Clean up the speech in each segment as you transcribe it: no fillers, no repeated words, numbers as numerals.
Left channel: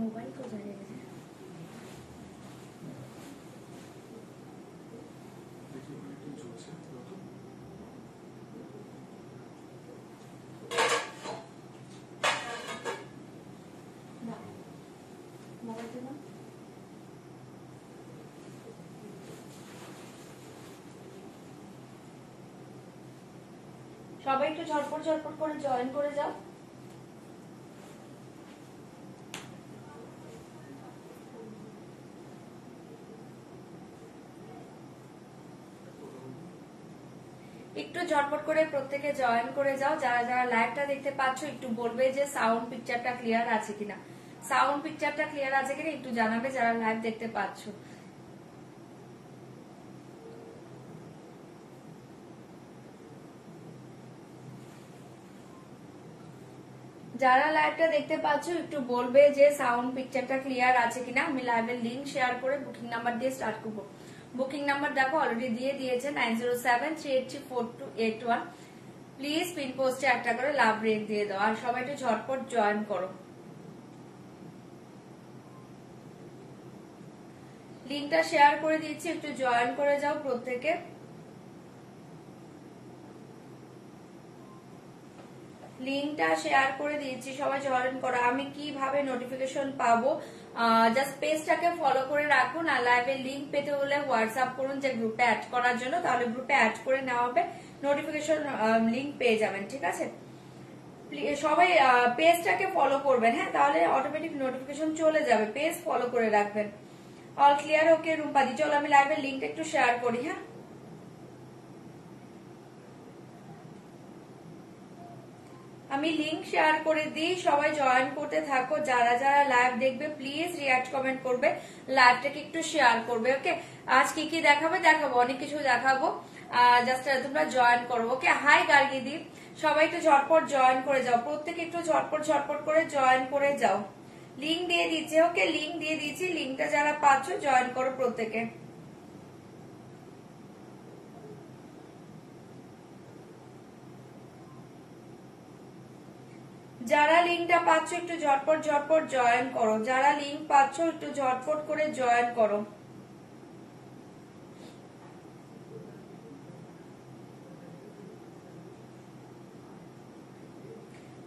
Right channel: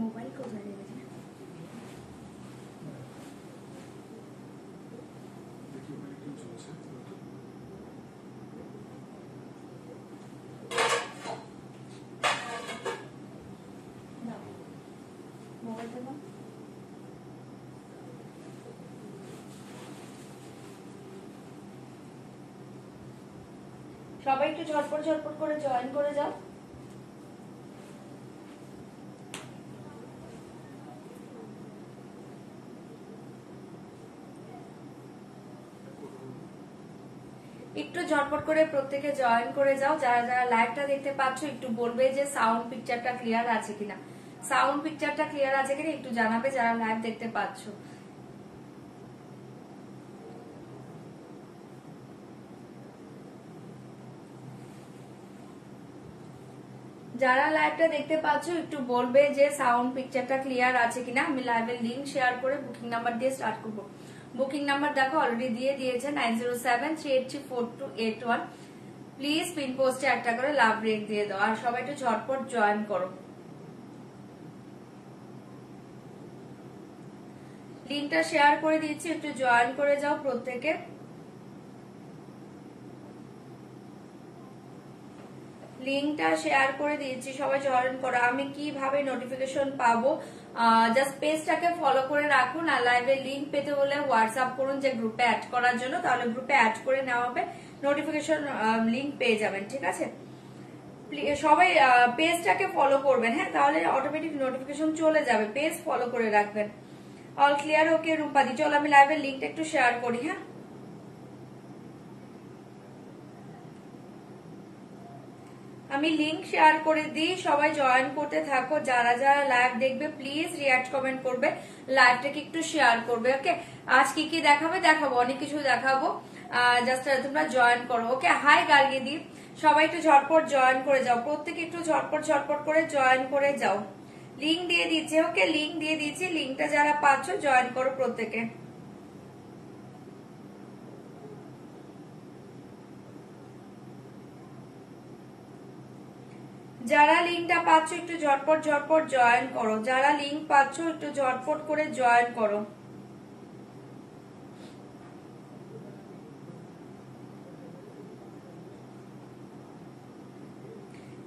Mobile কোথায় রেখেছে? মোবাইলটা না সবাই একটু ঝটপট ঝটপট করে জয়েন করে যাও। একটু ঝটপট করে প্রত্যেকে জয়েন করে যাও। যারা যারা লাইভটা দেখতে পাচ্ছ একটু বলবে যে সাউন্ড পিকচারটা ক্লিয়ার আছে কিনা, সাউন্ড পিকচারটা ক্লিয়ার আছে কিনা একটু জানাবে যারা লাইভ দেখতে পাচ্ছ। যারা লাইভটা দেখতে পাচ্ছ একটু বলবে যে সাউন্ড পিকচারটা ক্লিয়ার আছে কিনা। আমি লাইভের লিংক শেয়ার করে বুকিং নাম্বার দিয়ে স্টার্ট করবো। বুকিং নাম্বার দেখো অলরেডি দিয়ে দিয়েছে 9073834281। প্লিজ পিন পোস্টে একটা করে লাভ রেট দিয়ে দাও আর সবাই একটু ঝটপট জয়েন করো। লিংকটা শেয়ার করে দিচ্ছি, একটু জয়েন করে যাও প্রত্যেকে। লিংকটা শেয়ার করে দিয়েছি, সবাই জয়েন করো। আমি কিভাবে নোটিফিকেশন পাবো? জাস্ট পেজটাকে ফলো করে রাখুন আর লাইভের লিংক পেতে হলে হোয়াটসঅ্যাপ করুন যে গ্রুপে অ্যাড করার জন্য, তাহলে গ্রুপে অ্যাড করে নেওয়া হবে, নোটিফিকেশন লিংক পেয়ে যাবেন। ঠিক আছে, সবাই পেজটাকে ফলো করবেন, হ্যাঁ, তাহলে অটোমেটিক নোটিফিকেশন চলে যাবে। পেজ ফলো করে রাখবেন। All clear? ওকে রূপাদি, চলো আমি লাইভের লিংকটা একটু শেয়ার করি। হ্যাঁ, আমি লিংক শেয়ার করে দিই, সবাই জয়েন করতে থাকো। যারা যারা লাইভ দেখবে প্লিজ রিঅ্যাক্ট কমেন্ট করবে, লাইভটাকে একটু শেয়ার করবে। ওকে, আজ কি কি দেখাবো অনেক কিছু দেখাবো, জাস্ট তোমরা জয়েন করো। ওকে, হাই গার্গিদি, সবাই একটু ঝটপট জয়েন করে যাও, প্রত্যেকে একটু ঝটপট ঝটপট করে জয়েন করে যাও। লিংক দিয়ে দিচ্ছে, ওকে লিংক দিয়ে দিচ্ছি, লিংকটা যারা পাচ্ছ জয়েন করো প্রত্যেকে। যারা লিংকটা পাচ্ছ একটু ঝটপট ঝটপট জয়েন করো, যারা লিংক পাচ্ছ একটু ঝটপট করে জয়েন করো।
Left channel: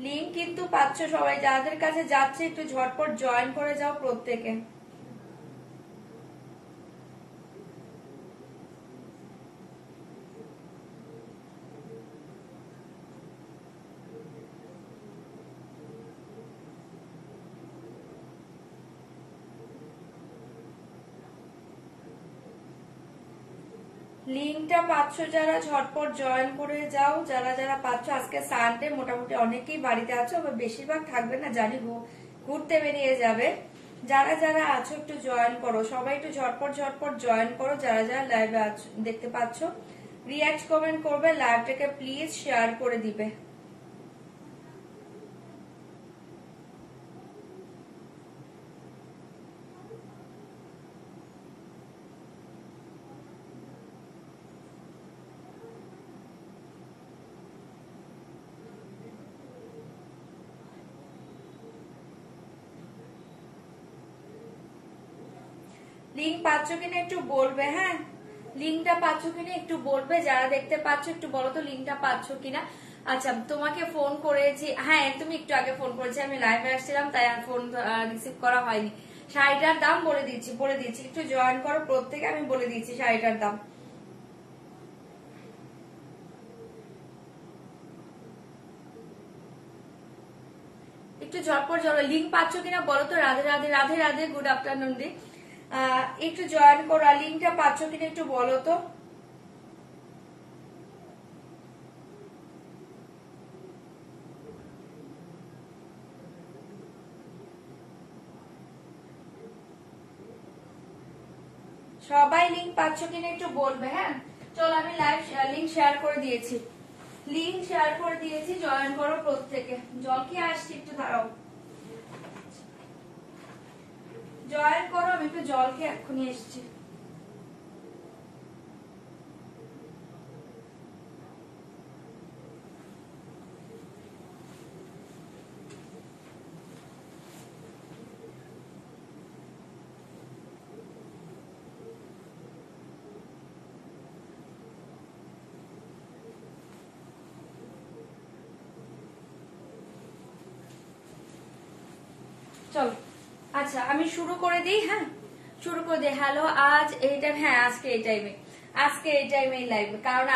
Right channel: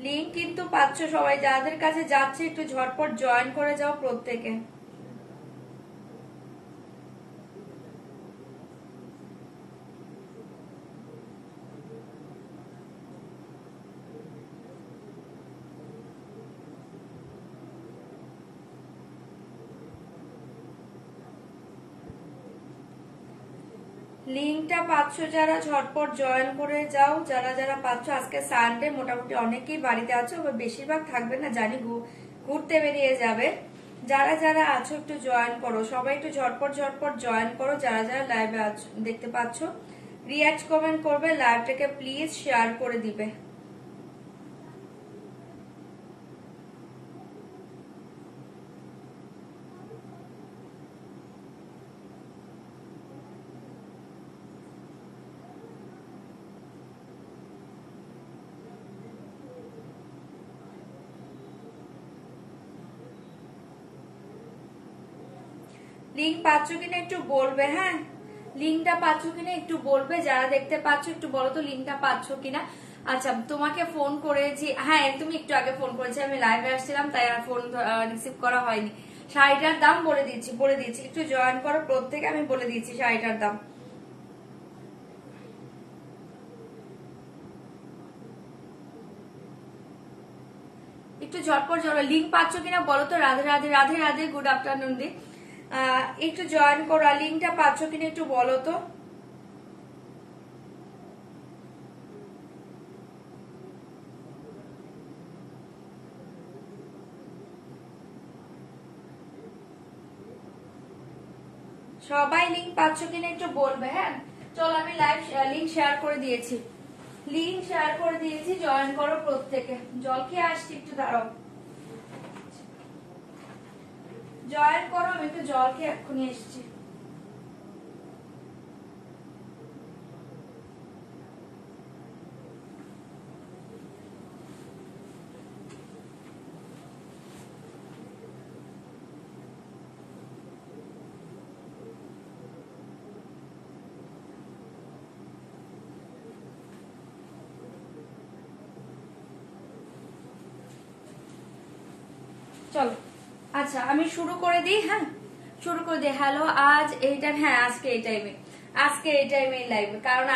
লিংক কিন্তু পাচ্ছ সবাই, যাদের কাছে যাচ্ছে একটু ঝটপট জয়েন করে যাও প্রত্যেকে। লিংকটা পাচ্ছ যারা ঝটপট জয়েন করে যাও, যারা যারা পাচ্ছ। আজকে সানডে, মোটামুটি অনেকেই বাড়িতে আছো, বেশিরভাগ থাকবে না জানি, ঘুরতে বেরিয়ে যাবে। যারা যারা আছো একটু জয়েন করো, সবাই একটু ঝটপট ঝটপট জয়েন করো। যারা যারা লাইভে দেখতে পাচ্ছ রিঅ্যাক্ট কমেন্ট করবে, লাইভটাকে প্লিজ শেয়ার করে দিবে। লিংক পাচ্ছ কিনা একটু বলবে, হ্যাঁ, লিংকটা পাচ্ছ কিনা একটু বলবে। যারা দেখতে পাচ্ছ একটু বলো তো লিংকটা পাচ্ছ কিনা। আচ্ছা, তোমাকে ফোন করেছি, হ্যাঁ তুমি একটু আগে ফোন করেছি, আমি লাইভে আসছিলাম তাই আর ফোন রিসিভ করা হয়নি। শাড়িটার দাম বলে দিচ্ছি একটু জয়েন করো প্রত্যেকে, আমি বলে দিচ্ছি শাড়িটার দাম। একটু ঝটপট লিংক পাচ্ছ কিনা বলো তো। রাধে রাধে, রাধে রাধে, গুড আফটারনুন দি। একটু জয়েন করো, আর লিংকটা পাচ্ছ কিনা একটু বলো তো। সবাই লিংক পাচ্ছ কিনা একটু বলবে, হ্যাঁ। চলো আমি লাইভ লিংক শেয়ার করে দিয়েছি, লিংক শেয়ার করে দিয়েছি, জয়েন করো প্রত্যেকে। জল কি আসছি, একটু দাঁড়াও, জয়েন করো, আমি একটু জল খেয়ে এক্ষুনি এসছি। চলো আচ্ছা আমি শুরু করে দিই। হ্যাঁ শুরু করে দিই। হ্যালো আজ এইটা, হ্যাঁ আজকে এই টাইমে লাইভে, কারণ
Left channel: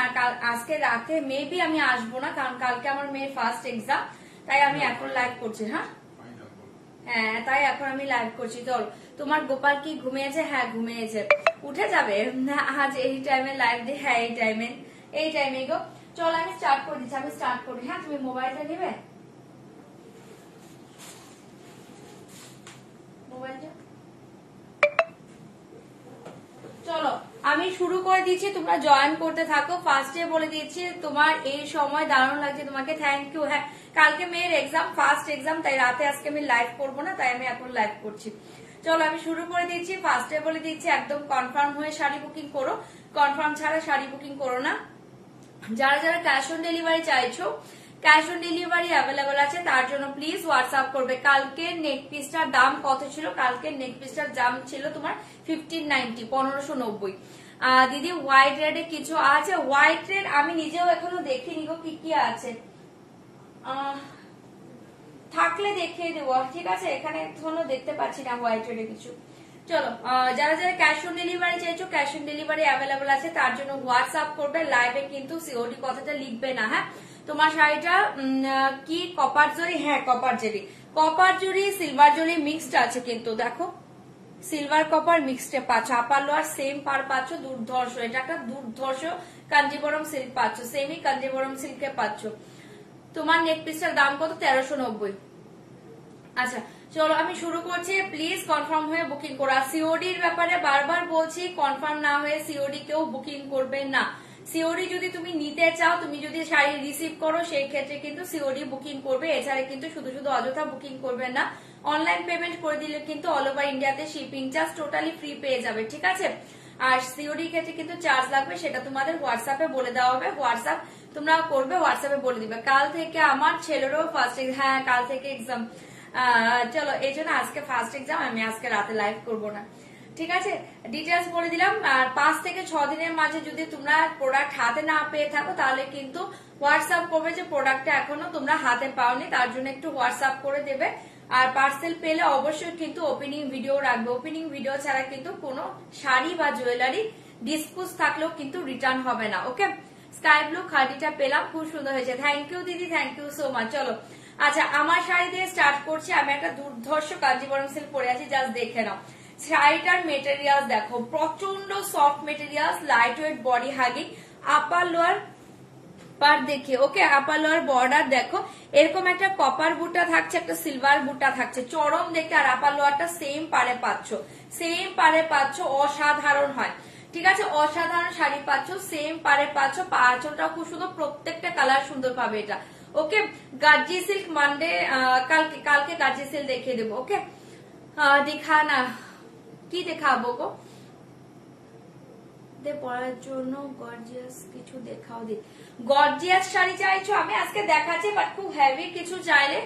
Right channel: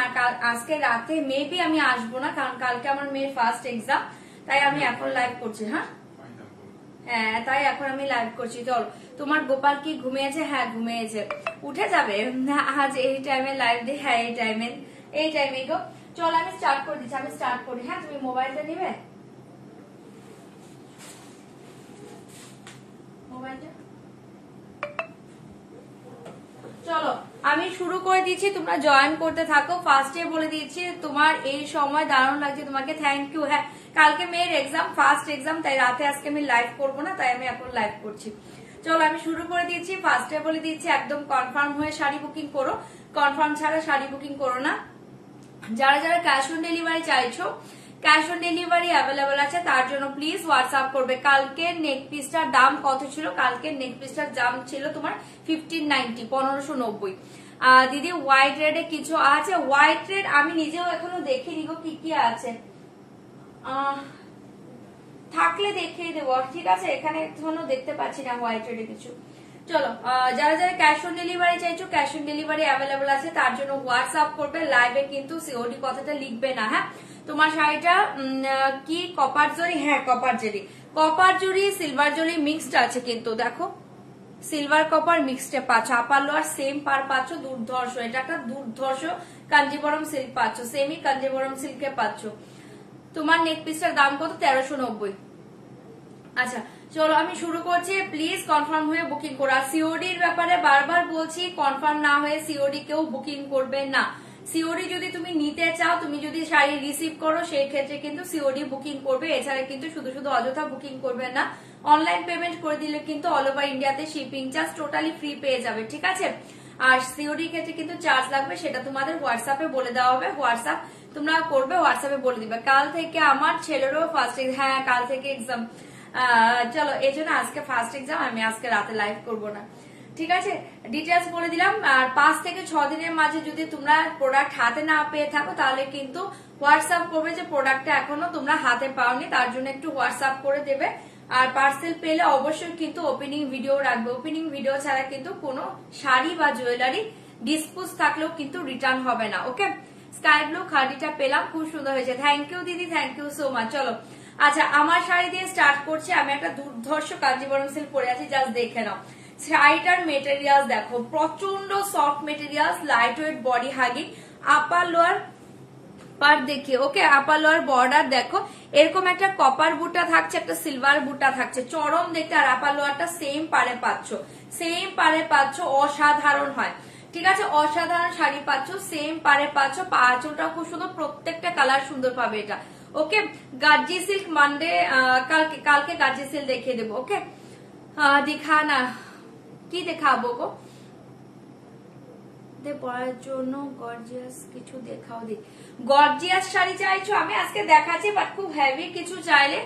আজকে রাতে মেবি আমি আসবো না, কারণ কালকে আমার মেয়ের ফার্স্ট এক্সাম, তাই আমি এখন লাইভ করছি। হ্যাঁ হ্যাঁ তাই এখন আমি লাইভ করছি। চল তোমার গোপাল কি ঘুমিয়েছে? হ্যাঁ ঘুমিয়েছে, উঠে যাবে আজ এই টাইমে লাইভ দিই। হ্যাঁ এই টাইমে গো। চল আমি স্টার্ট করে দিচ্ছি, আমি স্টার্ট করি। হ্যাঁ তুমি মোবাইলটা নিবে, মোবাইলটা। চলো আমি শুরু করে দিচ্ছি, তোমরা জয়েন করতে থাকো। ফার্স্টে বলে দিচ্ছি তোমার এই সময় দারুণ লাগছে, তোমাকে থ্যাংক ইউ। হ্যাঁ কালকে মেয়ের এক্সাম, ফার্স্ট এক্সাম, তাই রাতে আজকে আমি লাইভ করবো না, তাই আমি এখন লাইভ করছি। চলো আমি শুরু করে দিচ্ছি। ফার্স্টে বলে দিচ্ছি একদম কনফার্ম হয়ে শাড়ি বুকিং করো, কনফার্ম ছাড়া শাড়ি বুকিং করো না। যারা যারা ক্যাশ অন ডেলিভারি চাইছো, ক্যাশ অন ডেলিভারি অ্যাভেলেবল আছে, তার জন্য প্লিজ হোয়াটসঅ্যাপ করবে। কালকে নেক পিসটার দাম কত ছিল? কালকে নেক পিসটার দাম ছিল তোমার 1590, 1590। দিদি হোয়াইট রেডে কিছু আছে? হোয়াইট রেড আমি নিজেও এখনো দেখিনি গো, কি কি আছে, থাকলে দেখিয়ে দেবো। ঠিক আছে, এখানে এখনো দেখতে পাচ্ছি না হোয়াইট রেডে কিছু। চলো যারা যারা ক্যাশ অন ডেলিভারি চাইছো, ক্যাশ অন ডেলিভারি অ্যাভেলেবল আছে, তার জন্য হোয়াটসঅ্যাপ করবে। লাইভে কিন্তু সিওডি কথাটা লিখবে না। হ্যাঁ তোমার শাড়িটা কি কপার জরি? হ্যাঁ কপার জরি, কপার জরি সিলভার জরি মিক্সড আছে, কিন্তু দেখো সিলভার কপার মিক্সড পাচ্ছ। আপার লোয়ার সেম পার পাচ্ছ, দুর্ধর্ষ, এটা একটা দুর্ধর্ষ কাঞ্জিবরম সিল্ক পাচ্ছ, সেমি কাঞ্জিবরম সিল্কে পাচ্ছ। তোমার নেক পিসের দাম কত? 1390। আচ্ছা চলো আমি শুরু করছি, প্লিজ কনফার্ম হয়ে বুকিং করো। আর সিওডির ব্যাপারে বারবার বলছি, কনফার্ম না হয়ে সিওডি কেউ বুকিং করবে না। সিওডি যদি তুমি নিতে চাও, তুমি যদি শাড়ি রিসিভ করো, সেই ক্ষেত্রে কিন্তু সিওডি বুকিং করবে, এছাড়া কিন্তু শুধু শুধু অযথা বুকিং করবে না। অনলাইন পেমেন্ট করে দিলে কিন্তু অল ওভার ইন্ডিয়াতে শিপিং চার্জ টোটালি ফ্রি পেয়ে যাবে, ঠিক আছে। আর সিওডি ক্ষেত্রে কিন্তু চার্জ লাগবে, সেটা তোমাদের হোয়াটসঅ্যাপে বলে দেওয়া হবে। হোয়াটসঅ্যাপ তোমরা করবে, হোয়াটসঅ্যাপে বলে দিবে। কাল থেকে আমার ছেলেরও ফার্স্ট, হ্যাঁ কাল থেকে এক্সাম। চলো এই জন্য আজকে ফার্স্ট এক্সাম, আমি আজকে রাতে লাইভ করবো না, ঠিক আছে। ডিটেলস বলে দিলাম। আর 5 থেকে 6 দিনের মাঝে যদি তোমরা প্রোডাক্ট হাতে না পেয়ে থাকো, তাহলে কিন্তু হোয়াটসঅ্যাপ করবে যে প্রোডাক্টটা এখনো তোমরা হাতে পাওনি, তার জন্য একটু হোয়াটসঅ্যাপ করে দেবে। আর পার্সেল পেলে অবশ্যই কিন্তু ওপেনিং ভিডিও রাখবে। ওপেনিং ভিডিও ছাড়া কিন্তু কোনো শাড়ি বা জুয়েলারি ডিসপোজ থাকলেও কিন্তু রিটার্ন হবে না, ওকে। স্কাই ব্লু খাদিটা পেলাম, খুব সুন্দর হয়েছে, থ্যাংক ইউ দিদি, থ্যাংক ইউ সো মাচ। চলো আচ্ছা আমার শাড়ি দিয়ে স্টার্ট করছি। আমি একটা দুর্ধর্ষ কাঞ্জিবরম সিল্ক পরে আছি, জাস্ট দেখে নাও। শাড়িটার মেটেরিয়াল দেখো, প্রচন্ড soft material, light weight body hugging, upper lower পার দেখে, ওকে। আপার লোয়ার বর্ডার দেখো, এরকম একটা কপার বুটা থাকছে, একটা সিলভার বুটা থাকছে, চরম দেখতে। আর আপার লোয়ারটা সেম পারে পাচ্ছ, সেম পারে পাচ্ছ, অসাধারণ হয়, ঠিক আছে। অসাধারণ শাড়ি পাচ্ছ, সেম পারে পাচ্ছ। আঁচলটা খুব সুন্দর, প্রত্যেকটা কালার সুন্দর পাবে এটা, ওকে। গার্জি সিল্ক মানডে, কালকে গার্জি সিল্ক দেখিয়ে দেবো, ওকে। দেখা না, কি দেখাবো গো পরার জন্য? গর্জিয়াস কিছু দেখাও দি। গর্জিয়াস শাড়ি চাইছো? আমি আজকে দেখাচ্ছি, বাট খুব হেভি কিছু চাইলে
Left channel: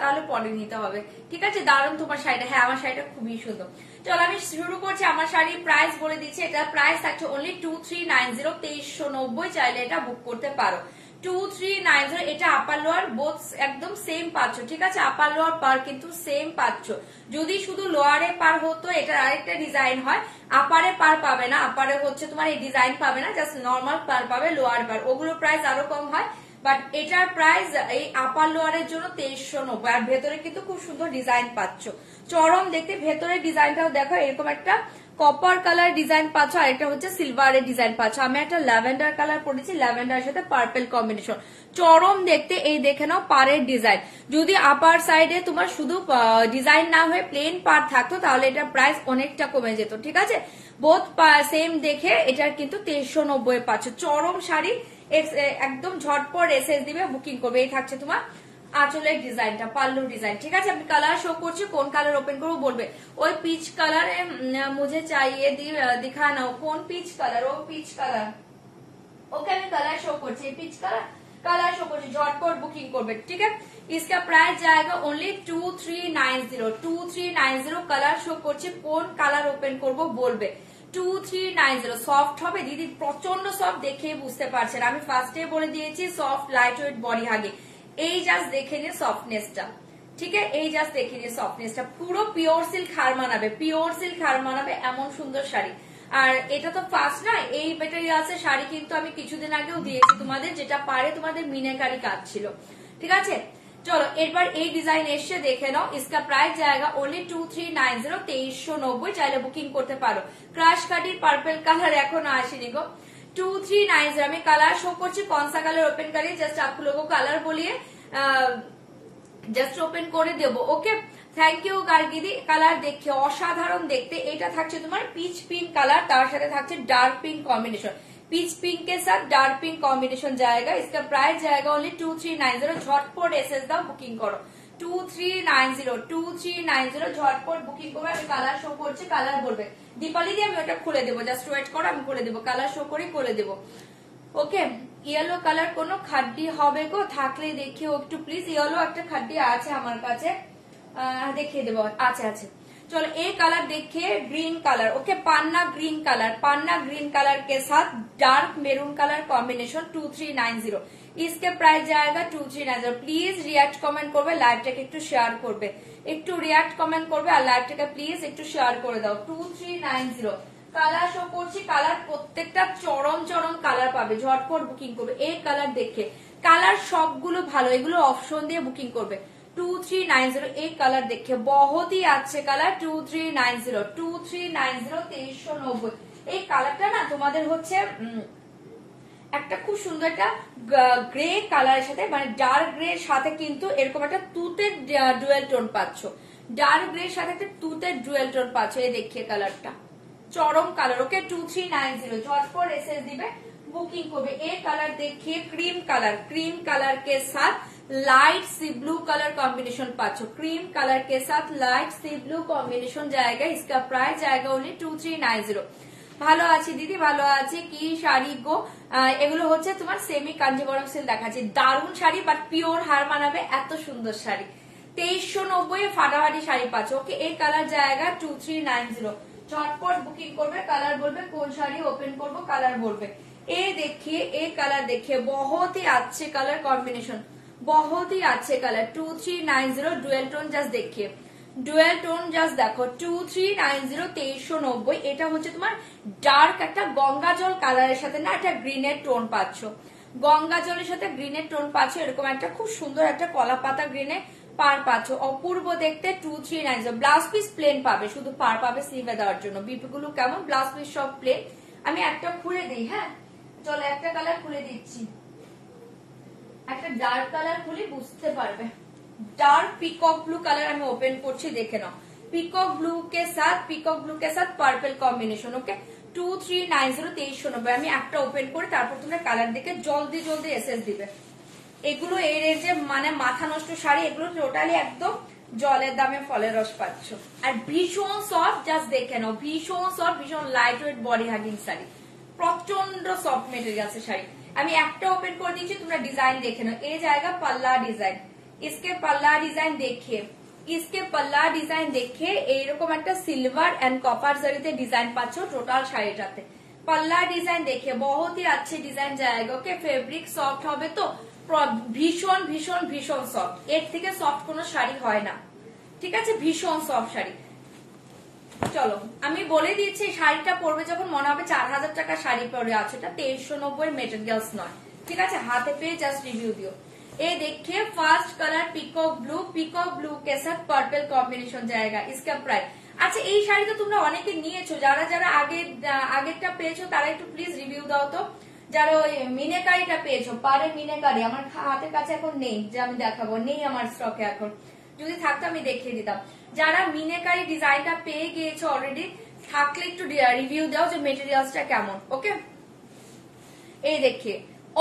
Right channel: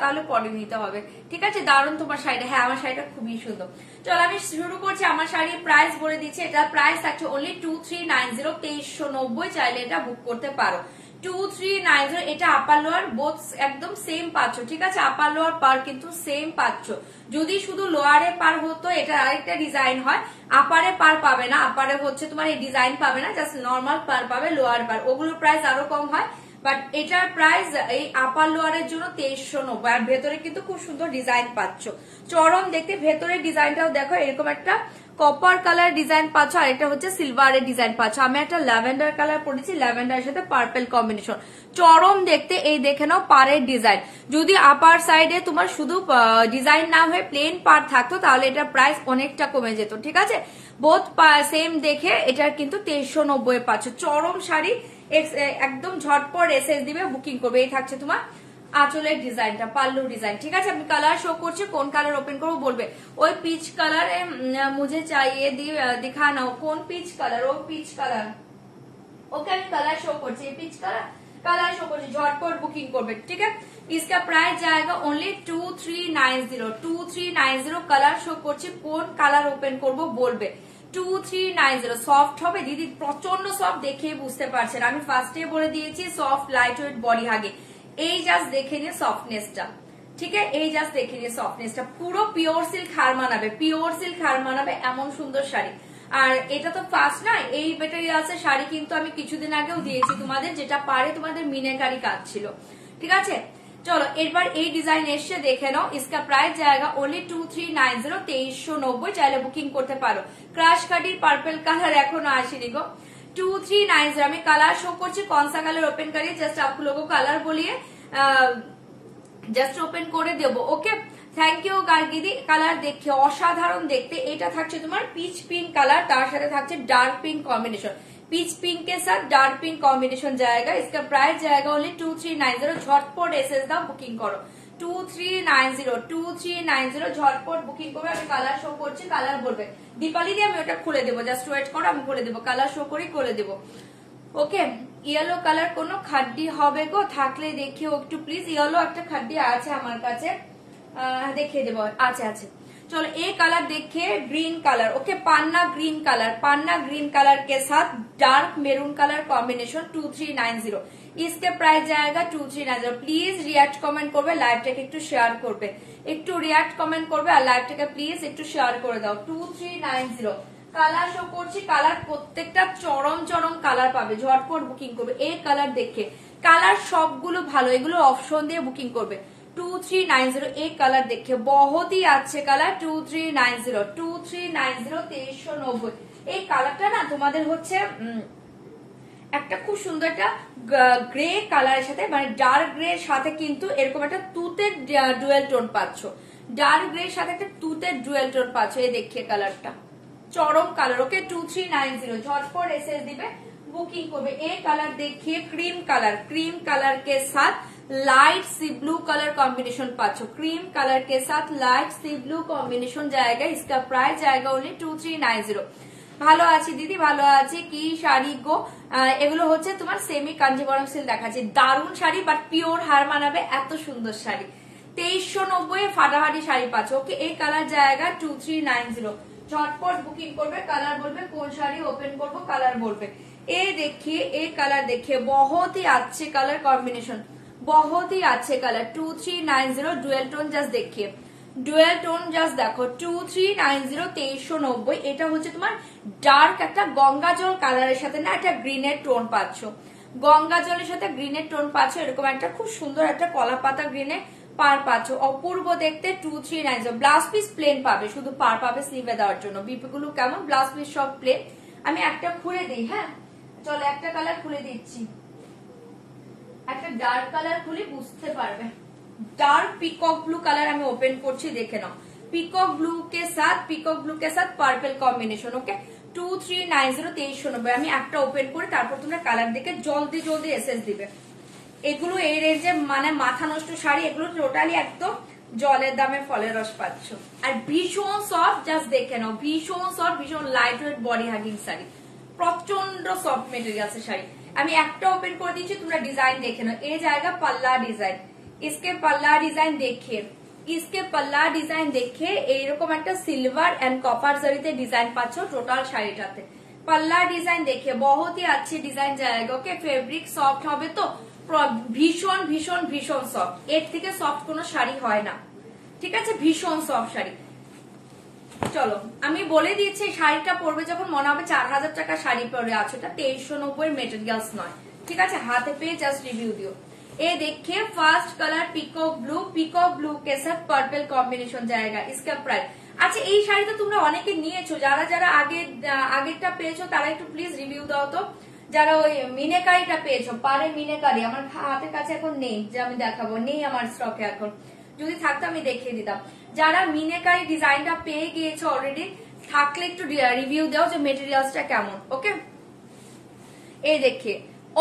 তাহলে পরে নিতে হবে, ঠিক আছে। দারুণ তোমার শাড়িটা, হ্যাঁ আমার শাড়িটা খুবই সুন্দর। চলো আমি শুরু করছি। আমার শাড়ির প্রাইস বলে দিচ্ছি, এটার প্রাইস থাকছে অনলি 2390, 2390, চাইলে এটা বুক করতে পারো। 2390, এটা আপার লোয়ার বোথ একদম সেম পাচ্ছ, ঠিক আছে। আপার লোয়ার পার কিন্তু সেম পাচ্ছ। যদি শুধু লোয়ারে পার হতো, এটা আরেকটা ডিজাইন হয়, আপারে পার পাবে না। আপারে হচ্ছে তোমার এই ডিজাইন পাবে না, জাস্ট নর্মাল পার পাবে, লোয়ার পার, ওগুলোর প্রাইস আরো কম হয়। বাট এটার প্রাইস এই আপার লোয়ারের জন্য 2390। আর ভেতরে কিন্তু খুব সুন্দর ডিজাইন পাচ্ছ, চরম দেখতে। ভেতরের ডিজাইনটাও দেখো, এরকম একটা কপার কালার ডিজাইন পাচ্ছ, আর এটা হচ্ছে সিলভারের ডিজাইন পাচ্ছ। আমি একটা ল্যাভেন্ডার কালার পরেছি, ল্যাভেন্ডার সাথে পার্পল কম্বিনেশন, চরম দেখতে। এই দেখে নাও পাড়ের ডিজাইন। যদি আপার সাইডে তোমার শুধু ডিজাইন না হয়ে প্লেন পার থাকতো, তাহলে এটা প্রাইস অনেকটা কমে যেত, ঠিক আছে। বোথ সেম দেখে এটার কিন্তু 2390 পাচ্ছ, চরম শাড়ি। একদম ঝটপট এসএস দিবে, বুকিং করবে। এই থাকছে তোমার আঁচলের ডিজাইনটা, পাল্লু ডিজাইন, ঠিক আছে। আমি কালার শো করছি, কোন কালার ওপেন করবো বলবে। ওই পিচ কালার মুঝে চাইয়ে দিখা নাও, কোন পিচ কালার? ও পিচ কালার, ওকে। আমি কালার শো করছি, পিচ কালার শো করছি, ঝটপট বুকিং করবে, ঠিক আছে। इसका प्राइस जाएगा ओनली 2390, 2390। কালার শো করছি, কোন কালার ওপেন করবো বলবে। 2390 সফট হবে দিদি, প্রচন্ড সফট, দেখেই বুঝতে পারছেন। আমি ফার্স্টে বলে দিয়েছি সফট লাইট ওয়েট বডি হাগে, এই জাস্ট দেখে নিয়ে সফটনেসটা, ঠিক আছে, এই জাস্ট দেখিয়ে দিয়ে সফটনেসটা পুরো পিওর সিল্ক হার মানাবে, পিওর সিল্ক হার মানাবে এমন সুন্দর শাড়ি। আর এটা তো ফার্স্ট না, এই মেটেরিয়ালসের শাড়ি কিন্তু আমি কিছুদিন আগেও দিয়েছি তোমাদের, যেটা পারে তোমাদের মিনাকারি কাজ ছিল। ঠিক আছে, চলো এবার এই ডিজাইন এসে দেখে নাও। इसका प्राइस जाएगा ओनली 2390, 2390। চাইলে বুকিং করতে পারো। ক্রাশ কাটি পার্পল কালার এখনো আসেনি গো। 2390 আমি কালার শো করছি, কনসা কালার ওপেন করি, জাস্ট आप लोगों को কালার বলিয়ে জাস্ট ওপেন করে দেবো। ওকে, থ্যাংক ইউ গার্গিদি। কালার দেখতে অসাধারণ দেখতে। এটা থাকছে তোমার পিচ পিঙ্ক কালার, তার সাথে থাকছে dark pink combination. Peach pink के साथ डार्क पिंक कॉम्बिनेशन जाएगा। इसका प्राइस जाएगा ओनली 2390। झटपट एसएस दाओ, बुकिंग करो। 2390 झटपट बुकिंग করবে। আমি কালার শো করছি, কালার বলবে। দীপালি দিয়ে আমি ওটা খুলে দেবো, জাস্ট ওয়েট করো, আমি করে দেবো। কালার শো করি, করে দেবো। ওকে, ইয়েলো কালার কোনো খাড্ডি হবে গো? থাকলে দেখিও একটু প্লিজ। ইয়েলো একটা খাড্ডি আছে আমার কাছে, দেখিয়ে দেবো। আছে আছে, चलो ये कलर देखिए, ग्रीन कलर। ओके, पन्ना ग्रीन कलर, पन्ना ग्रीन कलर के साथ डार्क मेरून कलर कॉम्बिनेशन 2390। इसके प्राइस जाएगा 2390। प्लीज रिएक्ट कमेंट করবে, লাইভটাকে একটু শেয়ার করবে, একটু রিঅ্যাক্ট কমেন্ট করবে, আর লাইভটাকে প্লিজ একটু শেয়ার করে দাও। 2390 কালার শো করছি। কালার প্রত্যেকটা চরম চরম কালার পাবে, ঝটপট বুকিং করবে। এই কালার দেখে, কালার সবগুলো ভালো, এগুলো অপশন দিয়ে বুকিং করবে। 2390 एक कलर देखिए, बहुत ही अच्छे कलर। 2390 2390 এই কালারটা না তোমাদের হচ্ছে একটা খুব সুন্দর একটা গ্রে কালারের সাথে, মানে ডার্ক গ্রে এর সাথে কিন্তু এরকম একটা তুতের ডুয়েল টোন পাচ্ছ। ডার্ক গ্রে এর সাথে একটা তুতের ডুয়েল টোন পাচ্ছ। এই দেখিয়ে কালারটা চরম কালার। ওকে, 2390 झटपट एसएस দিবে, बुकिंग করবে। এই কালার देखिए, क्रीम कलर, क्रीम कलर के साथ light sea blue colour combination पाचो। क्रीम कलर के साथ लाइट सी ब्लू कॉम्बिनेशन जाएगा। इसका प्राइस जाएगा ओनली 2390। ভালো আছি দিদি, ভালো আছি। কি শাড়ি গো এগুলো? হচ্ছে তোমার সেমি কাঞ্জিবরম সিল্ক দেখাচ্ছে, দারুণ শাড়ি, বাট পিওর হার মানাবে, এত সুন্দর শাড়ি। 2390 ফাটাফাটি শাড়ি পাচ্ছ। ওকে, এই কালার জায়গা 2390। ঝটপট বুকিং করবে, কালার বলবে, কোন শাড়ি ওপেন করবো কালার বলবে। এ देखिए, एक कलर देखिए, बहुत ही अच्छे कलर कॉम्बिनेशन, बहुत ही अच्छे कलर। 2390 डुएल टोन জাস্ট देखिए, ডুয়েল টোন জাস্ট দেখো। 2390 2390। এটা হচ্ছে তোমার ডার্ক একটা গঙ্গা জল কালারের সাথে না একটা গ্রিনের টোন পাচ্ছ। গঙ্গা জলের সাথে গ্রিনের টোন পাচ্ছ, এরকম একটা খুব সুন্দর একটা কলা পাতা গ্রিনে পার পাচ্ছ, অপূর্ব দেখতে। 2390 ব্লাউজ পিস প্লেন পাবে, শুধু পার পাবে স্লিভে দেওয়ার জন্য। বিপিগুলো কেমন, ব্লাউজ পিস সব প্লেন। আমি একটা খুলে দিই, হ্যাঁ চলো একটা কালার খুলে দিচ্ছি, একটা ডার্ক কালার খুলি, বুঝতে পারবে। डार्क पीकॉक ब्लू कलर আমি ওপেন করছি, দেখে নাও। पीकॉक ब्लू के साथ पर्पल कॉम्बिनेशन। ओके, 2390 2390। আমি একটা ওপেন করে তারপর তোমরা কালার দেখে জলদি জলদি এসএস দিবে। এগুলো এই রেঞ্জে মানে মাথা নষ্ট শাড়ি, এগুলো টোটালি একদম জলের দামে ফলের রস পাচ্ছ। আর ভীষণ সফট, জাস্ট দেখে নাও, ভীষণ সফট, ভীষণ light weight body hugging sari, প্রচন্ড সফট মেটেরিয়াল আছে শাড়ি। আমি একটা ওপেন করে দিয়েছি, তোমরা ডিজাইন দেখে নাও। এই জায়গা পাল্লা ডিজাইন, इसके पल्ला डिजाइन देखिए, इसके पल्ला डिजाइन देखिए, এরকম একটা সিলভার এন্ড কপার জরিতে ডিজাইন পাচ্ছ টোটাল শাড়িটাতে। पल्ला डिजाइन देखिए, बहुत ही अच्छी डिजाइन जाएगा। ओके, ফেব্রিক সফট হবে তো, ভীষণ ভীষণ ভীষণ সফট, এর থেকে সফট কোনো শাড়ি হয় না। ঠিক আছে, ভীষণ সফট শাড়ি। চলো আমি বলে দিচ্ছি, শাড়িটা পরবে যখন মনে হবে 4000 টাকা শাড়ি পরে আছে, এটা 2390 মেটেরিয়ালস নয়। ঠিক আছে, হাতে পেয়ে জাস্ট রিভিউ দিও। ये देखिए, फास्ट कलर पिकॉक ब्लू के साथ पर्पल कॉम्बिनेशन जाएगा। इसका प्राइस, আচ্ছা এই শাড়িটা তোমরা অনেকে নিয়েছো, যারা যারা আগেরটা পেয়েছো তারা একটু প্লিজ রিভিউ দাও তো। যারা ওই মিনেকারিটা পেয়েছো, পারে মিনেকারি আমার হাতের কাছে এখন নেই, যে আমি দেখাবো, নেই আমার স্টকে এখন, যদি থাকতো আমি দেখিয়ে দিতাম। যারা মিনেকারি ডিজাইনটা পেয়ে গিয়েছো অলরেডি, থাকলে একটু রিভিউ দাও যে মেটেরিয়ালসটা কেমন। ওকে, এই দেখিয়ে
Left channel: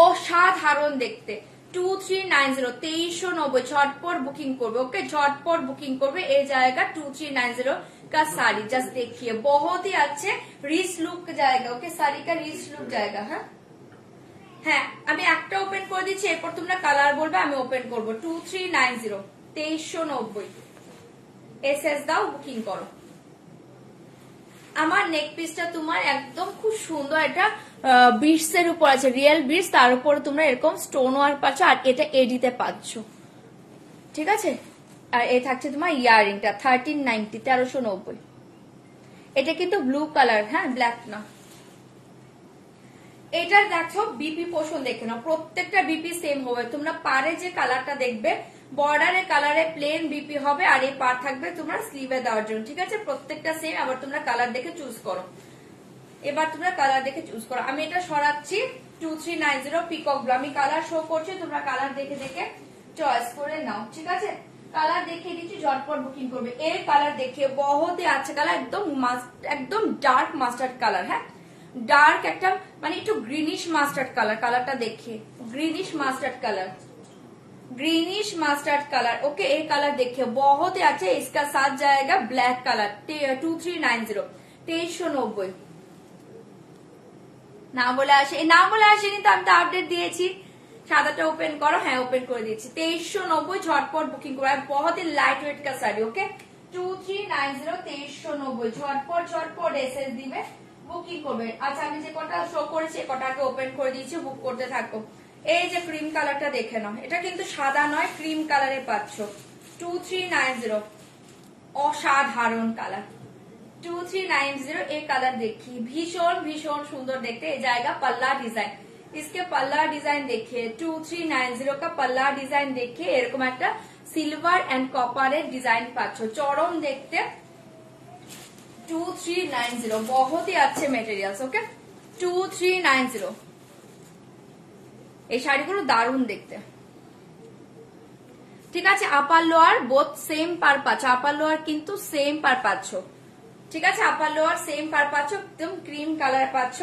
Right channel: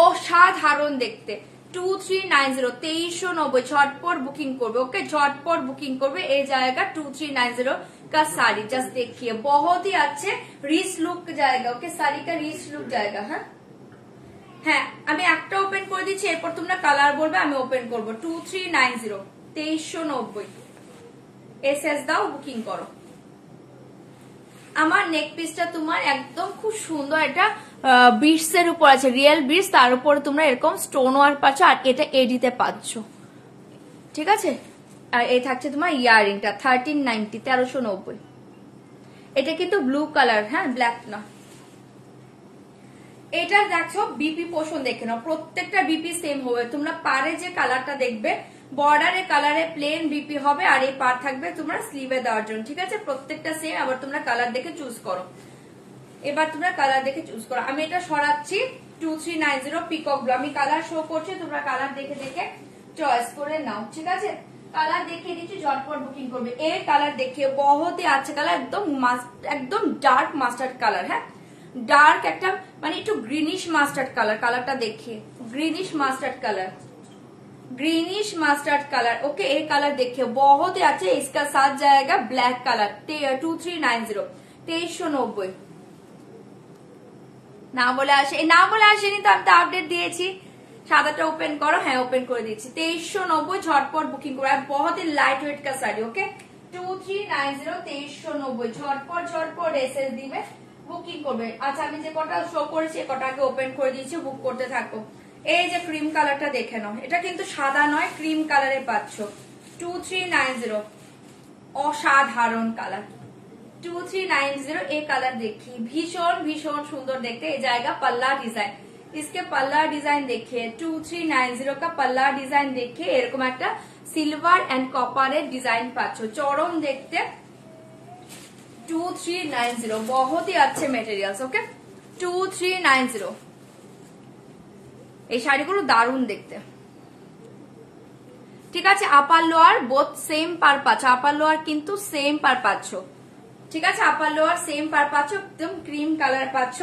অসাধারণ দেখতে। 2390 2390 झटपट बुकिंग করবে। ओके, झटपट बुकिंग করবে। এই জায়গা 2390 का साड़ी जस्ट देखिए, बहुत ही अच्छे रिच लुक जाएगा। ओके, साड़ी का रिच लुक जाएगा। হ্যাঁ আমি একটা ওপেন করে দিচ্ছি, এরপর তোমরা কালার বলবে, আমি ওপেন করবো। 2390 2390 এসএস দাও, বুকিং করো। আমার নেক পিসটা তোমার একদম খুব সুন্দর, এটা বিটস এর উপর আছে, রিয়েল বিটস, তার উপরে তোমরা এরকম স্টোন ওয়ার্ক পাচ্ছ, আর এটা এডিতে পাচ্ছ। ঠিক আছে, আর এই থাকছে তোমার ইয়ারিংটা 1390, 1390। এটা কিন্তু ব্লু কালার, হ্যাঁ ব্ল্যাক না। এটা দেখছো বিপি পোর্শন দেখে নাও, প্রত্যেকটা বিপি সেম হবে। তোমরা পারে যে কালারটা দেখবে বর্ডারে কালারে প্লেন বিপি হবে, আর এই পার থাকবে তোমরা স্লিভে দেওয়ার জন্য, ঠিক আছে? প্রত্যেকটা সেম। আবার তোমরা কালার দেখে চুজ করো। এবার তোমরা কালার দেখে চুজ করো। আমি এটা সরাচ্ছি 2390 পিকক ব্লু। আমি কালার শো করছি, তোমরা কালার দেখে দেখে চয়েস করে নাও, ঠিক আছে? কালার দেখিয়ে দিচ্ছি, ঝটপট বুকিং করবে। এই কালার দেখিয়ে বহুত হি আচ্ছা কালার, একদম ডার্ক মাস্টার্ড কালার, হ্যাঁ डार्क একটা মানে একটু গ্রিনিশ মাস্টার্ড কালার। কালারটা দেখিয়ে greenish mustard colour, greenish mustard colour. Okay ये कलर देखिए बहुत ही अच्छे। इसका साथ जाएगा ब्लैक कलर 2390, 2390। না বলে আসেনি তো, আমি তো আপডেট দিয়েছি। সাদাটা ওপেন করো, হ্যাঁ ওপেন করে দিয়েছি। 2390 ঝটপট বুকিং করো। আর बहुत ही लाइट वेट का साड़ी। ओके 2390, 2390 ঝটপট এসএস দিবে, বুকিং করবে। আচ্ছা আমি যে কটা শো করেছি কটা আগে ওপেন করে দিয়েছি, বুক করতে থাকো। এই যে ক্রিম কালারটা দেখে নাও, এটা কিন্তু সাদা নয়, ক্রিম কালারে পাচ্ছ 2390, অসাধারণ কালার 2390। এই কালার দেখি ভীষণ ভীষণ সুন্দর দেখতে। এই জায়গা पल्ला डिजाइन, इसके पल्ला डिजाइन देखिए 2390 का पल्ला डिजाइन देखिए। এরকম একটা সিলভার এন্ড কপারের ডিজাইন পাচ্ছ, চরম দেখতে 2390। बहुत ही अच्छे मेटेरियल्स। ओके 2390। এই শাড়িগুলো দারুণ দেখতে, ঠিক আছে? আপার লোয়ার বোথ সেম পার পাচ্ছ, আপার লোয়ার কিন্তু সেম পার পাচ্ছ, ঠিক আছে? আপার লোয়ার সেম পার পাচ্ছ, একদম ক্রিম কালার পাচ্ছ।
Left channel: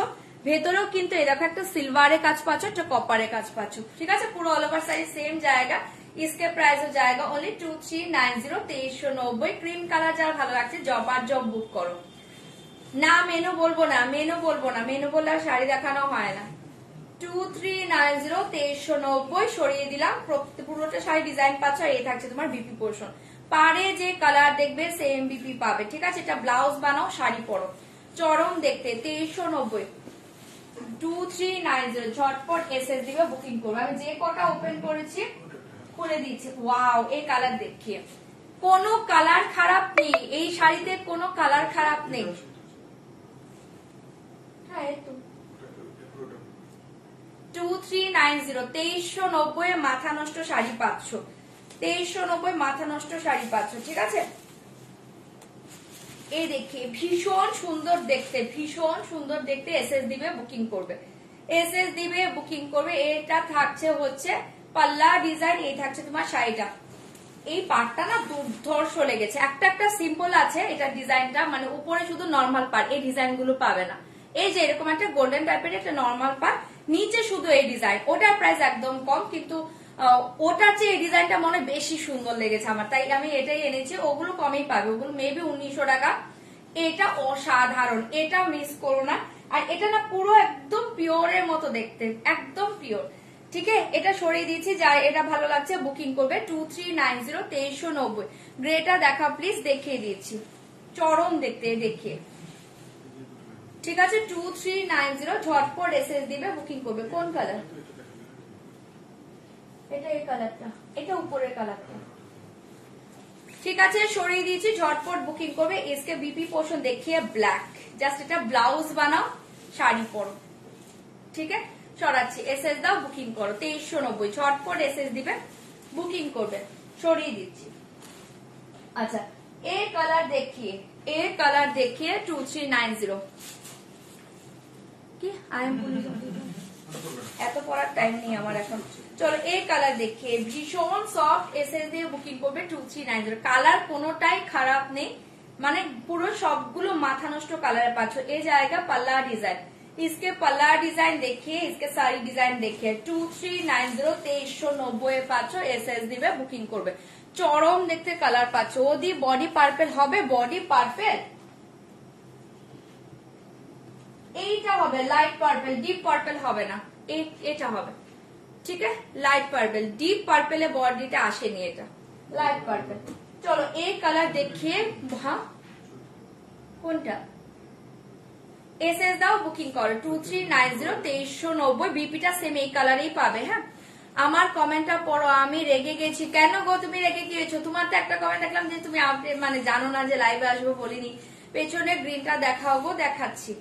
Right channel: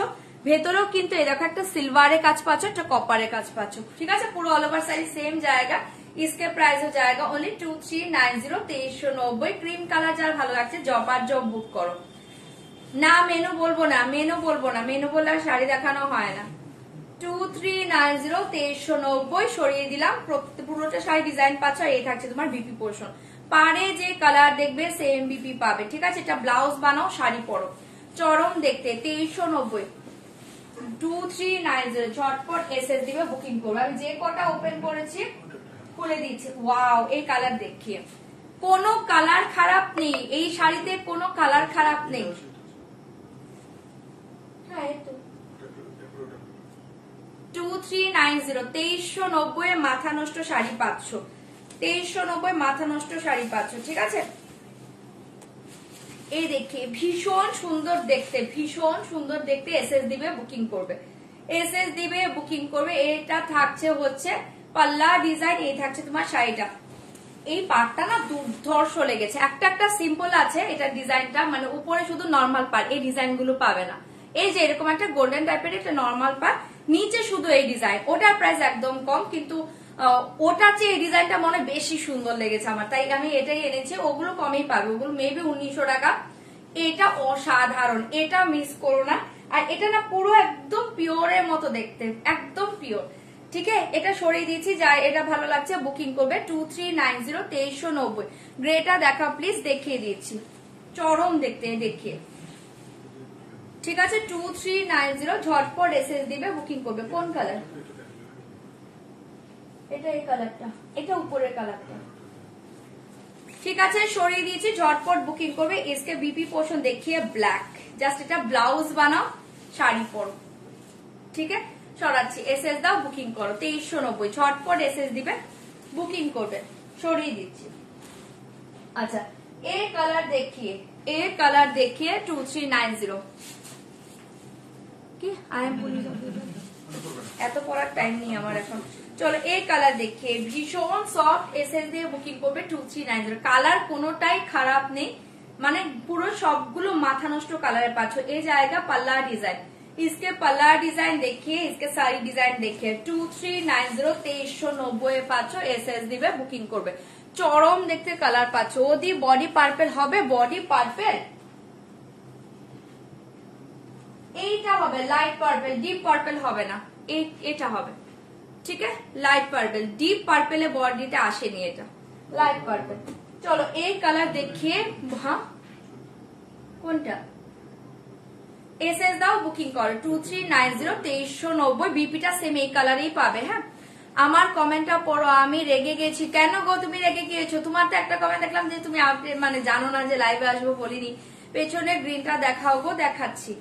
ভেতরেও কিন্তু এরকম একটা সিলভারের কাজ পাচ্ছ, একটা কপারের কাজ পাচ্ছ, ঠিক আছে? পুরো অল ওভার শাড়ি সেম জায়গা। इसके प्राइस हो जाएगा ओनली 2390, 2390। क्रीम कलर যার ভালো লাগছে জবার জব বুক করো। না মেনু বলবো না, মেনু বললে আর শাড়ি দেখানো হয় না। 2390, 2390 সরিয়ে দিলাম। পুরোটা শাড়ি ডিজাইন পাচ্ছ, আর এই থাকছে তোমার বিপি পোর্শন। পারে যে কালার দেখবে সেম বিপি পাবে, ঠিক আছে? এটা ব্লাউজ বানাও, শাড়ি পরো, চরম দেখতে 2390, 2390 ঝটপট এসএস দিবে, বুকিং করবে। আমি যে কটা ওপেন করেছি খুলে দিচ্ছি। ওয়াও এই কালার দেখিয়ে, কোনো কালার খারাপ নেই এই শাড়িতে, কোনো কালার খারাপ নেই। হ্যাঁ এই তো 2390, 2390 মাথা নষ্ট শাড়ি পাচ্ছ, 2390 মাথা নষ্ট শাড়ি পাচ্ছ, ঠিক আছে? এই দেখে ভীষণ সুন্দর দেখতে এসএস দিবে, বুকিং করবে, এসএস দিবে, বুকিং করবে। এটা থাকছে হচ্ছে পাল্লা ডিজাইন, এই থাকছে তোমার শাড়িটা। এই পার্টটা না দুর্ধর্ষ লেগেছে। একটা সিম্পল আছে এটা ডিজাইনটা, মানে উপরে শুধু নর্মাল পার, এই ডিজাইন গুলো পাবে না। এই যে এরকম একটা গোল্ডেন টাইপের একটা নর্মাল পার, নিচে শুধু এই ডিজাইন। ওটার প্রাইস একদম কম, কিন্তু ওটার চেয়ে এই ডিজাইনটা মনে বেশি সুন্দর লেগেছে আমার, তাই আমি এটাই এনেছি। ওগুলো কমেই পাবে, ওগুলো মেবি 1900 টাকা। এটা অসাধারণ, এটা মিস করো না। আর এটা না পুরো একদম পিওরের মতো দেখতে, একদম পিওর, ঠিক আছে? এটা সরিয়ে দিয়েছি, যার এটা ভালো লাগছে বুকিং করবে 2390, 2390। গ্রেটা দেখা প্লিজ, দেখিয়ে দিচ্ছি, চরম দেখতে দেখিয়ে, ঠিক আছে? 2390 ঝটপট এসএস দিবে, বুকিং করবে। কোন কালার এটা? এই কালারটা, এটা উপরের কালারটা, ঠিক আছে? সরিয়ে দিয়েছি, ঝটপট বুকিং করবে। इसके बीपी पोर्शन देखिए ब्लैक, জাস্ট এটা ব্লাউজ বানাও, শাড়ি পরো, ঠিক আছে? সরাচ্ছি, এসএস দাও, বুকিং করো 2390। ঝটপট এসএস দিবে, বুকিং করবে, সরিয়ে দিচ্ছি। আচ্ছা এই কালার দেখিয়ে 2390 কি আই এম বলি, এত পড়ার টাইম নেই আমার এখন। চলো এই কালার দেখিয়ে ভীষণ সফট, এসএস দিয়ে বুকিং করবে 2390। কালার কোনোটাই খারাপ নেই, মানে পুরো সবগুলো মাথা নষ্ট কালারে পাচ্ছ। এই জায়গা পাল্লা ডিজাইন, इसके पल्ला डिजाइन देखिए, इसके साड़ी डिजाइन देखिए 2390, 2390 পাচ্ছ, এসএস দিবে, বুকিং করবে। চরম দেখতে কালার পাচ্ছ। ওদি বডি পার্পেল হবে, বডি পার্পেল এইটা হবে লাইট পার্পেল, ডিপ পার্পেল হবে না, এটা হবে, ঠিক আছে? লাইট পার্পেল, ডিপ পার্পেলে বডিটা আসেনি, এটা লাইট পার্পেল। চলো এই কালার দেখিয়ে, হ্যাঁ কোনটা? এসএস দাও, বুকিং করো 2390, 2390। বিপিটা সেম এই কালারেই পাবে, হ্যাঁ আমার কমেন্টটা পড়ো, আমি রেগে গেছি। কেন গো তুমি রেগে গিয়েছো? তোমার তো একটা কমেন্ট দেখলাম যে তুমি মানে জানো না যে লাইভে আসবো, বলিনি। পেছনে গ্রিনটা দেখাও গো, দেখাচ্ছি।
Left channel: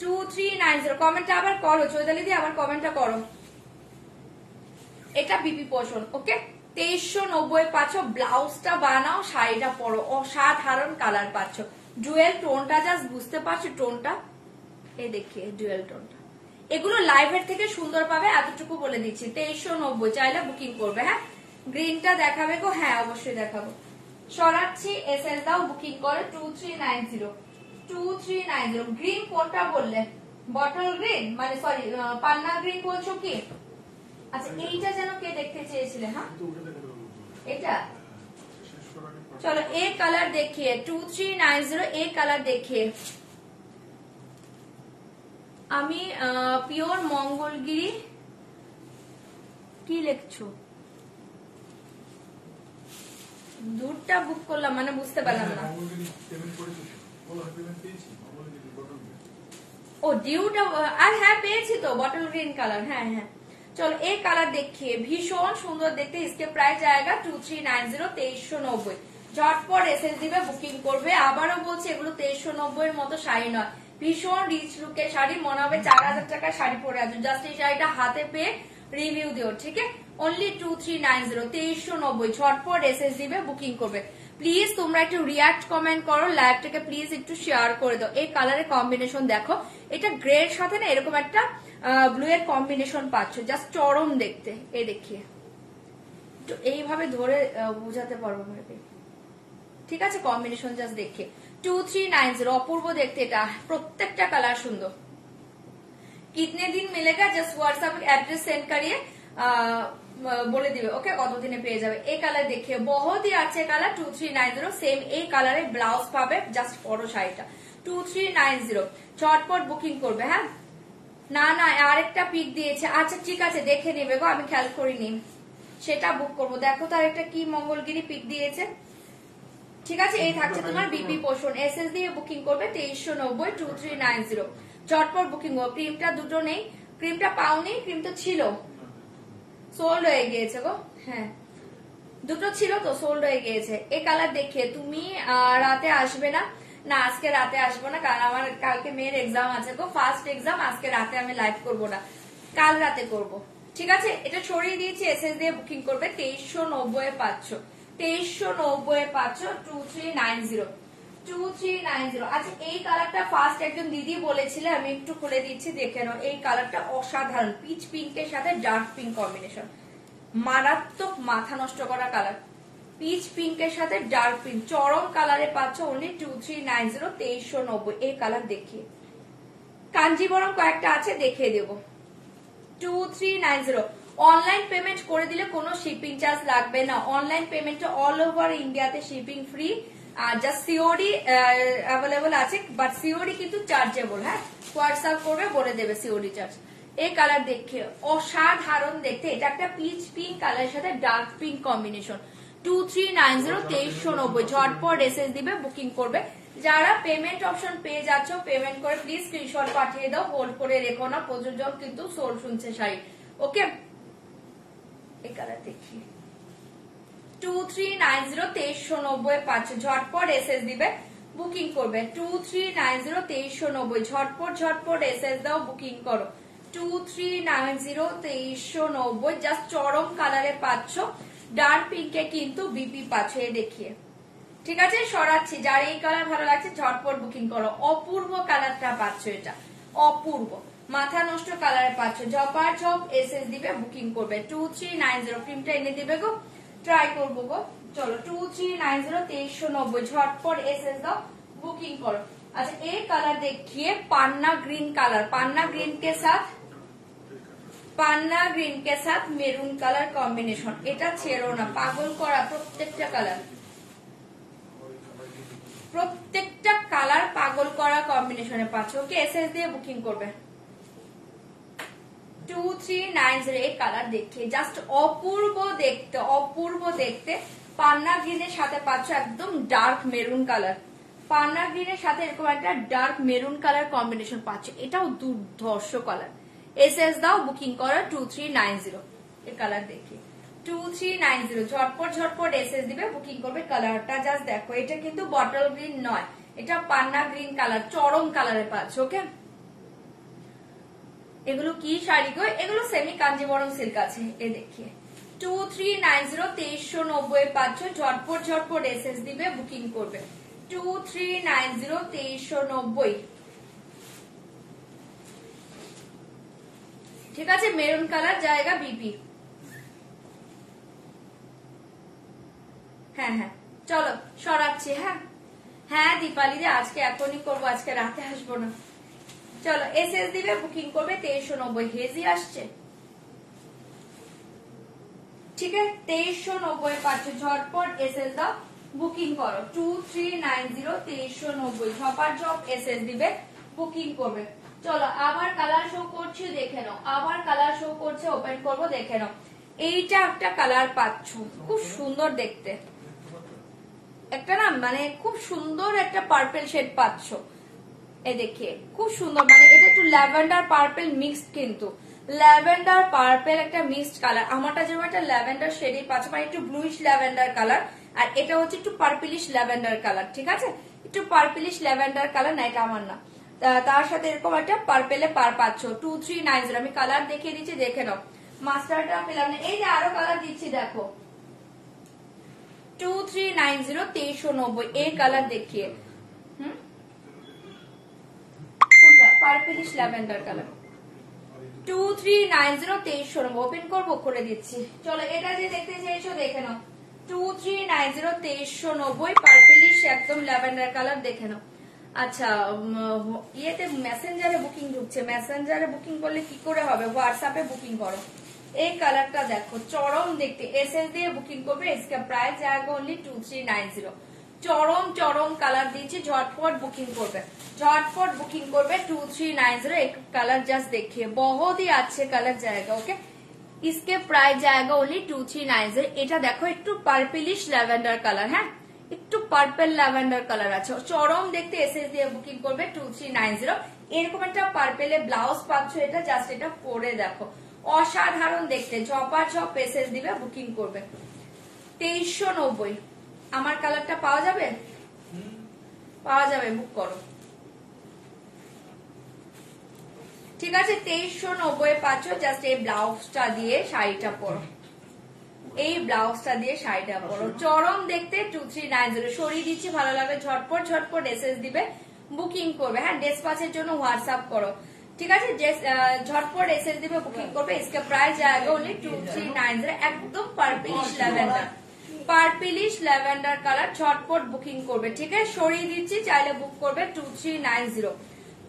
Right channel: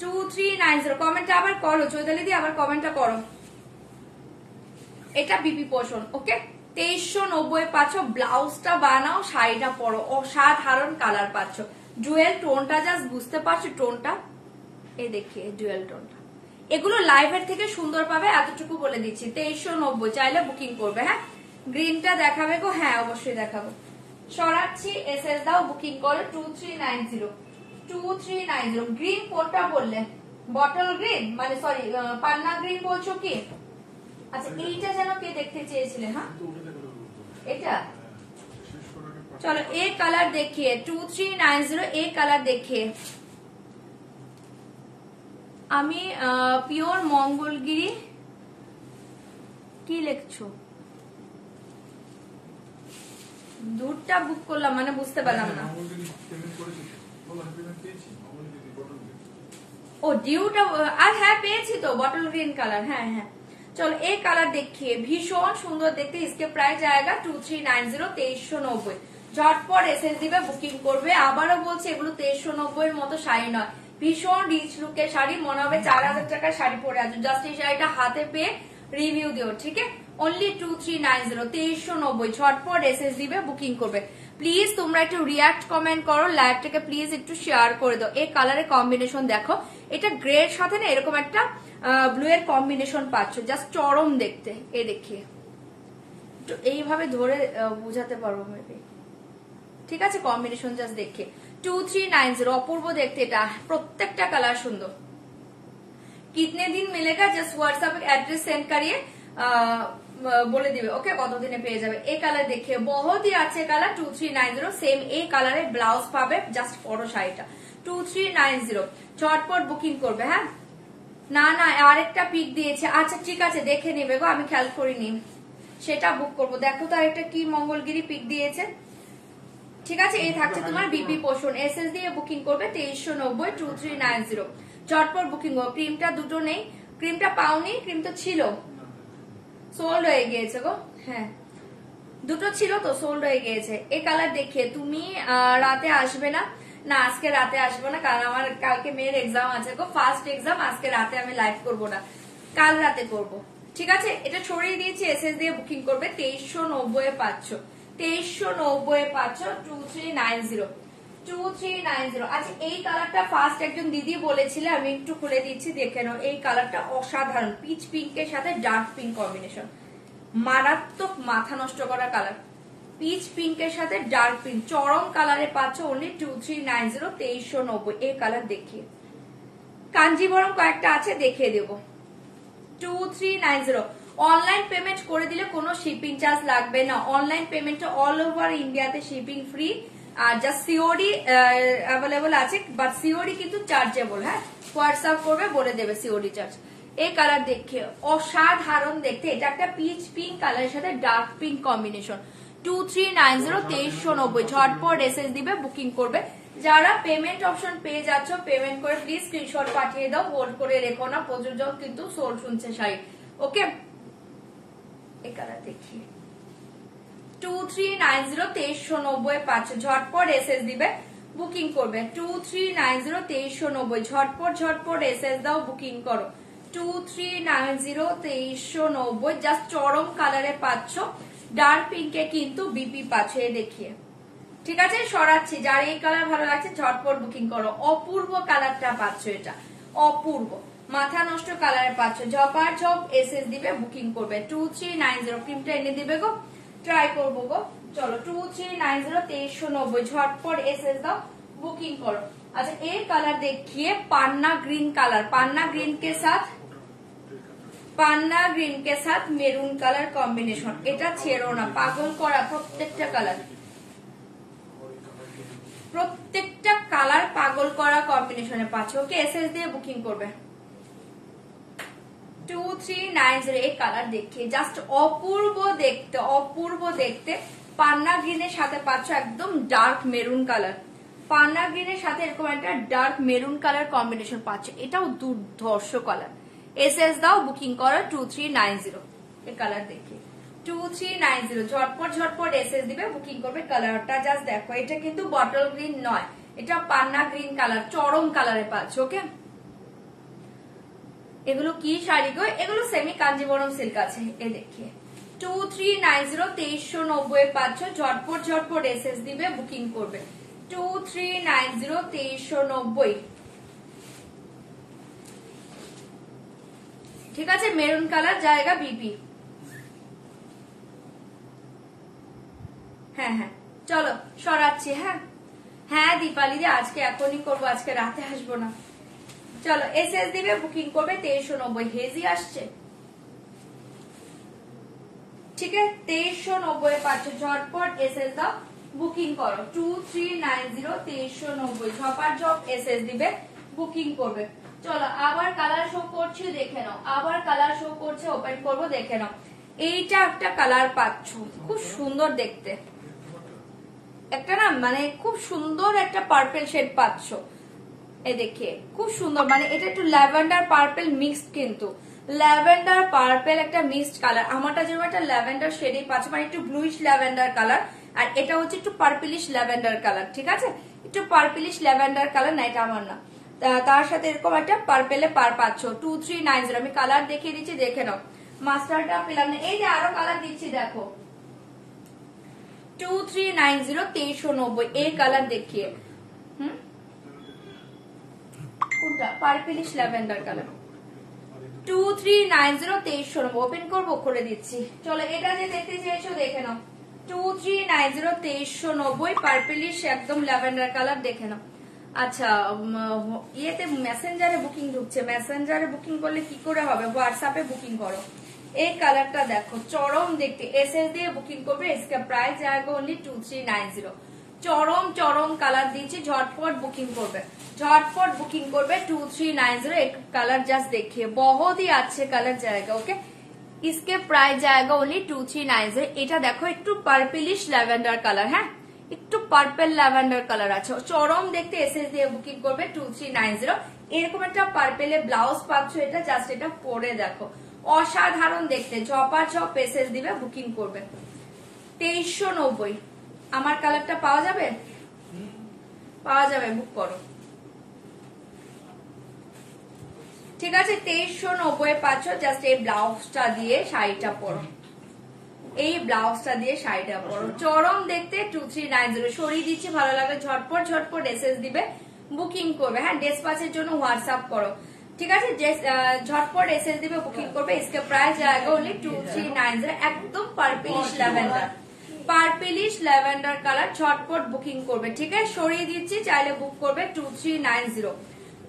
2390 কমেন্টটা আবার করো চৈতালি দি, আবার কমেন্টটা করো। এটা বিপি পোষণ, ওকে। 2390 পাচ্ছ। ব্লাউজটা বানাও, শাড়িটা পরো, অসাধারণ কালার পাচ্ছ। ডুয়েল টোনটা জাস্ট বুঝতে পারছো, টোনটা এই দেখিয়ে ডুয়েল টোনটা। এগুলো লাইভের থেকে সুন্দর পাবে, এতটুকু বলে দিচ্ছি। 2390 চাইলে বুকিং করবে। হ্যাঁ, গ্রিনটা দেখাবে গো? হ্যাঁ অবশ্যই দেখাবো। সরাচ্ছি, এসএস দাও, বুকিং করো। 2390 গ্রিন কোনটা বললে? বটল গ্রিন, মানে সরি পান্না গ্রিন বলছো কি? আচ্ছা এইটা যেন কে দেখতে চেয়েছিলে? হ্যাঁ এটা চলো এ কালার দেখিয়ে। 2390 এ কালার দেখিয়ে। আমি পিওর মঙ্গলগিরি কি লিখছো? দুধটা বুক করলাম, মানে বুঝতে পারলাম না। ও ডিউটা হ্যাঁ পেয়েছি তো, বটল গ্রিন কালার। হ্যাঁ হ্যাঁ চলো এই কালার দেখিয়ে, ভীষণ সুন্দর দেখতে। इसके প্রাইস आएगा 2390 2390। ঝটপট এসএস দিবে, বুকিং করবে। আবারও বলছি এগুলো 2390 এর মতো শাড়ি নয়, ভীষণ রিচ লুকের শাড়ি। মনে হবে 4000 টাকার শাড়ি পরে আছে। জাস্ট এই শাড়িটা হাতে পেয়ে রিভিউ দিও, ঠিক আছে? অনলি 2390 2390। ঝটপট এসএস দিবে, বুকিং করবে। প্লিজ তোমরা একটু রিয়াক্ট কমেন্ট করো, লাইভটাকে প্লিজ একটু শেয়ার করে দাও। এই কালারের কম্বিনেশন দেখো, এটা গ্রে এর সাথে না এরকম একটা ব্লু এর কম্বিনেশন পাচ্ছ, জাস্ট চরম দেখতে। এই দেখিয়ে এইভাবে ধরে বুঝাতে পারবো মেবি, ঠিক আছে? কম্বিনেশন জাস্ট দেখে। 2390 অপূর্ব দেখতে, এটা প্রত্যেকটা কালার সুন্দর। कितने दिन मिलेगा? জাস্ট হোয়াটসঅ্যাপ অ্যাড্রেস সেন্ড করিয়ে বলে দিবে, ওকে? কতদিনে পেয়ে যাবে। এই কালার দেখে, বহুত হি আছে কালার। 2390 সেম এই কালারের ব্লাউজ পাবে, জাস্ট পরো শাড়িটা। 2390 ঝটপট বুকিং করবে। হ্যাঁ না না আরেকটা পিক দিয়েছে, আচ্ছা ঠিক আছে দেখে নিবে গো, আমি খেয়াল করিনি, সেটা বুক করবো। দেখো তো আরেকটা কি মঙ্গলগিরি পিক দিয়েছে, ঠিক আছে? এই থাকছে তোমার বিপি পোষণ। এসএস দিয়ে বুকিং করবে 2390 2390। ঝটপট বুকিং করো। ক্রিমটা দুটো নেই, ক্রিমটা পাওনি, ক্রিম তো ছিল, সোল্ড হয়ে গিয়েছে গো। হ্যাঁ দুটো ছিল তো, সোল্ড হয়ে গিয়েছে। এই কালার দেখে তুমি রাতে আসবে না? না আজকে রাতে আসবো না, কারণ আমার কালকে মেয়ের এক্সাম আছে গো, ফার্স্ট এক্সাম। আজকে রাতে আমি লাইভ করবো না, কাল রাতে করব, ঠিক আছে? এটা ছড়িয়ে দিয়েছি, এসএস দিয়ে বুকিং করবে। 2390 পাচ্ছ, 2390 পাচ্ছ। 2390 2390। আচ্ছা এই কালারটা ফার্স্ট একজন দিদি বলেছিল, আমি একটু খুলে দিচ্ছি দেখে নাও। এই কালারটা অসাধারণ, পিচ পিঙ্কের সাথে ডার্ক পিঙ্ক কম্বিনেশন, মারাত্মক মাথা নষ্ট করা কালার। পিচ পিঙ্কের সাথে ডার্ক পিঙ্ক চরম কালারে পাচ্ছ অনলি 2390 2390। এই কালার দেখিয়ে, কাঞ্জিবরম কয়েকটা আছে দেখিয়ে দেবো। 2390 অনলাইন পেমেন্ট করে দিলে কোনো শিপিং চার্জ লাগবে না। অনলাইন পেমেন্ট অল ওভার ইন্ডিয়াতে শিপিং ফ্রি, আর জাস্ট সিওডি অ্যাভেলেবল আছে, বাট সিওডি কিন্তু চার্জেবল। হ্যাঁ হোয়াটসঅ্যাপ করবে, বলে দেবে সিওডি চার্জ। এই কালার দেখে অসাধারণ দেখতে, এটা একটা পিচ পিঙ্ক কালারের সাথে ডার্ক পিঙ্ক কম্বিনেশন। 2390 2390 ঝটপট এসএস দিবে, বুকিং করবে। যারা পেমেন্ট অপশন পেয়ে যাচ্ছ, পেমেন্ট করে প্লিজ স্ক্রিনশট পাঠিয়ে দাও, হোল্ড করে রেখো না, প্রযোজক কিন্তু সোল শুনছে শাড়ি, ওকে? এই কালার দেখি 2390 2390 পাচ্ছে। ঝটপট এসএস দিবে, বুকিং করবে। 2390 2390 ঝটপট ঝটপট এসএস দাও, বুকিং করো। 2390 2390 জাস্ট চরম কালারে পাচ্ছ, ডার্ক পিঙ্কে কিন্তু বিপি পাচ্ছ। এই দেখিয়ে, ঠিক আছে? সরাচ্ছি, যার এই কালার ভালো লাগছে ঝটপট বুকিং করো। অপূর্ব কালারটা পাচ্ছ, এটা অপূর্ব মাথা নষ্ট কালারে পাচ্ছ। ঝপার ঝপ এসএস দিবে, বুকিং করবে। 2390 ক্রিমটা এনে দিবে গো, ট্রাই করবো গো। চলো 2390 2390 ঝটপট এসএস দাও, বুকিং করো। अच्छा एक कलर देखिए पान्ना ग्रीन कलर, पान्ना ग्रीन के साथ मेरून कलर कॉम्बिनेशन, এটা ছেড়ো না, পাগল করা প্রত্যেকটা কালার, প্রত্যেকটা কালার পাগল করা কম্বিনেশনে পাচ্ছ। ওকে এসএস দিয়ে বুকিং করবে। 2390 এই কালার দেখে জাস্ট অপূর্ব দেখতে, অপূর্ব দেখতে। পান্না গ্রিনের সাথে পাচ্ছ একদম ডার্ক মেরুন কালার, পান্না গ্রিনের সাথে এরকম একটা ডার্ক মেরুন কালার কম্বিনেশন পাচ্ছ, এটাও দুর্ধর্ষ কালার। এসএস দাও, বুকিং করো 2390। এই কালার দেখি 2390 ঝটপট ঝটপট এসএস দিবে, বুকিং করবে। কালারটা জাস্ট দেখো, এটা কিন্তু বটল গ্রিন নয়, এটা পান্না গ্রিন কালার, চরম কালারে পাচ্ছ। ওকে, এগুলো কি শাড়ি গো? এগুলো সেমি কাঞ্জিবরম সিল্ক আছে। এই দেখিয়ে 2390 2390 পাচ্ছ, ঝটপট ঝটপট এসএস দিবে, বুকিং করবে। 2390 2390। ঠিক আছে, মেরুন কালার জায়গা বিপি। হ্যাঁ হ্যাঁ, চলো সরাচ্ছি। হ্যাঁ হ্যাঁ দীপালি, আজকে এখনই করবো, আজকে রাতে আসবো না। চলো এসএস দিবে, বুকিং করবে 2390। হেজি আসছে, ঠিক আছে 2390 পাচ্ছ, ঝটপট এসএস দাও, বুকিং করো। 2390 2390 ঝপার ঝপ এসএস দিবে, বুকিং করবে। চলো আবার কালার শো করছি, দেখে নাও। আবার কালার শো করছে, ওপেন করবো, দেখে নাও। এইটা একটা কালার পাচ্ছ, খুব সুন্দর দেখতে, একটা না মানে খুব সুন্দর একটা পার্পেল শেড পাচ্ছ। এই দেখে খুব সুন্দর, মানে এটা একটু ল্যাভেন্ডার পার্পেল মিক্স, কিন্তু ল্যাভেন্ডার পার্পেল একটা মিক্সড কালার। আমারটা যেমন একটা ল্যাভেন্ডার শেডই পাচ্ছ, মানে একটু ব্লুইশ ল্যাভেন্ডার কালার, আর এটা হচ্ছে একটু পার্পলিশ ল্যাভেন্ডার কালার। ঠিক আছে, একটু পার্পলিশ ল্যাভেন্ডার কালার না, এটা আমার না। তার সাথে এরকম একটা পার্পেলে পার পাচ্ছ। 2390 আমি কালার দেখিয়ে দিচ্ছি, দেখে নাও। মাস্টারটা পেলাম না, এই যে আরো কালার দিচ্ছি, দেখো 2390 2390 এই কালার দেখিয়ে। কোনটা? Purplish lavender colour. 2390 2390 ওপেন করবো, করে দিচ্ছি। চলো এটা যে দেখতে চেয়েছো দেখে নাও। 2390 2390 পার্পলিশ একদম ল্যাভেন্ডার কালার, দেখে নাও। আচ্ছা, ইয়েতে মেসেঞ্জারে বুকিং ঢুকছে, মেসেঞ্জারে বুকিং করলে কি করে হবে? হোয়াটসঅ্যাপে বুকিং করো। এই কালারটা দেখো, চরম দেখতে, এসএস দিয়ে বুকিং করবে। इसका প্রাইস জায়গা অনলি 2390। চরম চরম কালার দিয়েছি, ঝটপট বুকিং করবে, ঝটপট বুকিং করবে। 2390 एक कलर जस्ट देखिए, बहुत ही अच्छे कलर जाएगा। ओके, इसके प्राइस जाएगा ओनली 2390। এটা দেখো একটু পার্পলিশ ল্যাভেন্ডার কালার, হ্যাঁ একটু পার্পল ল্যাভেন্ডার কালার আছে, চরম দেখতে। এসএস দিয়ে বুকিং করবে 2390। এরকম একটা পার্পেলে ব্লাউজ পাচ্ছ, এটা জাস্ট এটা পরে দেখো, অসাধারণ দেখতে। ঝপা ঝপ এসএস দিবে, বুকিং করবে। 2390 আমার কালারটা পাওয়া যাবে, পাওয়া যাবে, বুক করো। ঠিক আছে, 2390 পাচ্ছ, জাস্ট এই ব্লাউজটা দিয়ে শাড়িটা পরো, এই ব্লাউজটা দিয়ে শাড়িটা পরো, চরম দেখতে। 2390 সরিয়ে দিচ্ছি, ভালো লাগে, ঝটপট ঝটপট এসএস দিবে, বুকিং করবে। হ্যাঁ, ডেসপাচের জন্য হোয়াটসঅ্যাপ করো। ঠিক আছে, ঝটপট এসএস দিবে, বুকিং করবে। इसका प्राइस जाएगा ओनली 2390। একদম purplish lavender, purplish lavender colour, ঝটপট বুকিং করবে। ঠিক আছে, সরিয়ে দিচ্ছি, চাইলে বুক করবে। 2390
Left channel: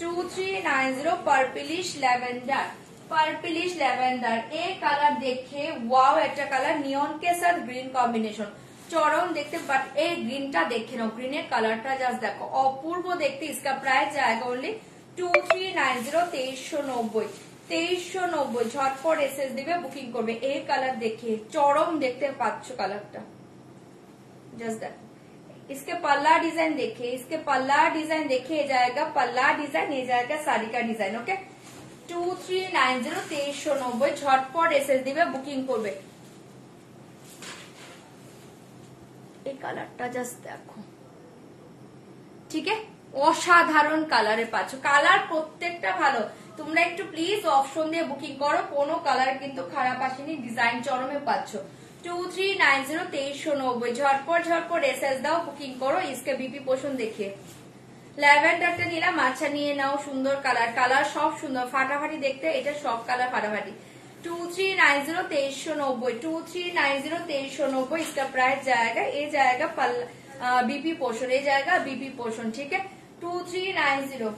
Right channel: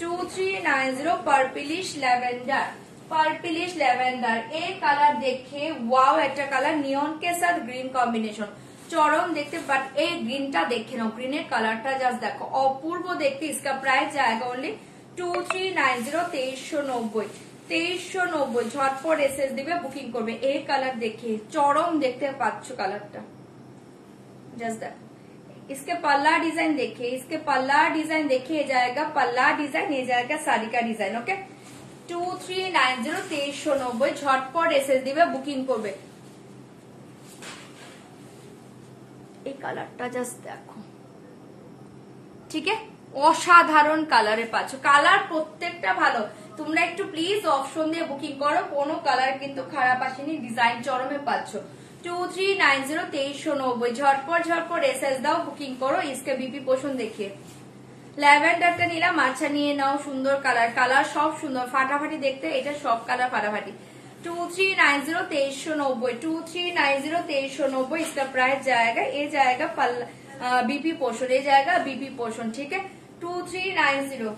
2390 পার্পলিশ ল্যাভেন্ডার, পার্পলিশ ল্যাভেন্ডার। এই কালার দেখে ওয়াও, একটা কালার নিয়ন কে সাথ গ্রিন কম্বিনেশন, চরম দেখতে। বাট এই গ্রিনটা দেখে নাও, গ্রিনের কালারটা জাস্ট দেখো, অপূর্ব দেখতে। इसका प्राइस जाएगा ओनली 2390 2390 2390 ঝটপট এসএস দিবে, বুকিং করবে। এই কালার দেখে চরম দেখতে পাচ্ছ কালারটা, জাস্ট দেখো। इसके पल्ला डिजाइन देखिए, इसके पल्ला डिजाइन देखिए, जाएगा पल्ला डिजाइन, ये जाएगा साड़ी का डिजाइन। ओके, 2390 2390 ঝটপট এসএস দিবে, বুকিং করবে। এই কালারটা জাস্ট দেখো, ঠিক আছে, অসাধারণ কালারে পাচ্ছ। কালার প্রত্যেকটা ভালো, তোমরা একটু প্লিজ অপশন দিয়ে বুকিং করো, কোনো কালার কিন্তু খারাপ আসেনি, ডিজাইন চরমে পাচ্ছ। 2390 2390 ঝটপট ঝটপট এসএস দাও, বুকিং করো। इसके बीपी পোষণ দেখে ল্যাভেন্ডারটা নিলাম, আচ্ছা নিয়ে নাও, সুন্দর কালার, কালার সব সুন্দর, ফাটাফাটি দেখতে, এটা সব কালার ফাটাফাটি। 2390 2390 2390 2390 इसका प्राइस जाएगा, ये जाएगा बीपी पोषण, ये जाएगा बीपी पोषण। ठीक है, 2390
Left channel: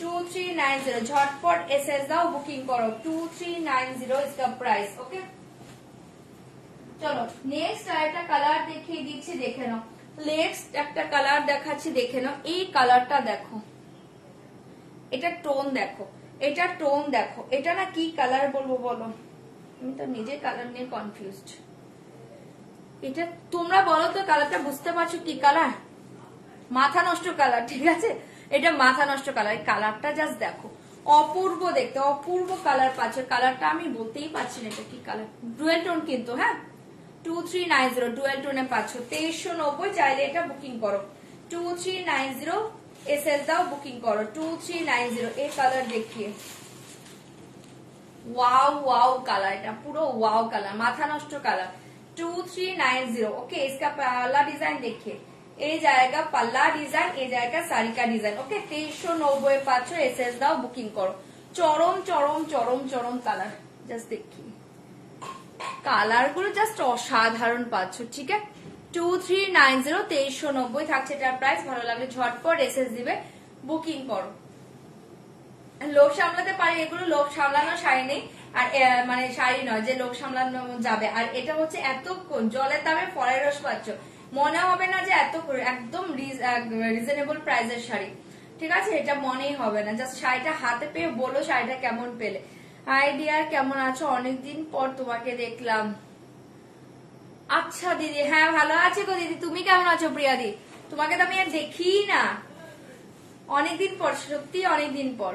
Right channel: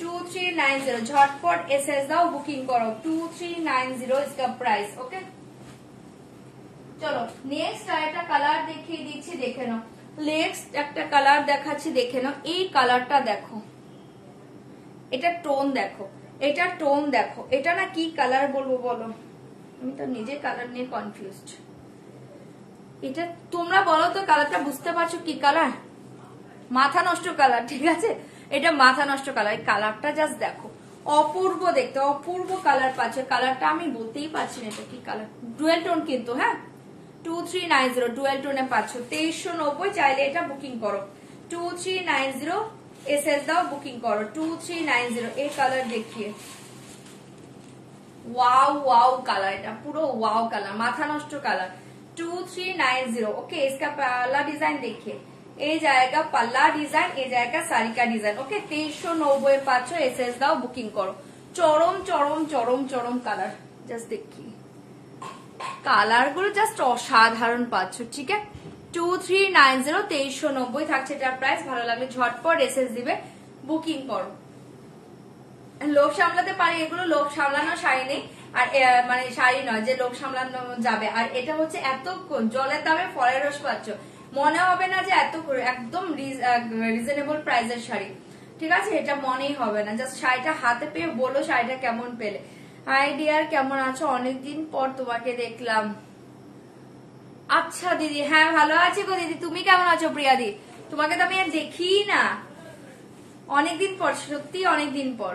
2390 ঝটপট এসএস দাও, বুকিং করো। 2390 इसका प्राइस। ओके, চলো নেক্সট আরেকটা কালার দেখিয়ে দিচ্ছি, দেখে নাও। নেক্সট একটা কালার দেখাচ্ছি, দেখে নাও। এই কালারটা দেখো, এটা টোন দেখো, এটা টোন দেখো, এটা না কি কালার বলবো বলো, আমি তো নিজে কালার নিয়ে কনফিউজড। এটা তোমরা বলো তো, কালারটা বুঝতে পারছো কি কালার? মাথা নষ্ট কালার। ঠিক আছে, এটা মাথা নষ্ট কালার। এই কালারটা জাস্ট দেখো, অপূর্ব দেখতে, অপূর্ব কালার পাচ্ছে। কালারটা আমি বলতেই পারছি না এটা কি কালার, ডুয়েল টোন কিন্তু, হ্যাঁ 2390 ডুয়েল টোনে পাচ্ছ 2390। চাইলে এটা বুকিং করো 2390, এসএস দাও বুকিং করো 2390। এই কালার দেখিয়ে ওয়াও ওয়াও কালার, এটা পুরো ওয়াও কালার, মাথা নষ্ট কালার 2390। ओके, इसका पल्ला डिजाइन देखिए, এই জায়গা পাল্লা ডিজাইন, এই জায়গা সারিকা ডিজাইন। ওকে 2390 পাচ্ছ, এসএস দাও বুকিং করো। চরম চরম চরম চরম কালার, জাস্ট দেখি কালার গুলো জাস্ট অসাধারণ পাচ্ছ। ঠিক আছে 2390 2390 থাকছে এটার প্রাইস। ভালো লাগলে ঝটপট এসএস দিবে, বুকিং করো। লোক সামলাতে পারি, এগুলো লোক সামলানো শাড়ি নেই, আর মানে শাড়ি নয় যে লোক সামলানো যাবে। আর এটা হচ্ছে এত জলের দামে ফলের রস পাচ্ছ, মনে হবে না যে এত একদম রিজনেবল প্রাইসের শাড়ি। ঠিক আছে, এটা মনেই হবে না। জাস্ট শাড়িটা হাতে পেয়ে বলো শাড়িটা কেমন পেলে। আইডিয়ার কেমন আছো, অনেকদিন পর তোমাকে দেখলাম। আচ্ছা দিদি, হ্যাঁ ভালো আছি গো দিদি, তুমি কেমন আছো প্রিয়া দি? তোমাকে তো আমি আর দেখি না, অনেকদিন পর, সত্যি অনেকদিন পর।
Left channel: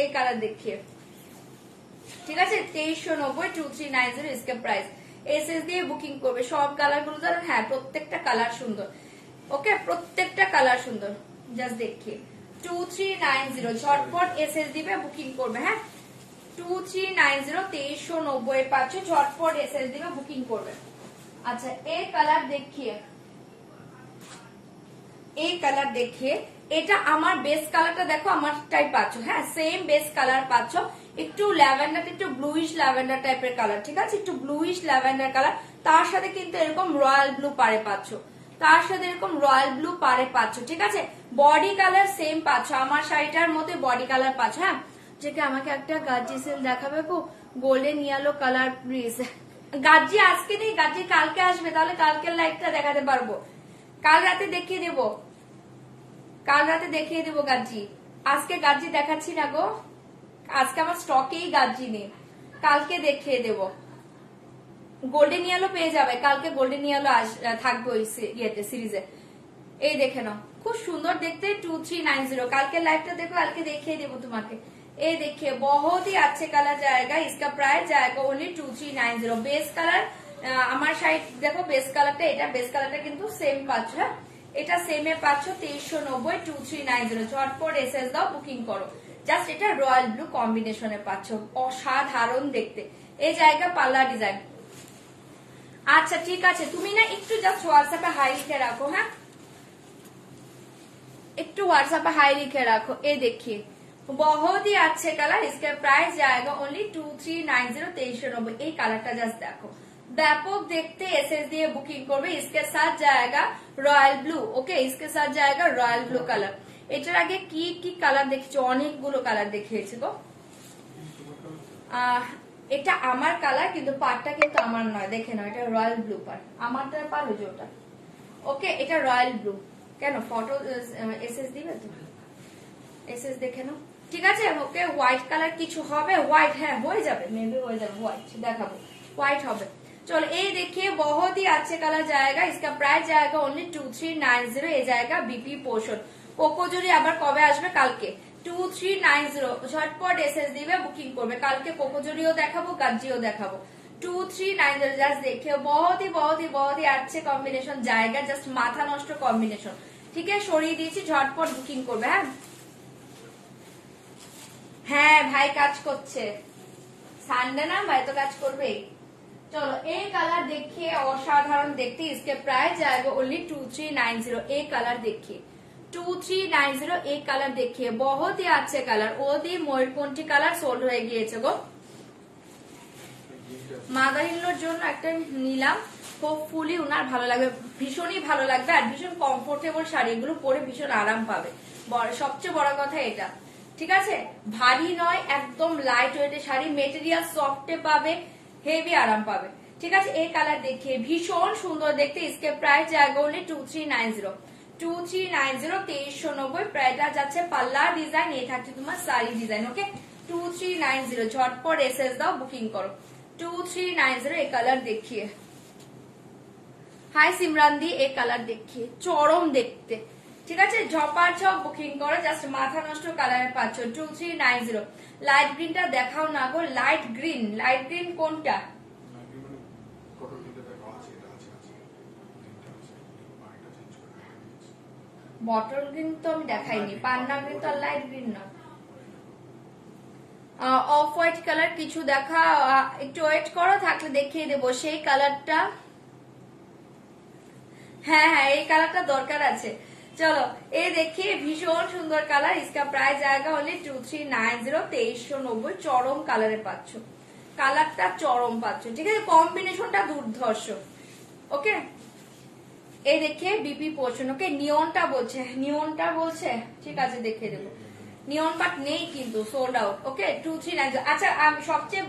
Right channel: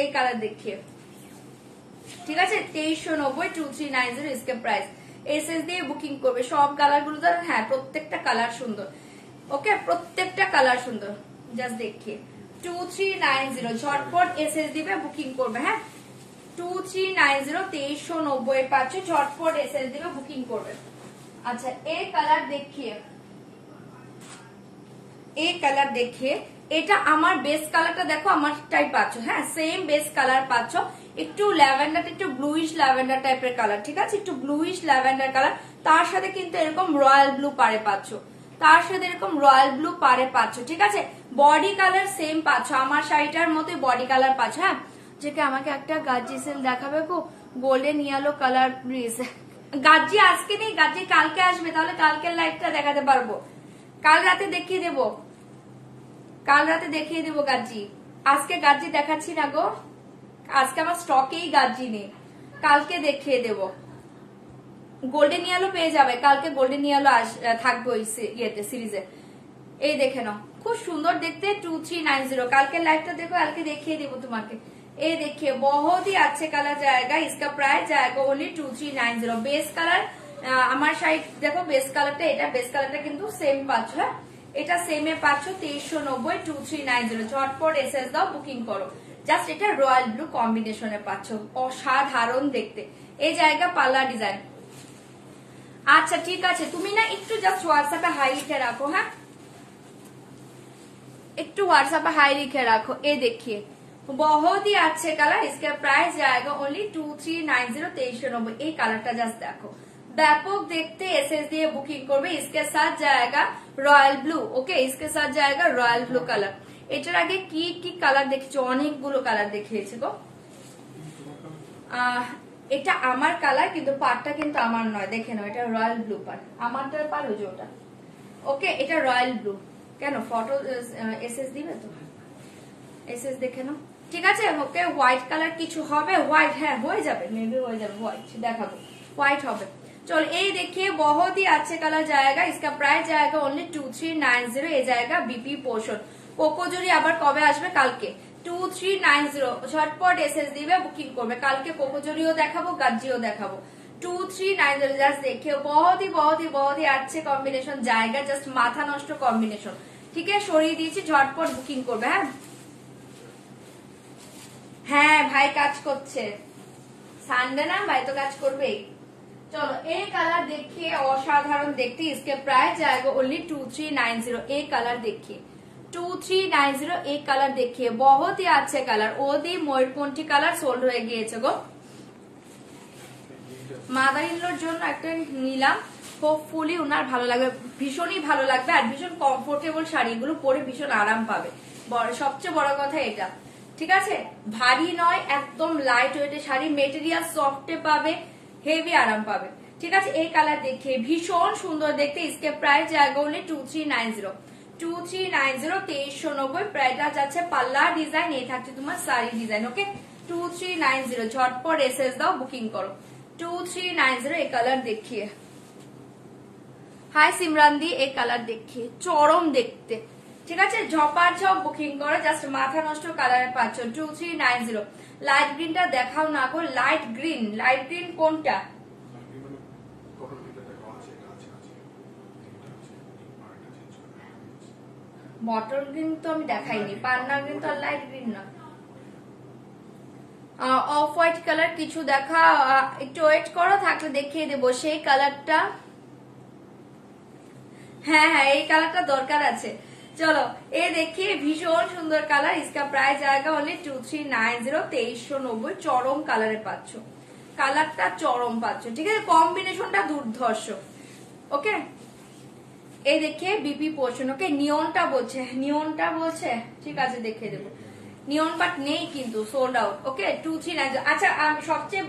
এই কালার দেখিয়ে, ঠিক আছে 2390 2390 इसके प्राइस। এসএস দিয়ে বুকিং করবে। সব কালার গুলো ধরুন, হ্যাঁ প্রত্যেকটা কালার সুন্দর। ওকে, প্রত্যেকটা কালার সুন্দর। জাস্ট দেখিয়ে 2390 ঝটপট এসএস দিবে, বুকিং করবে। হ্যাঁ 2390 2390 পাচ্ছ, ঝটপট এসএস দিবে, বুকিং করবে। আচ্ছা এই কালার দেখিয়ে, এই কালার দেখিয়ে, এটা আমার বেস কালারটা দেখো, আমারটাই পাচ্ছ। হ্যাঁ সেম বেস কালার পাচ্ছ, একটু ল্যাভেন্ডার, একটু ব্লুইশ ল্যাভেন্ডার টাইপের কালার। ঠিক আছে, একটু ব্লুইশ ল্যাভেন্ডার কালার, তার সাথে কিন্তু এরকম রয়্যাল ব্লু পারে পাচ্ছ, তার সাথে এরকম রয়্যাল ব্লু পারে পাচ্ছ। ঠিক আছে, বডি কালার সেম পাচ্ছ, আমার শাড়িটার মতো বডি কালার পাচ্ছ। হ্যাঁ যে কি আমাকে একটা গাজি সেল দেখাবে গো, গোল্ডেন ইয়েলো কালার প্লিজ। গাজি আজকে নেই, গাজি কালকে আসবে, তাহলে কালকের লাইভটা দেখাতে পারবো। কাল রাতে দেখিয়ে দেবো, কাল রাতে দেখিয়ে দেবো গাজি। আজকে গাজি দেখাচ্ছি না গো, আজকে আমার স্টকেই গাজি নেই, কালকে দেখিয়ে দেবো। গোল্ডেন ইয়েলো পেয়ে যাবে কালকে, গোল্ডেন ইয়েলো থাকবে ওই ইয়েতে সিরিজে। এই দেখে নাও, খুব সুন্দর দেখতে 2390। কালকে লাইভটা দেখো, কালকে দেখিয়ে দেবো তোমাকে। এই देखिए बहुत ही अच्छे कलर जाएगा, इसका प्राइस जाएगा ओनली 2390। বেস কালার আমার শাড়ি দেখো, বেস কালারটা, এটা বেস কালারটা কিন্তু সেম পাচ্ছ। হ্যাঁ এটা সেমে পাচ্ছ 2390 2390। ঝটপট এসএস দাও, বুকিং করো। জাস্ট এটা রয়্যাল ব্লু কম্বিনেশনে পাচ্ছ, অসাধারণ দেখতে। এই জায়গা পাল্লা ডিজাইন। আচ্ছা ঠিক আছে, তুমি না একটু জাস্ট হোয়াটসঅ্যাপে হাই লিখে রাখো। হ্যাঁ একটু হোয়াটসঅ্যাপে হাই লিখে রাখো। এই দেখিয়ে बहुत ही अच्छे कलर, इसका प्राइस जाएगा ओनली 2390 2390। এই কালারটা জাস্ট দেখো, ব্যাপক দেখতে। এসএস দিয়ে বুকিং করবে। इसके साथ जाएगा রয়্যাল ব্লু। ওকে इसके साथ जाएगा রয়্যাল ব্লু কালার। এটার আগে কি কি কালার দেখছো, অনেকগুলো কালার দেখিয়েছে গো। এটা আমার কালার, কিন্তু পার্টটা কিন্তু আমার নয়, দেখে নাও এটা রয়্যাল ব্লু পার্ট, আমারটা পার হয়ে ওটা। ওকে এটা রয়্যাল ব্লু। কেন ফটো এসএস দিবে তো, এসএস দেখে নাও। ঠিক আছে, ওকে হোয়াইট কালার কিছু হবে, হোয়াইট হ্যাঁ হয়ে যাবে, মেবি হয়ে যাবে, হোয়াইট দেখাবো, হোয়াইট হবে। চল এই देखिए बहुत ही अच्छे कलर जाएगा, इसका प्राइस जाएगा ओनली 2390। এই জায়গা বিপি পোর্শন। কোকোজরি আবার কবে আসবে? কালকে 2390। ঝটপট এসএস দিবে, বুকিং করবে। কালকে কোকোজরিও দেখাবো, গাজ্জিও দেখাবো। 2390 জাস্ট देखिए बहुत ही अच्छे কম্বিনেশন জায়গা, জাস্ট মাথা নষ্ট কম্বিনেশন। ঠিক আছে সরিয়ে দিয়েছি, ঝটপট বুকিং করবে। হ্যাঁ ভাই কাজ করছে, সানডে না, ভাই তো কাজ করবেই। চলো এই কালার देखिए অসাধারণ দেখতে, इसके प्राइस जाएगा ओनली 2390। এই কালার देखिए 2390। এই কালার देखिए बहुत ही अच्छे কালার। ওদি ময়ূরপন্থী কালার সোল্ড হয়ে গিয়েছে গো, মাদার ইনলোর জন্য একটা নিলাম, হোপফুলি ওনার ভালো লাগবে, ভীষণই ভালো লাগবে। আর ভীষণ কমফোর্টেবল শাড়ি, এগুলো পরে ভীষণ আরাম পাবে, সবচেয়ে বড় কথা এটা। ঠিক আছে, ভারী নয়, একদম লাইট ওয়েটের শাড়ি, মেটেরিয়াল সফটে পাবে, হেভি আরাম পাবে। ঠিক আছে এই কালার देखिए ভীষণ সুন্দর দেখতে। इसके प्राइस जाएगा ओनली 2390 2390 2390। প্রাইসটা যাচ্ছে পাল্লা ডিজাইন, এই থাকছে তোমার শাড়ি ডিজাইন। ওকে 2390 ঝটপট এসএস দাও, বুকিং করো। 2390 এই কালার देखिए। হাই সিমরান দি, এই কালার देखिए চরম দেখতে। ঠিক আছে, ঝপার ঝপ বুকিং করো, জাস্ট মাথা নষ্ট কালারে পাচ্ছ 2390। লাইট গ্রিনটা দেখাও না গো, লাইট গ্রিন কোনটা? বটল গ্রিন তো আমি দেখাইনি, পান্না গ্রিন তো লাইট গ্রিন না। অফ হোয়াইট কালার কিছু দেখা, একটু ওয়েট করো, থাকলে দেখিয়ে দেবো সেই কালারটা। হ্যাঁ হ্যাঁ, এই কালারটা দরকার আছে। চলো এই দেখি, ভীষণ সুন্দর কালার, इसका প্রাইস জায়গা হলে 2390, 2390। চরম কালারে পাচ্ছ, কালারটা চরম পাচ্ছ, ঠিক আছে, কম্বিনেশনটা দুর্ধর্ষ। ওকে, এই দেখে বিপি পোর্শন। ওকে, নিয়নটা বলছে, ঠিক আছে দেখে দেবো। নিয়ন বাট নেই কিন্তু, সোল্ড আউট। ওকে, 2390। আচ্ছা, সবচেয়ে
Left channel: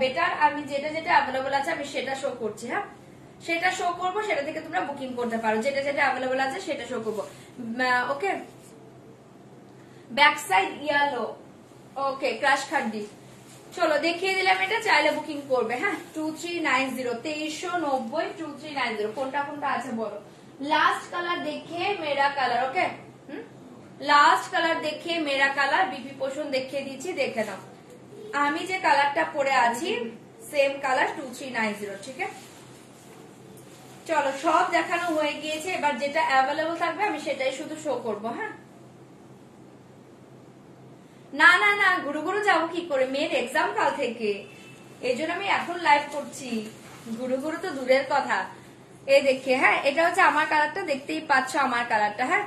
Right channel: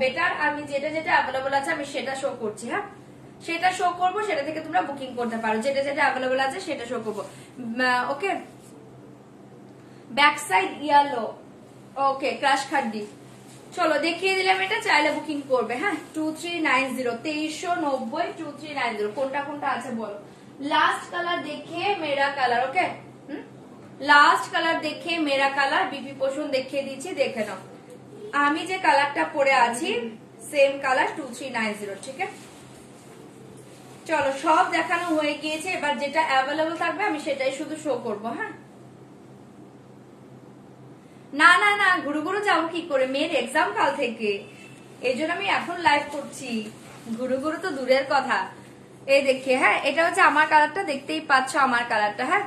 বেটার আমি যেটা অ্যাভেলেবল আছে আমি সেটা শো করছি। হ্যাঁ, সেটা শো করবো, সেটা থেকে তোমরা বুকিং করতে পারো, যেটা অ্যাভেলেবল আছে সেটা শো করবো। ওকে, ব্যাক সাইড ইয়েলো। ওকে, ক্রাশ খাড্ডি। চলো দেখিয়ে দিলাম, এটা চাইলে বুকিং করবে। হ্যাঁ, 2390, 2390, 2390। কোনটা আছে বলো? লাস্ট কালার দেখে মেরা কালার। ওকে, লাস্ট কালার দেখে মেরা কালার, বিপি পোষণ দেখিয়ে দিচ্ছি, দেখে নাও। আমি যে কালারটা পরে আছি সেম কালার 2390। ঠিক আছে, চলো সব দেখানো হয়ে গিয়েছে, এবার যেটা অ্যাভেলেবল থাকবে আমি সেটাই শুধু শো করবো। হ্যাঁ, না গুরু যাবো কি করে, মেয়ের এক্সাম কাল থেকে, এই জন্য আমি এখন লাইভ করছি। গুরু তো দূরের কথা। এই দেখে, হ্যাঁ এটা হচ্ছে আমার কালারটা, দেখতেই পাচ্ছ আমার কালারটা। হ্যাঁ,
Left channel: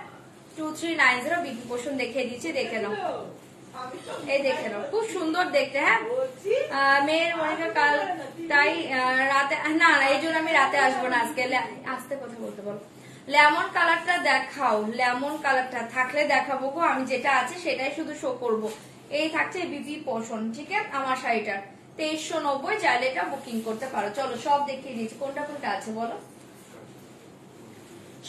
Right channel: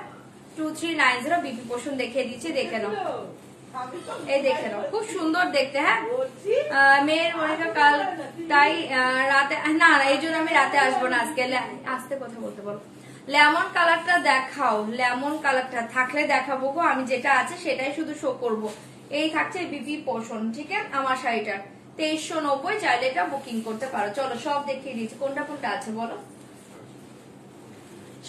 2390 বিপি পোষণ দেখিয়ে দিচ্ছি, দেখে নাও। এই দেখে নাও, খুব সুন্দর দেখতে। হ্যাঁ, মেয়ের মনিকা কাল, তাই রাতে না, এই জন্য আমি রাতে আসবো না আজকে। আসতে কথা বলতে বলো। লেমন কালারটা দেখাও, লেমন কালারটা থাকলে দেখাবো গো, আমি যেটা আছে সেটাই শুধু শো করবো। এই থাকছে বিপি পোষণ। ঠিক আছে, আমার শাড়িটা 2390, চাইলে এটা বুকিং করতে পারো। চলো সব দেখিয়ে দিচ্ছি, কোনটা আছে বলো,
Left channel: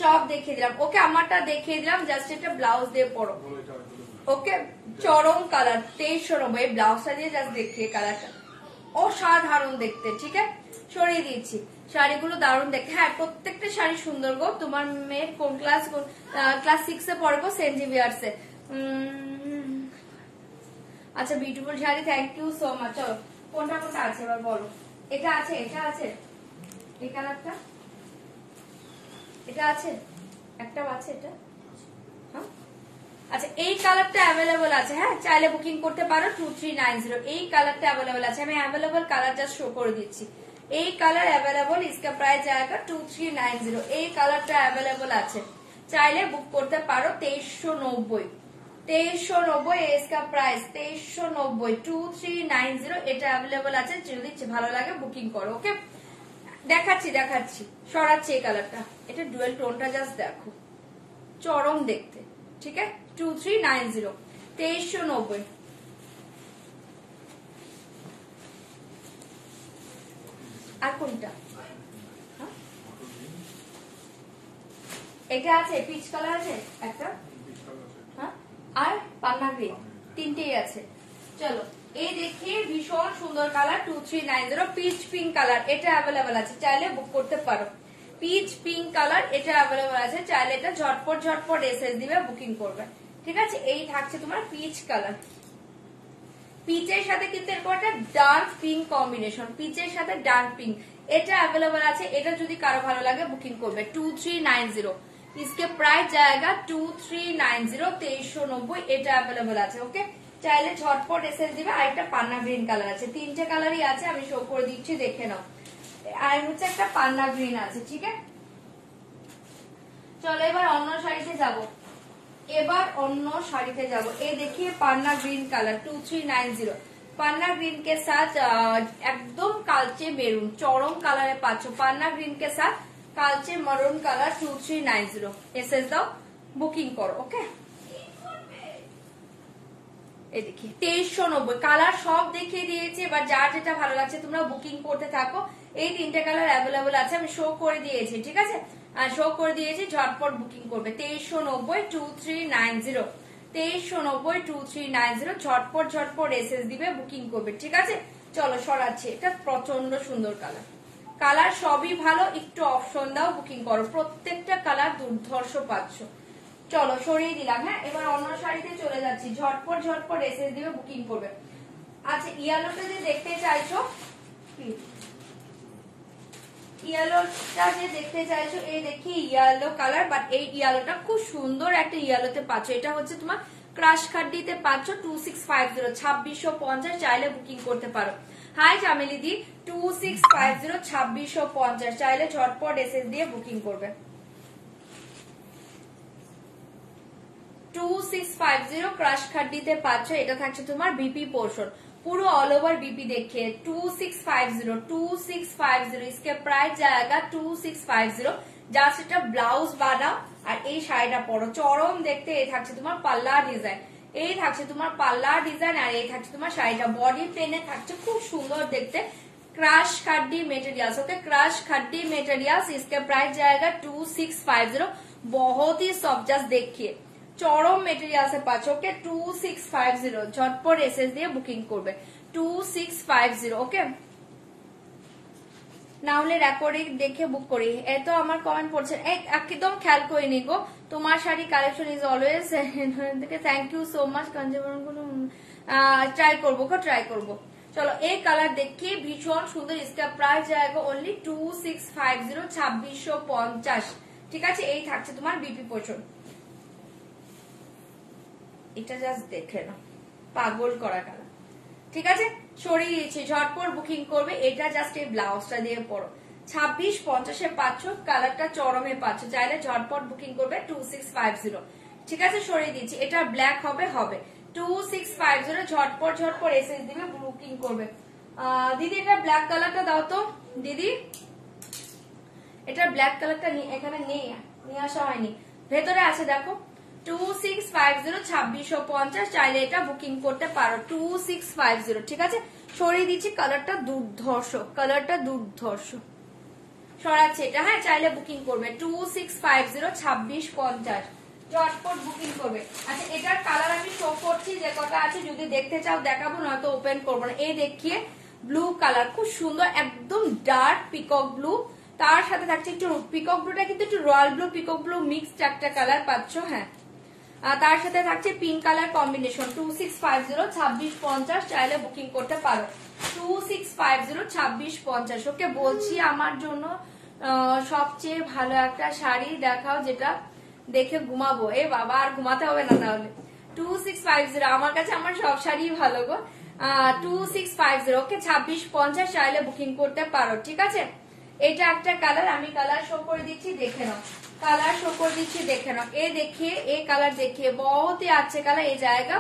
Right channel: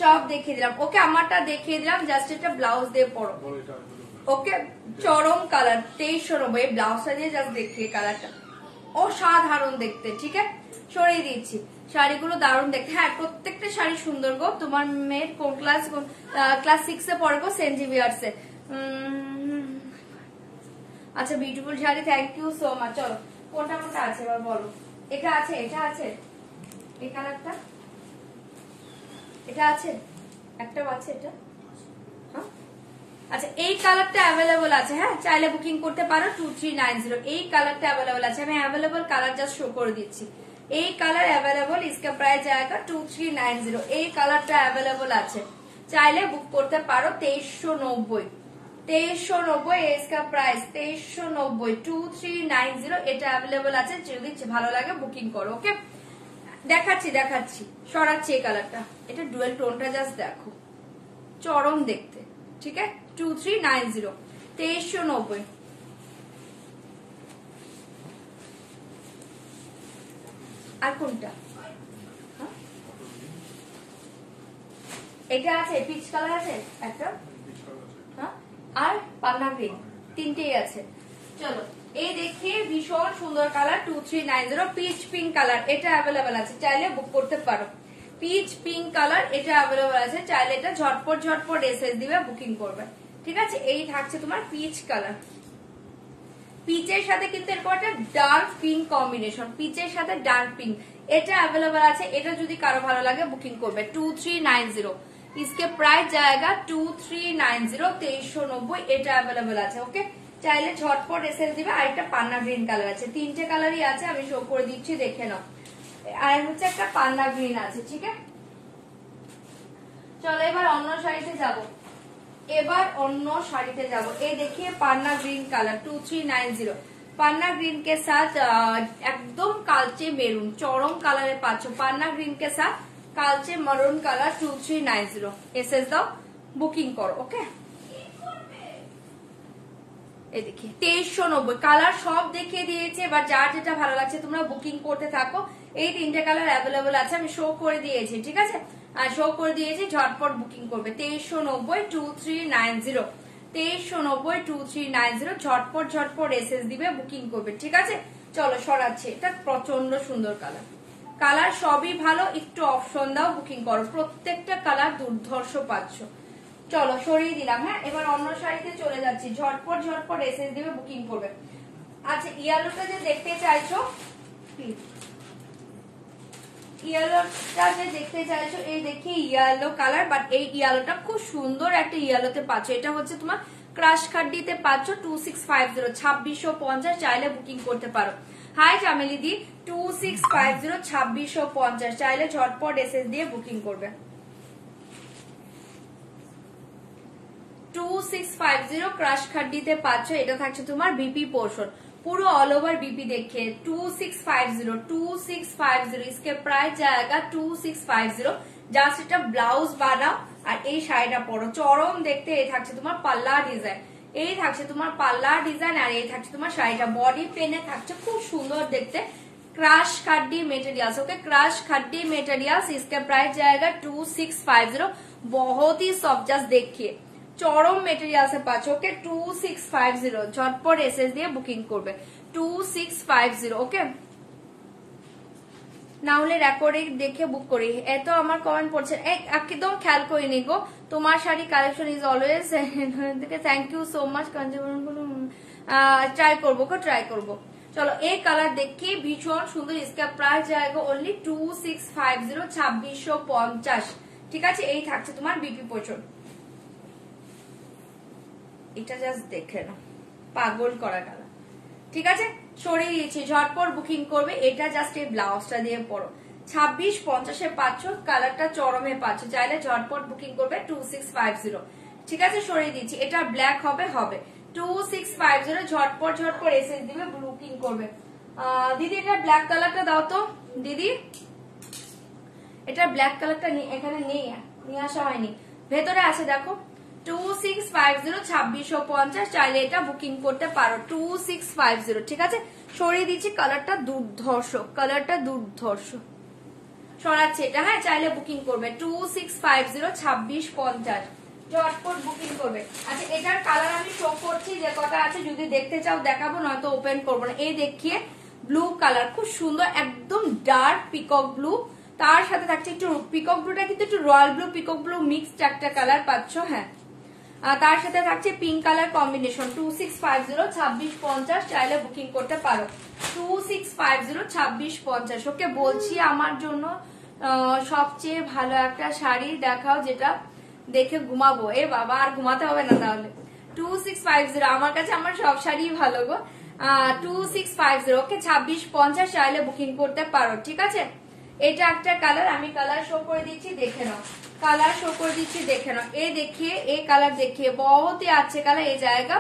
সব দেখিয়ে দিলাম। ওকে, আমারটা দেখিয়ে দিলাম, জাস্ট এটা ব্লাউজ দিয়ে পরো। ওকে, চরম কালার 2390, এই ব্লাউজটা দিয়ে জাস্ট দেখিয়ে কালারটা অসাধারণ দেখতে। ঠিক আছে, সরিয়ে দিচ্ছি। শাড়িগুলো দারুণ দেখতে। হ্যাঁ, প্রত্যেকটা শাড়ি সুন্দর গো। তোমার মেয়ে কোন ক্লাস 6 এ পড়ে গো, সেন্ট জেভিয়ার্সে। আচ্ছা, beautiful sari, thank you so much. চলো কোনটা আছে এবার বলো। এটা আছে এই কালারটা, এটা আছে, একটাও আছে এটা। হ্যাঁ, আচ্ছা, এই কালারটা অ্যাভেলেবল আছে। হ্যাঁ, চাইলে বুকিং করতে পারো 2390। এই কালারটা অ্যাভেলেবল আছে, আমি অ্যাভেলেবল কালার জাস্ট শো করে দিচ্ছি। এই কালার অ্যাভেলেবল, इसका প্রাইস জায়গা 2390। এই কালারটা অ্যাভেলেবল আছে, চাইলে বুক করতে পারো 2390। 2390 इसका প্রাইস 2390, 2390। এটা অ্যাভেলেবল আছে, যদি ভালো লাগে বুকিং করো। ওকে, দেখাচ্ছি সরাচ্ছি এই কালারটা। এটা ডুয়েল টোনটা জাস্ট দেখো, চরম দেখতে। ঠিক আছে, 2390, 2390। আর কোনটা? এটা আছে, পিচ কালার আছে একটা, হ্যাঁ, আর পান্না গ্রিন, তিনটেই আছে। চলো এই দেখি, ভীষণ সুন্দর কালার 2390, পিচ পিঙ্ক কালার, এটা অ্যাভেলেবেল আছে, চাইলে বুক করতে পারো। পিচ পিঙ্ক কালার, এটা অ্যাভেলেবেল আছে, চাইলে এটা ঝটপট এসএস দিবে, বুকিং করবে। ঠিক আছে, এই থাকছে তোমার পিচ কালার। পিচের সাথে কিন্তু এরকম একটা ডার্ক পিঙ্ক কম্বিনেশন, পিচের সাথে ডার্ক পিঙ্ক, এটা অ্যাভেলেবেল আছে। এটা যদি কারো ভালো লাগে বুকিং করবে 2390। इसके প্রাইস জায়গা 2390, 2390। এটা অ্যাভেলেবেল আছে। ওকে, চাইলে ঝটপট এসএস দিবে। আর একটা পান্না গ্রিন কালার আছে, তিনটে কালারই আছে, আমি শো করে দিচ্ছি, দেখে নাও। আর হচ্ছে একটা পান্না গ্রিন আছে। ঠিক আছে, চলো এবার অন্য শাড়িতে যাব। এই देखिए पान्ना ग्रीन कलर 2390, पान्ना ग्रीन के साथ एकदम कालचे मेरून, चरम कलर पाচ্ছো। पान्ना ग्रीन के साथ कालचे मरून कलर 2390। एसएस दाও, বুকিং করো। ওকে, এই দেখি 2390 কালার সব দেখিয়ে দিয়েছে। এবার যার যেটা ভালো লাগছে তোমরা বুকিং করতে থাকো। এই তিনটে কালার অ্যাভেলেবল আছে, আমি শো করে দিয়েছি। ঠিক আছে, ঝটপট বুকিং করবে 2390, 2390, 2390, 2390। ঝটপট এসএস দিবে, বুকিং করবে। ঠিক আছে, চলো সরাচ্ছি। এটা প্রচন্ড সুন্দর কালার সবই ভালো, একটু অপশন দাও, বুকিং করো। প্রত্যেকটা কালার দুর্ধর্ষ পাচ্ছ, চলো সরিয়ে দিলাম। হ্যাঁ, এবার অন্য শাড়িতে চলে যাচ্ছি। ঝটপট ঝটপট এসএস দিবে, বুকিং করবে। আচ্ছা, ইয়েলোটা যে দেখতে চাইছো, ইয়েলোটা যে দেখতে চাইছো, এই দেখি ইয়েলো কালার, বাট এই ইয়েলোটা খুব সুন্দর একটা ইয়েলোতে পাচ্ছ। এটা হচ্ছে তোমার ক্রাশ খাড্ডিতে পাচ্ছ 2650, 2650, চাইলে বুকিং করতে পারো। হাই ফ্যামিলি দি, 2650, 2650, চাইলে ঝটপট এসএস দিয়ে বুকিং করবে। 2650 ক্রাশ খাড্ডিতে পাচ্ছ। এটা থাকছে তোমার বিপি পোর্শন, পুরো অল ওভার বিপি দেখে 2650 इसके प्राइस जाएगा 2650। জাস্ট এটা ব্লাউজ বানাও আর এই শাড়িটা পরো, চরম দেখতে। এই থাকছে তোমার পাল্লা ডিজাইন, এই থাকছে তোমার পাল্লা ডিজাইন, আর এই থাকছে তোমার শাড়িটা বডি পেনে থাকছে, খুব সুন্দর দেখতে। Crush খাড্ডি materials, okay crash खड्डी materials, इसका प्राइस जाएगा 2650। बहुत ही सॉफ्ट, जस्ट देखिए চরম মেটেরিয়ালস এ পাচ্ছ। ওকে 2650, ঝটপট এসএস দিয়ে বুকিং করবে 2650। ওকে, না হলে রেকর্ডিং দেখে বুক করি। এত আমার কমেন্ট পড়ছে, একদম খেয়াল করিনি গো। তোমার sari collection is always, thank you so much. Try করবো গো, ট্রাই করবো। চলো এই কালার দেখি, ভীষণ সুন্দর। इसका प्राइस जाएगा ओनली 2650, 2650। ঠিক আছে, এই থাকছে তোমার বিপি পোর্শন। এটা জাস্ট দেখে না, পাগল করা কালার। ঠিক আছে, সরিয়ে দিচ্ছি, ঝটপট বুকিং করবে। এটা জাস্ট এই ব্লাউজটা দিয়ে পরো, 2650 পাচ্ছ, কালারটা চরমে পাচ্ছ, চাইলে ঝটপট বুকিং করবে 2650। ঠিক আছে, সরিয়ে দিচ্ছি। এটা ব্ল্যাক হবে, 2650, ঝটপট ঝটপট এসএস দিবে, বুকিং করবে। দিদি এটা ব্ল্যাক কালারটা দাও তো দিদি, এটা ব্ল্যাক কালারটা এখানে নেই, নিয়ে আসা হয়নি, ভেতরে আছে দেখো। 2650, 2650, চাইলে এটা বুকিং করতে পারো 2650। ঠিক আছে, সরিয়ে দিচ্ছি। কালারটা দুর্ধর্ষ, কালারটা দুর্ধর্ষ, সরাচ্ছে এটা। হ্যাঁ, চাইলে বুকিং করবে 2650, 2650, ঝটপট বুকিং করবে। আচ্ছা, এটার কালার আমি শো করছি, যে কটা আছে যদি দেখতে চাও দেখাবো, নয়তো ওপেন করবো না। এই দেখিয়ে ব্লু কালার, খুব সুন্দর, একদম ডার্ক পিকক ব্লু, তার সাথে থাকছে একটু পিকক ব্লুটা কিন্তু একটু royal blue peacock blue mixed একটা কালার পাচ্ছ। হ্যাঁ, তার সাথে থাকছে পিঙ্ক কালার কম্বিনেশন। 2650, 2650, চাইলে বুকিং করতে পারো 2650, 2650। ওকে, বলছি আমার জন্য সবচেয়ে ভালো একটা শাড়ি দেখাও, যেটা দেখে ঘুমাবো। এ বাবা, আর ঘুমাতে হবে না তাহলে। 2650, আমার কাছে আমার সব শাড়ি ভালো গো। 2650, ওকে 2650, চাইলে বুকিং করতে পারো। ঠিক আছে, এটা একটা কালার, আমি কালার শো করে দিচ্ছি, দেখে নাও। কালার শো করে দিচ্ছি, দেখে নাও। এই देखिए, ये कलर देखिए, बहुत ही अच्छे कलर। ये जाएगा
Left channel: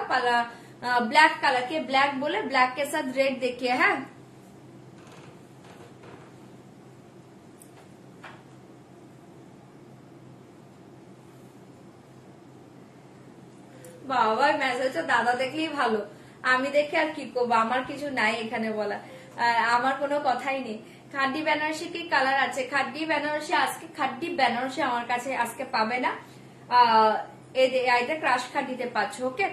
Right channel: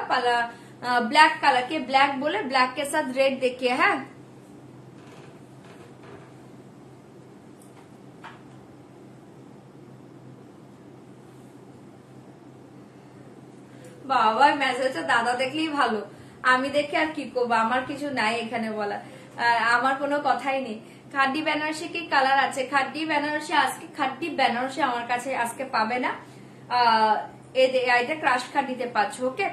ब्लैक कलर के, ब्लैक बोले, ब्लैक के साथ रेड देखिए। है বাবা, মেসেজটা দাদা দেখলেই ভালো, আমি দেখে আর কি করবো, আমার কিছু নাই এখানে বলা, আমার কোনো কথাই নেই। খাড্ডি বেনারসি কি কালার আছে? খাড্ডি বেনারসি আজকে, খাড্ডি বেনারসি আমার কাছে আজকে পাবে না। এটা ক্রাশ খাড্ডিতে পাচ্ছ। ওকে,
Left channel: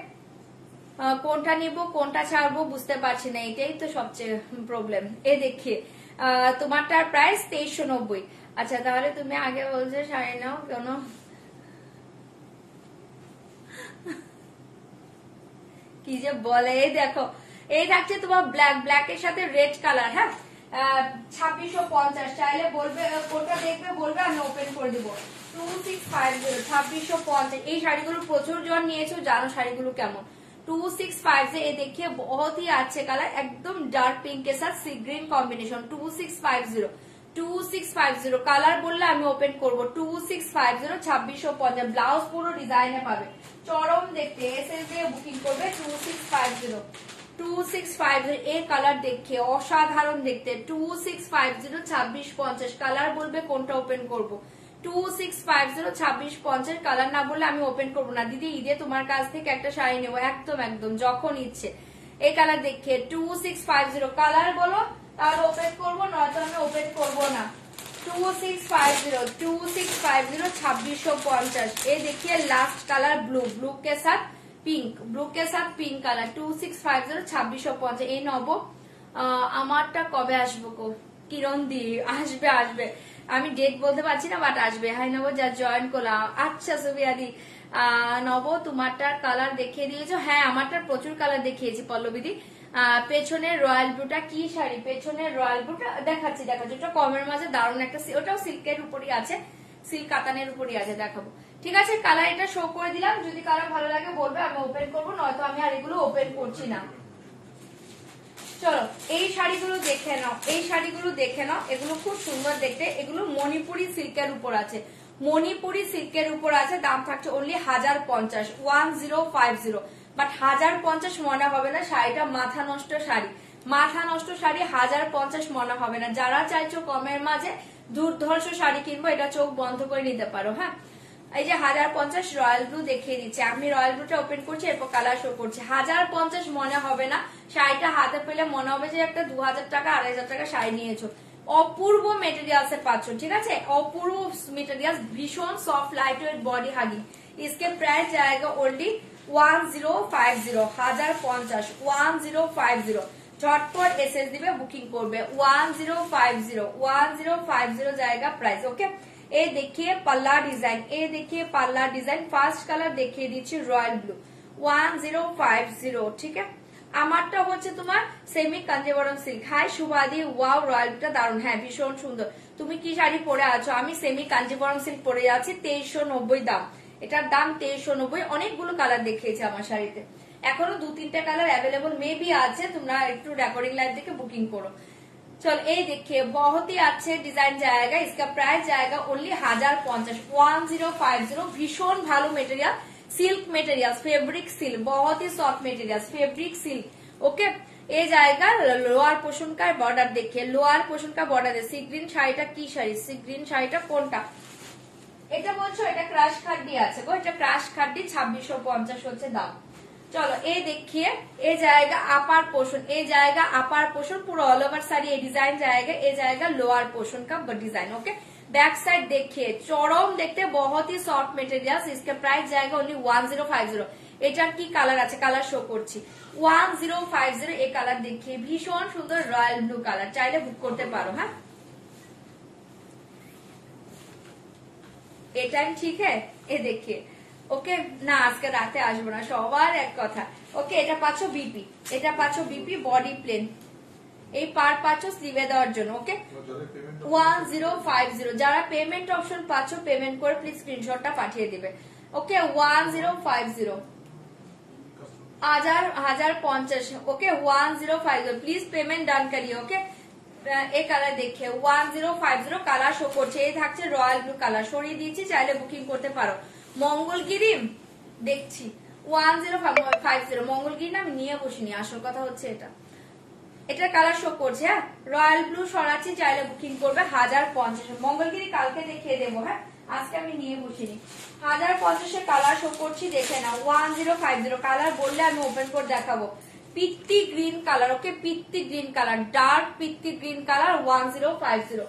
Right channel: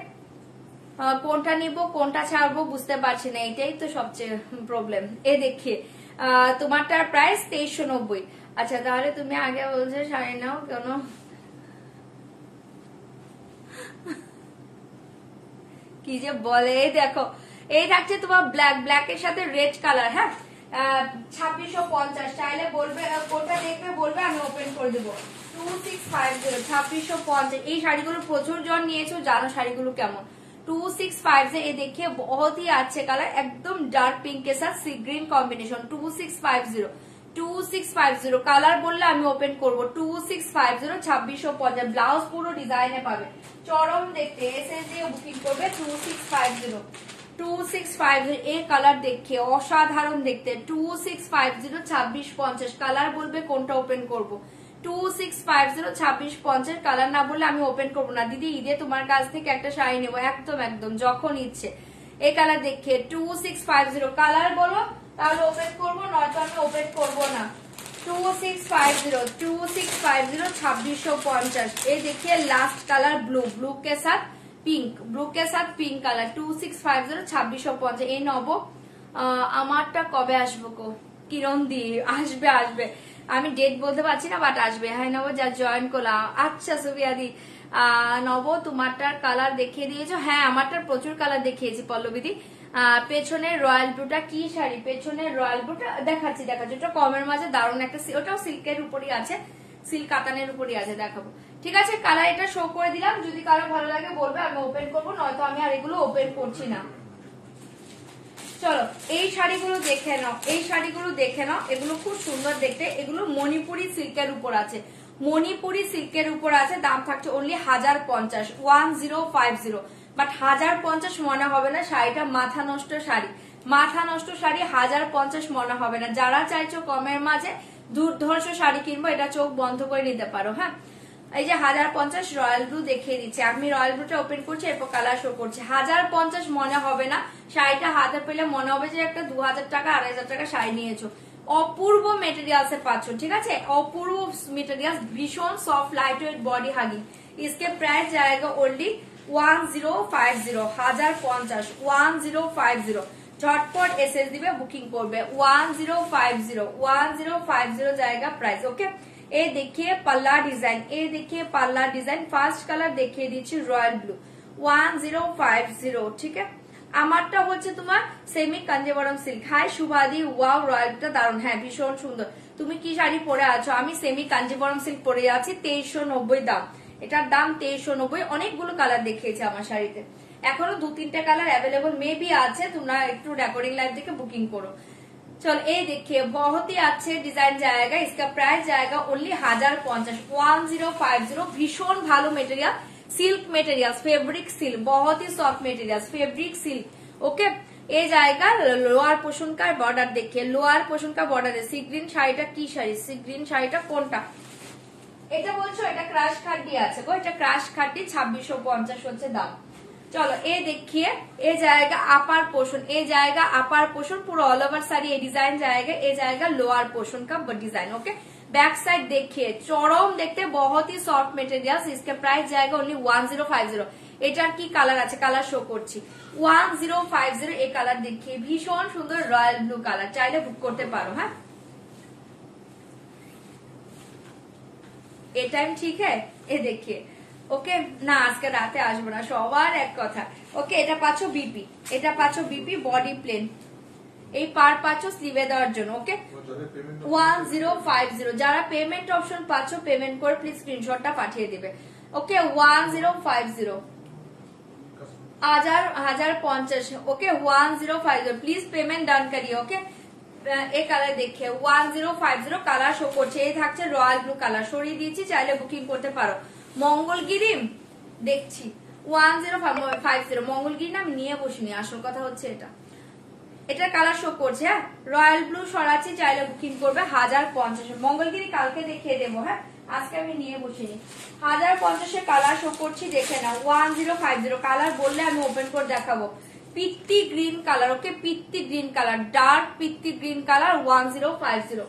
কোনটা নিব কোনটা ছাড়বো বুঝতে পারছি না, এটাই তো সবচেয়ে প্রবলেম। এ দেখে তোমারটার প্রাইস 2390। আচ্ছা, তাহলে তুমি আগে বলছো শাড়ি নাও কেন? কি যে বলে, এই দেখো, এই থাকছে তোমার ব্ল্যাক, ব্ল্যাকের সাথে রেড কালার। হ্যাঁ, 2650, চাইলে বলবে, কোনটা দেখবে বলবে, আমি ওপেন করে দেবো। 2650, 2650। এই শাড়িগুলো প্রচুর জন নিয়েছো, জানো শাড়িগুলো কেমন। 2650, ये देखिए बहुत ही अच्छे कलर, एकदम डार्क पिंक के साथ सी ग्रीन कॉम्बिनेशन। 2650, 2650 কালার বললে আমি ওপেন করবো। 2650, 2650, ব্লাউজ পুরো ডিজাইনে পাবে, চরম দেখতে। এসে দিয়ে বুকিং করবে 2650, 2650। এই কালার দেখে অসাধারণ দেখতে। 2650, 2650, কালার বলবে কোনটা ওপেন করবো। 2650, 2650, কালার না বললে আমি ওপেন করবো না। দিদি, ঈদে তোমার কাছ থেকে একটা শাড়ি নেবো, একদম একদম, যখন ইচ্ছে। এই কালার দেখে 2650, কালার বলো তাহলে ওপেন করবো, নয়তো আমি ওপেন করবো না। 2650, 2650, 2650। এই देखिए लास्ट कलर ब्लू, ब्लू के साथ पिंक, ब्लू के साथ पिंक कलर। 2650, 2650। এই নব, আমারটা কবে আসবো গো? কিরণ দি আসবে, আসবে, আমি ডেট বলতে পারছি না, বাট আসবে। হ্যাঁ নব, যা জয়েন করলাম। আচ্ছা সুবিয়া দি, নব তোমারটার কালার দেখিয়ে দিয়েছো, হ্যাঁ আমারটার প্রচুর কালার দেখিয়েছি পল্লবীদি। পেছনের রয়্যাল ব্লুটা কি শাড়ি, পেছনের রয়্যাল ব্লুটা দেখাচ্ছি ওটা কমের মাঝে দারুণ একটা, ওটাও সিল্কের উপরই আছে, সিল্ক কাতানের উপরই আছে, দেখাবো। ঠিক আছে, কালার এটা শো করে দিলাম, যদি কালার ভালো লাগে বলবে, আমি ওপেন করবো, নয়তো আমি আর এগুলো ওপেন করছি না। চলো এই শাড়িগুলো দেখে নাও, এই শাড়িগুলো দেখে নাও, এগুলো খুব সুন্দর দেখতে, এগুলো মণিপুরি সিল্কের উপর আছে, মণিপুরি সিল্কের উপর আছে, দাম থাকছে অনলি 1050, 1050। বাট 1050 মনে হবে না, শাড়িটা মাথা নষ্ট শাড়ি, মাথা নষ্ট শাড়ি 1050 মনে হবে না। যারা চাইছো কমের মাঝে দুর্ধর্ষ শাড়ি কিনবো, এটা চোখ বন্ধ করে নিতে পারো। হ্যাঁ, এই যে 1050 রয়্যাল ব্লু দেখিয়ে দিচ্ছে, আমি রয়্যাল ব্লুটা ওপেন করছি, এরপর কালার শো করছি। 1050 মনে হবে না, শাড়িটা হাতে পেলে মনে হবে যে একটা 2000 টাকা 2500 টাকা শাড়ি নিয়েছো। অপূর্ব মেটেরিয়ালসে পাচ্ছ, ঠিক আছে, অপূর্ব মেটেরিয়াল, ভীষণ soft light weight body hugging. इसके प्राइस जाएगा ओनली 1050, 1050, 1050। ঝটপট এসএস দিবে, বুকিং করবে 1050, 1050 जाएगा प्राइस। ओके, ये देखिए पल्ला डिजाइन, ये देखिए पल्ला डिजाइन, फार्स्ट कलर देखिए दीजिए रॉयल ब्लू, 1050। ठीक है, আমারটা হচ্ছে তোমার সেমি কাঞ্জিবরম সিল্ক। হাই শুভাদি, ওয়াও রয়্যালটা দারুণ, হ্যাঁ ভীষণ সুন্দর। তুমি কি শাড়ি পরে আছো? আমি সেমি কাঞ্জিবরম সিল্ক পরে আছি, 2390 দাম, এটার দাম 2390। অনেকগুলো কালার দেখিয়েছে আমার শাড়িতে, এখনো 2-3টে কালার অ্যাভেলেবল মেবি আছে, তোমরা একটু রেকর্ডিং লাইভ দেখে বুকিং করো। चलो ये देखिए बहुत ही अच्छे डिजाइन जाएगा, इसका प्राइस जाएगा ओनली 1050, 1050। भीषण भालो material, silk material, fabric silk, बहुत ही soft material, fabric silk. Okay, ये जाएगा लोअर पोर्शन का बॉर्डर, देखिए लोअर पोर्शन का बॉर्डर है। सी ग्रीन শাড়িটা কি শাড়ি, সি গ্রিন শাড়িটা কোনটা এটা বলছো? এটা ক্রাশ খাড্ডি আছে গো, এটা ক্রাশ খাড্ডি 2650 হচ্ছে দাম। चलो ये देखिए, ये जाएगा अपर पोर्शन, ये जाएगा अपर पोर्शन, पूरा ऑल ओवर साड़ी ये डिजाइन जाएगा, ये जाएगा लोअर पोर्शन का डिजाइन। ओके, बैक साइड देखिए चरम देखते, बहुत ही सॉफ्ट मेटेरियल, इसके प्राइस जाएगा ओनली 1050। এটার কি কালার আছে, কালার শো করছি, 1050। এই কালার দেখিয়ে ভীষণ সুন্দর রয়্যাল ব্লু কালার, চাইলে বুক করতে পারো। হ্যাঁ, এটাই ঠিক है, ये देखिए। ওকে, না আজকে রাতে আসবো না, সবার এক কথা। ওকে, এটা পাচ্ছ বিপি, এটা পাচ্ছ বিপি, বডি প্লেন, এই পার পাচ্ছ স্লিভে দেওয়ার জন্য। ওকে, 1050। যারা পেমেন্ট অপশন পাচ্ছ পেমেন্ট করে প্লিজ স্ক্রিনশটটা পাঠিয়ে দিবে। ওকে, 1050, 1050। ওকে, 1050, প্লিজ পেমেন্ট ডান করিয়ে। ওকে, এই কালার দেখে 1050 কালার শো করছে, এই থাকছে রয়্যাল ব্লু কালার, সরিয়ে দিয়েছি, চাইলে বুকিং করতে পারো। মঙ্গলগিরি দেখছি 1050, মঙ্গলগিরি না আমি নিয়ে বসিনি, আসল কথা হচ্ছে এটা কালার শো করছে। হ্যাঁ, রয়্যাল ব্লু সরাচ্ছি, চাইলে বুকিং করবে 1050। মঙ্গলগিরি কালকে দেখিয়ে দেবো, হ্যাঁ আজকে আমি নিয়ে বসিনি। 1050 কালার শো করছি, দেখে না 1050 কালার বললে আমি ওপেন করে দেখাবো। পিত্তি গ্রিন কালার, ওকে পিত্তি গ্রিন কালার, ডার্ক পিত্তি গ্রিন কালার 1050,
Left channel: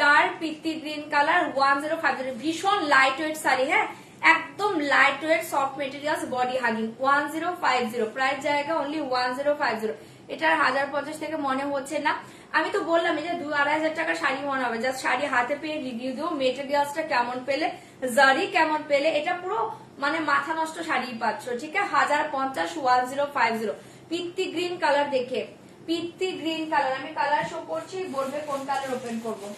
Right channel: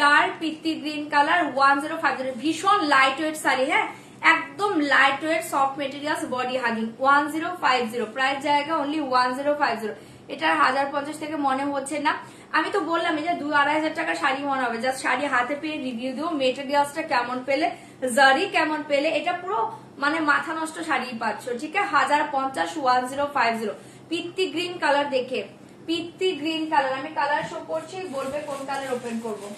ডার্ক পিত্তি গ্রিন কালার 1050। ভীষণ লাইট ওয়েট শাড়ি, হ্যাঁ একদম light weight soft materials, body hugging, 1050। Price জায়গা অনলি 1050। এটা 1050 থেকে মনে হচ্ছে না, আমি তো বললাম যে 2-2.5 টাকা শাড়ি মনে হবে, জাস্ট শাড়ি হাতে পেয়ে রিভিউ দেবো, মেটেরিয়ালসটা কেমন পেলে, জারি কেমন পেলে, এটা পুরো মানে মাথা নষ্ট শাড়ি পাচ্ছ। ঠিক আছে, 1050, 1050। পিত্তি গ্রিন কালার দেখে, পিত্তি গ্রিন কালার, আমি কালার শো করছি, বলবে কোন কালার ওপেন করবো।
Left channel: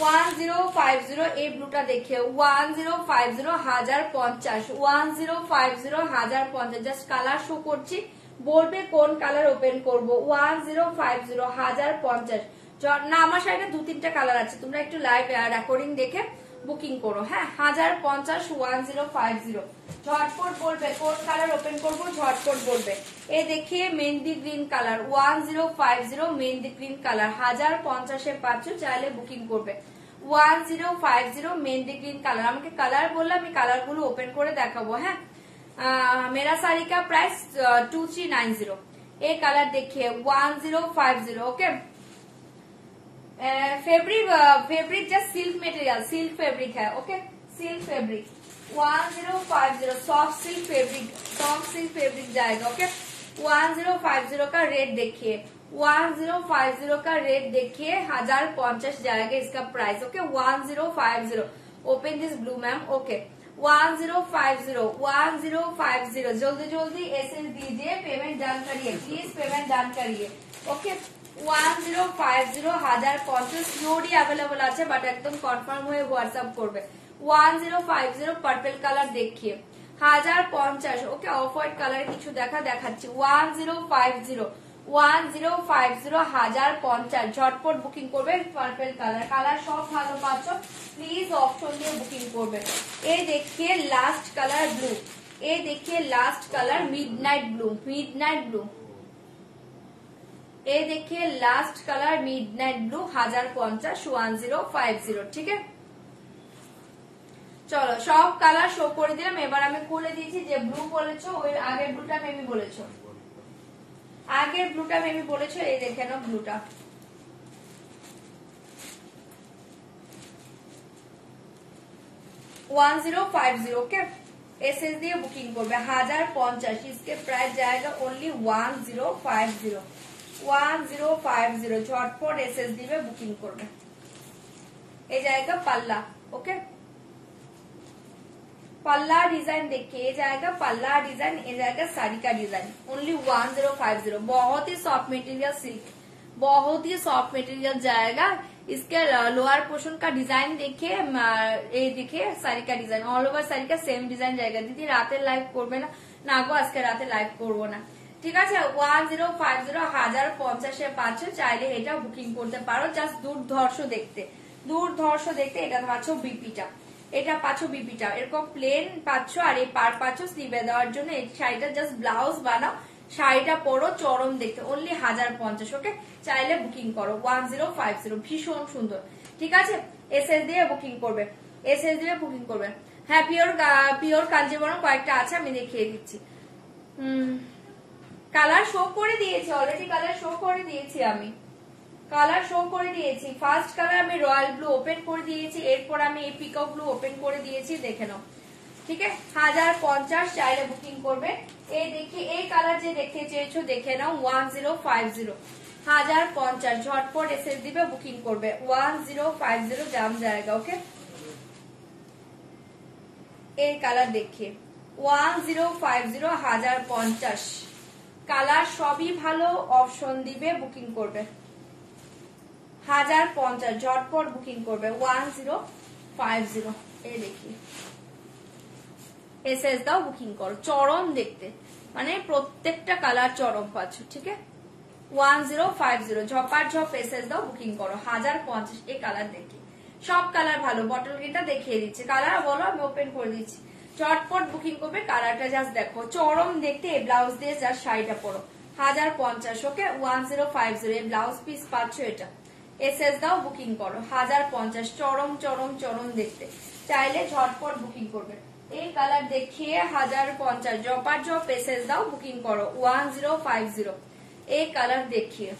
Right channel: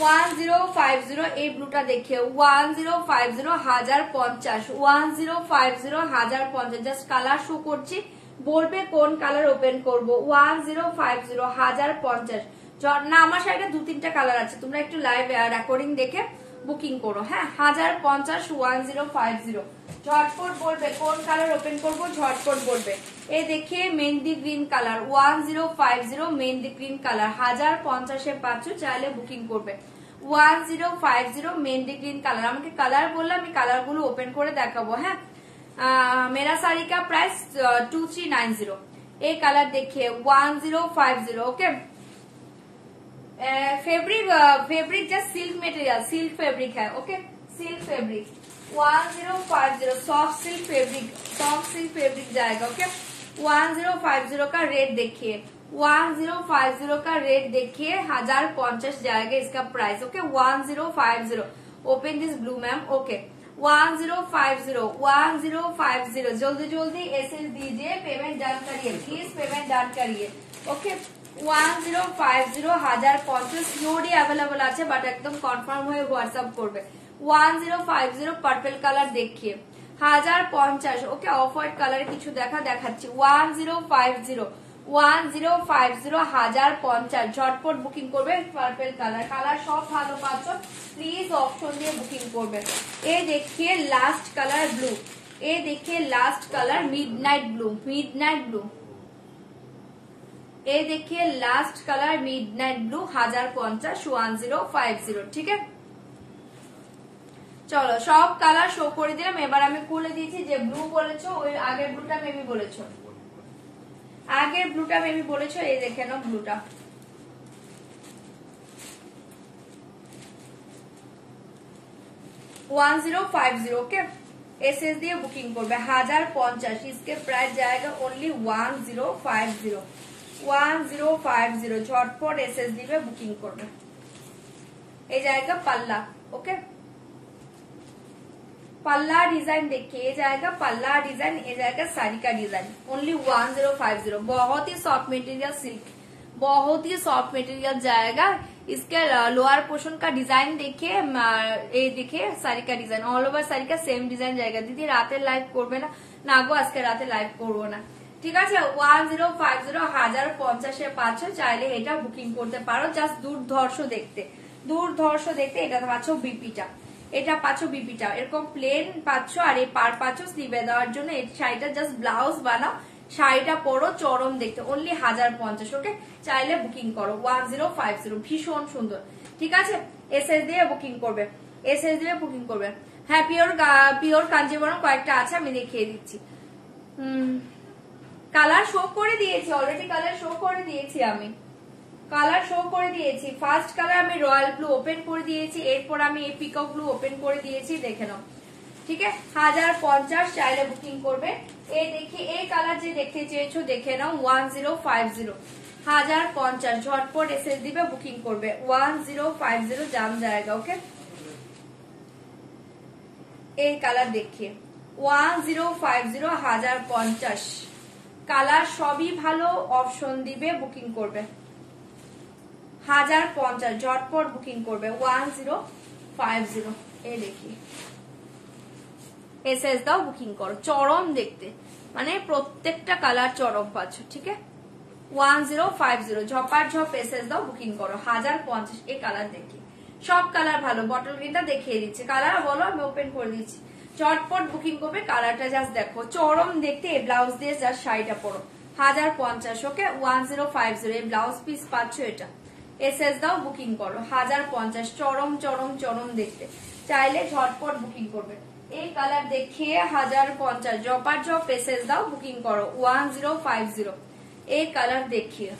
1050 এই ব্লুটা দেখে 1050, 1050, 1050, 1050। জাস্ট কালার শো করছি, বলবে কোন কালার ওপেন করবো। 1050, 1050। না আমার শাড়িটা 2-3টা কালার আছে, তোমরা একটু লাইভ রেকর্ডিং দেখে বুকিং করো। হ্যাঁ, 1050, 1050। ঝটপট বলবে কোন কালার ওপেন করবো, ঝটপট বলবে। এই দেখে mehndi green colour 1050, mehndi green colour 1050 পাচ্ছ, চাইলে বুকিং করবে। 1050 মেহেন্দি গ্রিন কালার, আমাকে কালার বললাম, আমি কালার গুলো ওপেন করে দেখাবো। হ্যাঁ, मेरा साड़ी का प्राइस 2390। ये कलर देखिए 1050। Okay, fabric just silk material, silk fabric है। Okay, silk fabric 1050, soft silk fabric, soft silk fabric जाएगा। ओके, 1050 का रेट देखिए 1050 का रेट देखिए, 1050 जाएगा इसका price. Okay 1050। Open this blue ma'am. Okay 1050 जल्दी जल्दी एसएस दीजिए, पेमेंट डन करिए प्लीज, पेमेंट डन करिए। ओके 1050 1050 সিওডি অ্যাভেলেবল আছে, বাট একদম কনফার্ম হয়ে হোয়াটসঅ্যাপ করবে। 1050 পার্পল কালার দেখিয়ে 1050। ওকে অফ হোয়াইট কালারে কিছু দেখাচ্ছি। 1050 1050 ঝটপট বুকিং করবে। পার্পল কালার সব ভালো পাচ্ছ, প্লিজ অপশন দিয়ে বুকিং করবে। এই দেখিয়ে লাস্ট কালার ব্লু, এই দেখিয়ে last colour midnight blue, midnight blue. এই দেখিए লাস্ট কালার মিডনাইট ব্লু 1050 1050। ঠিক আছে চলো সব কালার শো করে দিলাম। এবার আমি খুলে দিয়েছি, যে ব্লু বলেছো ওই আগের ব্লুটা মেবি বলেছো, আগের ব্লুটা মেবি বলেছো। এই দেখে নাও ব্লুটা, ওকে एसएस দিয়ে বুকিং করবে 1050। इसके प्राइस जाएगा ओनली 1050 1050। ঝটপট এসএস দিবে, বুকিং করবে। এই জায়গা পাল্লা। ওকে पल्ला डिजाइन देखिए, ये जाएगा पल्ला डिजाइन, ये जाएगा साड़ी का डिजाइन। ओनली 1050। बहुत ही सॉफ्ट मटेरियल सिल्क, बहुत ही सॉफ्ट मटेरियल जाएगा। इसके लोअर पोर्शन का डिजाइन देखिए, ये देखिए साड़ी का डिजाइन, ऑल ओवर साड़ी का सेम डिजाइन जाएगा। दीदी राते लाइव করবে না গো, আজকে রাতে লাইভ করবো না, ঠিক আছে। 1050 1050 পাচ্ছ, চাইলে এটা বুকিং করতে পারো। জাস্ট দুর্ধর্ষ দেখতে, দুর্ধর্ষ দেখতে। এটা পাচ্ছ বিপিটা, এটা পাচ্ছ বিপিটা এরকম প্লেন পাচ্ছ, আর এই পার পাচ্ছ স্লিভে দেওয়ার জন্য। এই শাড়িটা জাস্ট ব্লাউজ বানাও, শাড়িটা পরো, চরম দেখতে। অনলি 1050। ওকে চাইলে বুকিং করো 1050। ভীষণ সুন্দর, ঠিক আছে। এসএস দিয়ে বুকিং করবে, এসএস দিয়ে বুকিং করবে। হ্যাঁ পিওর কাঞ্জিবরম কয়েকটা আছে, আমি দেখিয়ে দিচ্ছি। কালার শো করে দিয়েছি অলরেডি, কালার শো করে দিয়েছি আমি, কালার শো করে দিয়েছি। ফার্স্ট কালার আমি রয়্যাল ব্লু ওপেন করে দিয়েছি, এরপর আমি এই পিকক ব্লু ওপেন করে দিয়েছি, দেখে নাও। ঠিক আছে 1050 চাইলে বুকিং করবে। এই দেখি এই কালার যে দেখতে চেয়েছো দেখে নাও 1050 1050। ঝটপট এসএস দিবে, বুকিং করবে 1050 জাম জায়গা। ওকে এই কালার দেখিয়ে 1050 1050। কালার সবই ভালো, অপশন দিবে, বুকিং করবে 1050। ঝটপট বুকিং করবে 1050। এই দেখি এসএস দাও, বুকিং করো। চরম দেখতে, মানে প্রত্যেকটা কালার চরম পাচ্ছ, ঠিক আছে। 1050 ঝপার ঝপ এসএস দাও, বুকিং করো 1050। এই কালার দেখি, সব কালার ভালো। বটল গ্রিনটা দেখিয়ে দিচ্ছি, কালার বলো আমি ওপেন করে দিচ্ছি। চটপট বুকিং করবে, কালারটা জাস্ট দেখো, চরম দেখতে। এই ব্লাউজ দিয়ে জাস্ট শাড়িটা পরো 1050। ওকে 1050 এই ব্লাউজ পিস পাচ্ছ এটা। এসএস দাও, বুকিং করো 1050। চরম চরম চরম দেখতে, চাইলে ঝটপট বুকিং করবে। এই কালার দেখিয়ে 1050। জপার জপ এসএস দাও, বুকিং করো 1050। এই কালার দেখিয়ে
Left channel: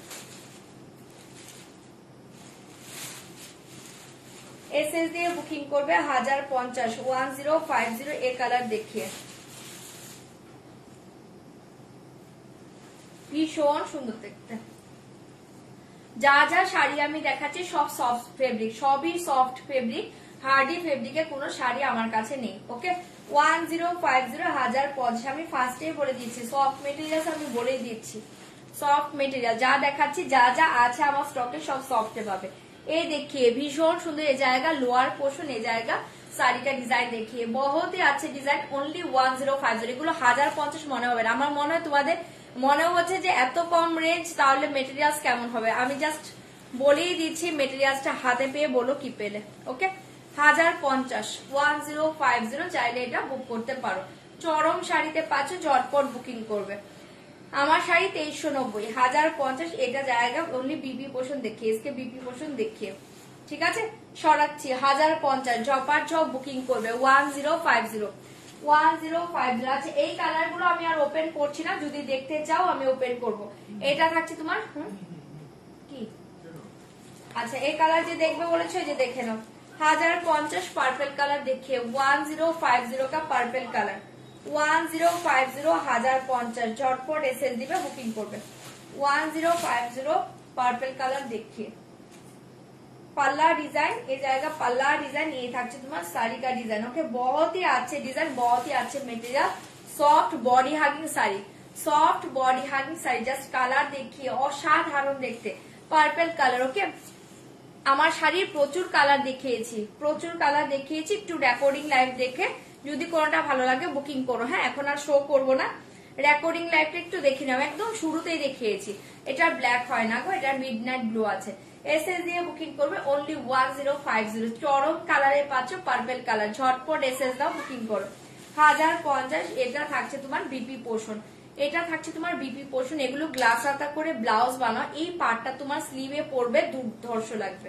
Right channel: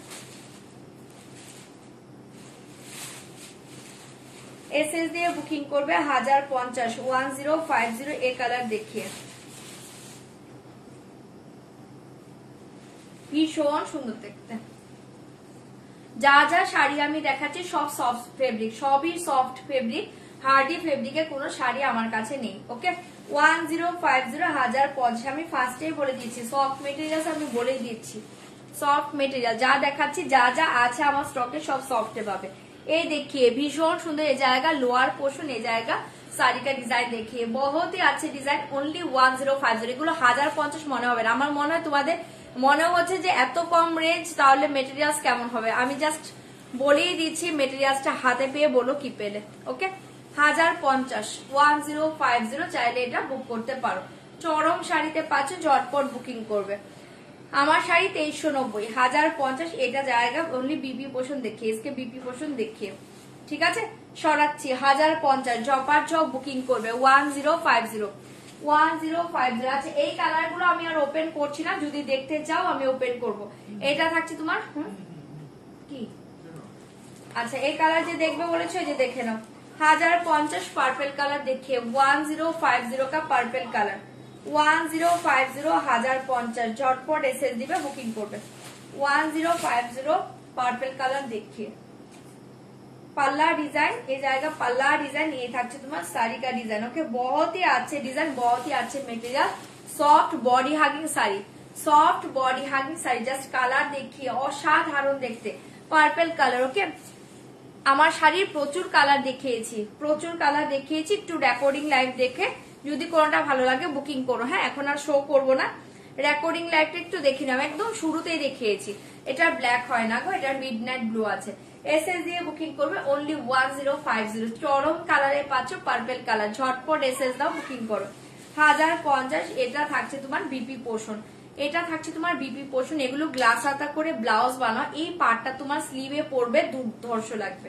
এসএস দিয়ে বুকিং করবে 1050 1050। এই কালার দেখিয়ে ভীষণ সুন্দর দেখতে। যা যা শাড়ি আমি দেখাচ্ছি সব সফট ফেব্রিক, সবই সফট ফেব্রিক, হার্ডি ফেব্রিকের কোনো শাড়ি আমার কাছে নেই। ওকে 1050 1050। আমি ফার্স্টেই বলে দিচ্ছি সফট মেটেরিয়াল, আমি বলে দিচ্ছি সফট মেটেরিয়াল। যা দেখাচ্ছি যা যা আছে আমার স্টকে সব সফটে পাবে। এই देखिए ভীষণ সুন্দর। এই জায়গা লোয়ার পোর্শন, এই জায়গা শাড়ি का ডিজাইন देखिए, बहुत ही अच्छे ডিজাইন। অনলি 1050। এগুলো 1050 মনে হবে না। আমার মনে হয় তোমাদের মনে হচ্ছে যে এত কম রেঞ্জ, তাহলে মেটেরিয়ালস কেমন হবে। আমি জাস্ট বলেই দিচ্ছি, মেটেরিয়ালসটা হাতে পেয়ে বলো কি পেলে। ওকে 1050 1050। চাইলে এটা বুক করতে পারো। চরম শাড়িতে পাচ্ছ, ঝটপট বুকিং করবে। আমার শাড়ি 2390 1050। এটা জায়গা অনলি বিপি পোর্শন দেখিয়ে, इसके বিপি পোর্শন দেখিয়ে, ঠিক আছে। সরাচ্ছি 1050। ঝপার ঝপ বুকিং করবে 1050 1050। আচ্ছা এই কালার গুলো আমি আর ওপেন করছি না, যদি দেখতে চাও আমি ওপেন করব। এটা থাকছে তোমার কি, আচ্ছা এই কালার যে দেখবে বলেছে যে দেখে নাও 1050। পার্পল কালার দেখিয়ে 1050 का পার্পল কালার 1050 1050। ঝটপট এসএস দিবে, বুকিং করবে 1050 পার্পল কালার देखिए पल्ला डिजाइन ये जाएगा पल्ला डिजाइन ये থাকছে তোমার साड़ी का डिजाइन ओके बहुत ही अच्छे डिजाइन बहुत ही अच्छे material soft body hugging sari soft body hugging sari just colour देखिए অসাধারণ দেখতে পার্পল কালার ওকে আমার শাড়ির প্রচুর কালার দেখিয়েছি একটু রেকর্ডিং লাইভ দেখে যদি কোনটা ভালো লাগে বুকিং করো হ্যাঁ এখন আর শো করবো না রেকর্ডিং লাইভটা একটু দেখে নাও একদম শুরুতেই দেখিয়েছি এটা ব্ল্যাক হয় না গো এটা মিডনাইট ব্লু আছে এসএস দিয়ে বুকিং করবে অনলি 1050 চরম কালারে পাচ্ছ পার্পল কালার ঝটপট এসএস দাও বুকিং করো 1050 এটা থাকছে তোমার বিপি পোর্শন এগুলো গ্লাস হাতা করে ব্লাউজ বানাও এই পার্টটা তোমার স্লিভে পড়বে দুর্ধর্ষ লাগবে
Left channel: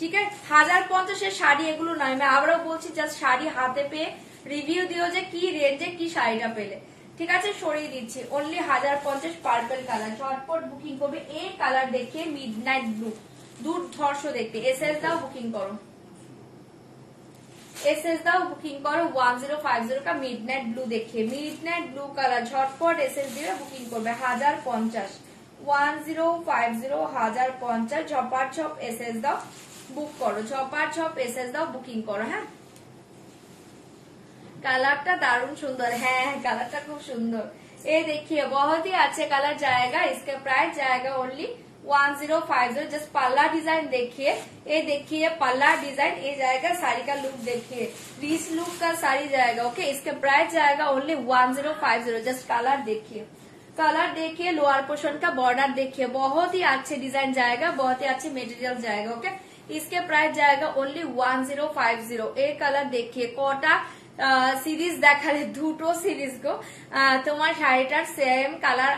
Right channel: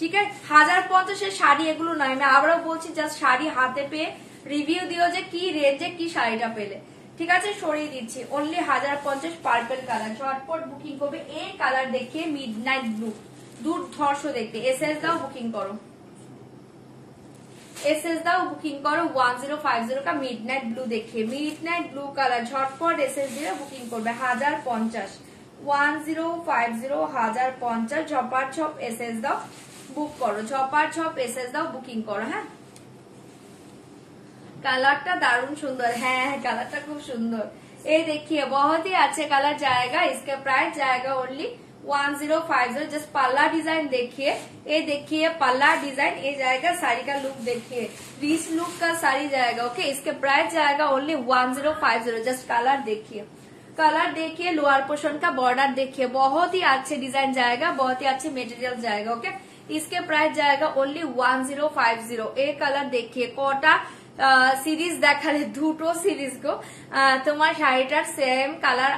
ঠিক আছে 1050 এর শাড়ি এগুলো নয় আমি আবারও বলছি জাস্ট শাড়ি হাতে পেয়ে রিভিউ দিও যে কি রেঞ্জে কি শাড়িটা পেলে ঠিক আছে সরিয়ে দিচ্ছি অনলি 1050 পার্পল কালার ঝটপট বুকিং করবে এই কালার দেখিয়ে মিডনাইট ব্লু দুর্ধর্ষ দেখতে এসএস দাও বুকিং করো 1050 का मिडनाइट ब्लू देखिए मिडनाइट ब्लू कलर झटपट एसएस दिए बुकिंग करबे 1050 1050 झपाट झप एसएस दाओ बुक करो झपाट झप एसएस दाओ बुकिंग करो হ্যাঁ কালারটা দারুণ সুন্দর হ্যাঁ কালারটা খুব সুন্দর এই देखिए बहुत ही अच्छे कलर जाएगा इसका प्राइस जाएगा ओनली 1050 जस्ट पल्ला डिजाइन देखिए ये देखिए पल्ला डिजाइन ये जाएगा साड़ी का लुक देखिए 20 लुक का साड़ी जाएगा ओके इसके प्राइस जाएगा ओनली 1050 जस्ट कलर देखिए लोअर पोर्शन का बॉर्डर देखिए बहुत ही अच्छे डिजाइन जाएगा बहुत ही अच्छे मटेरियल जाएगा ओके इसके प्राइस जाएगा ओनली 1050 ये कलर देखिए कोटा সিরিজ দেখালে দুটো সিরিজ গো তোমার শাড়িটার সেম কালার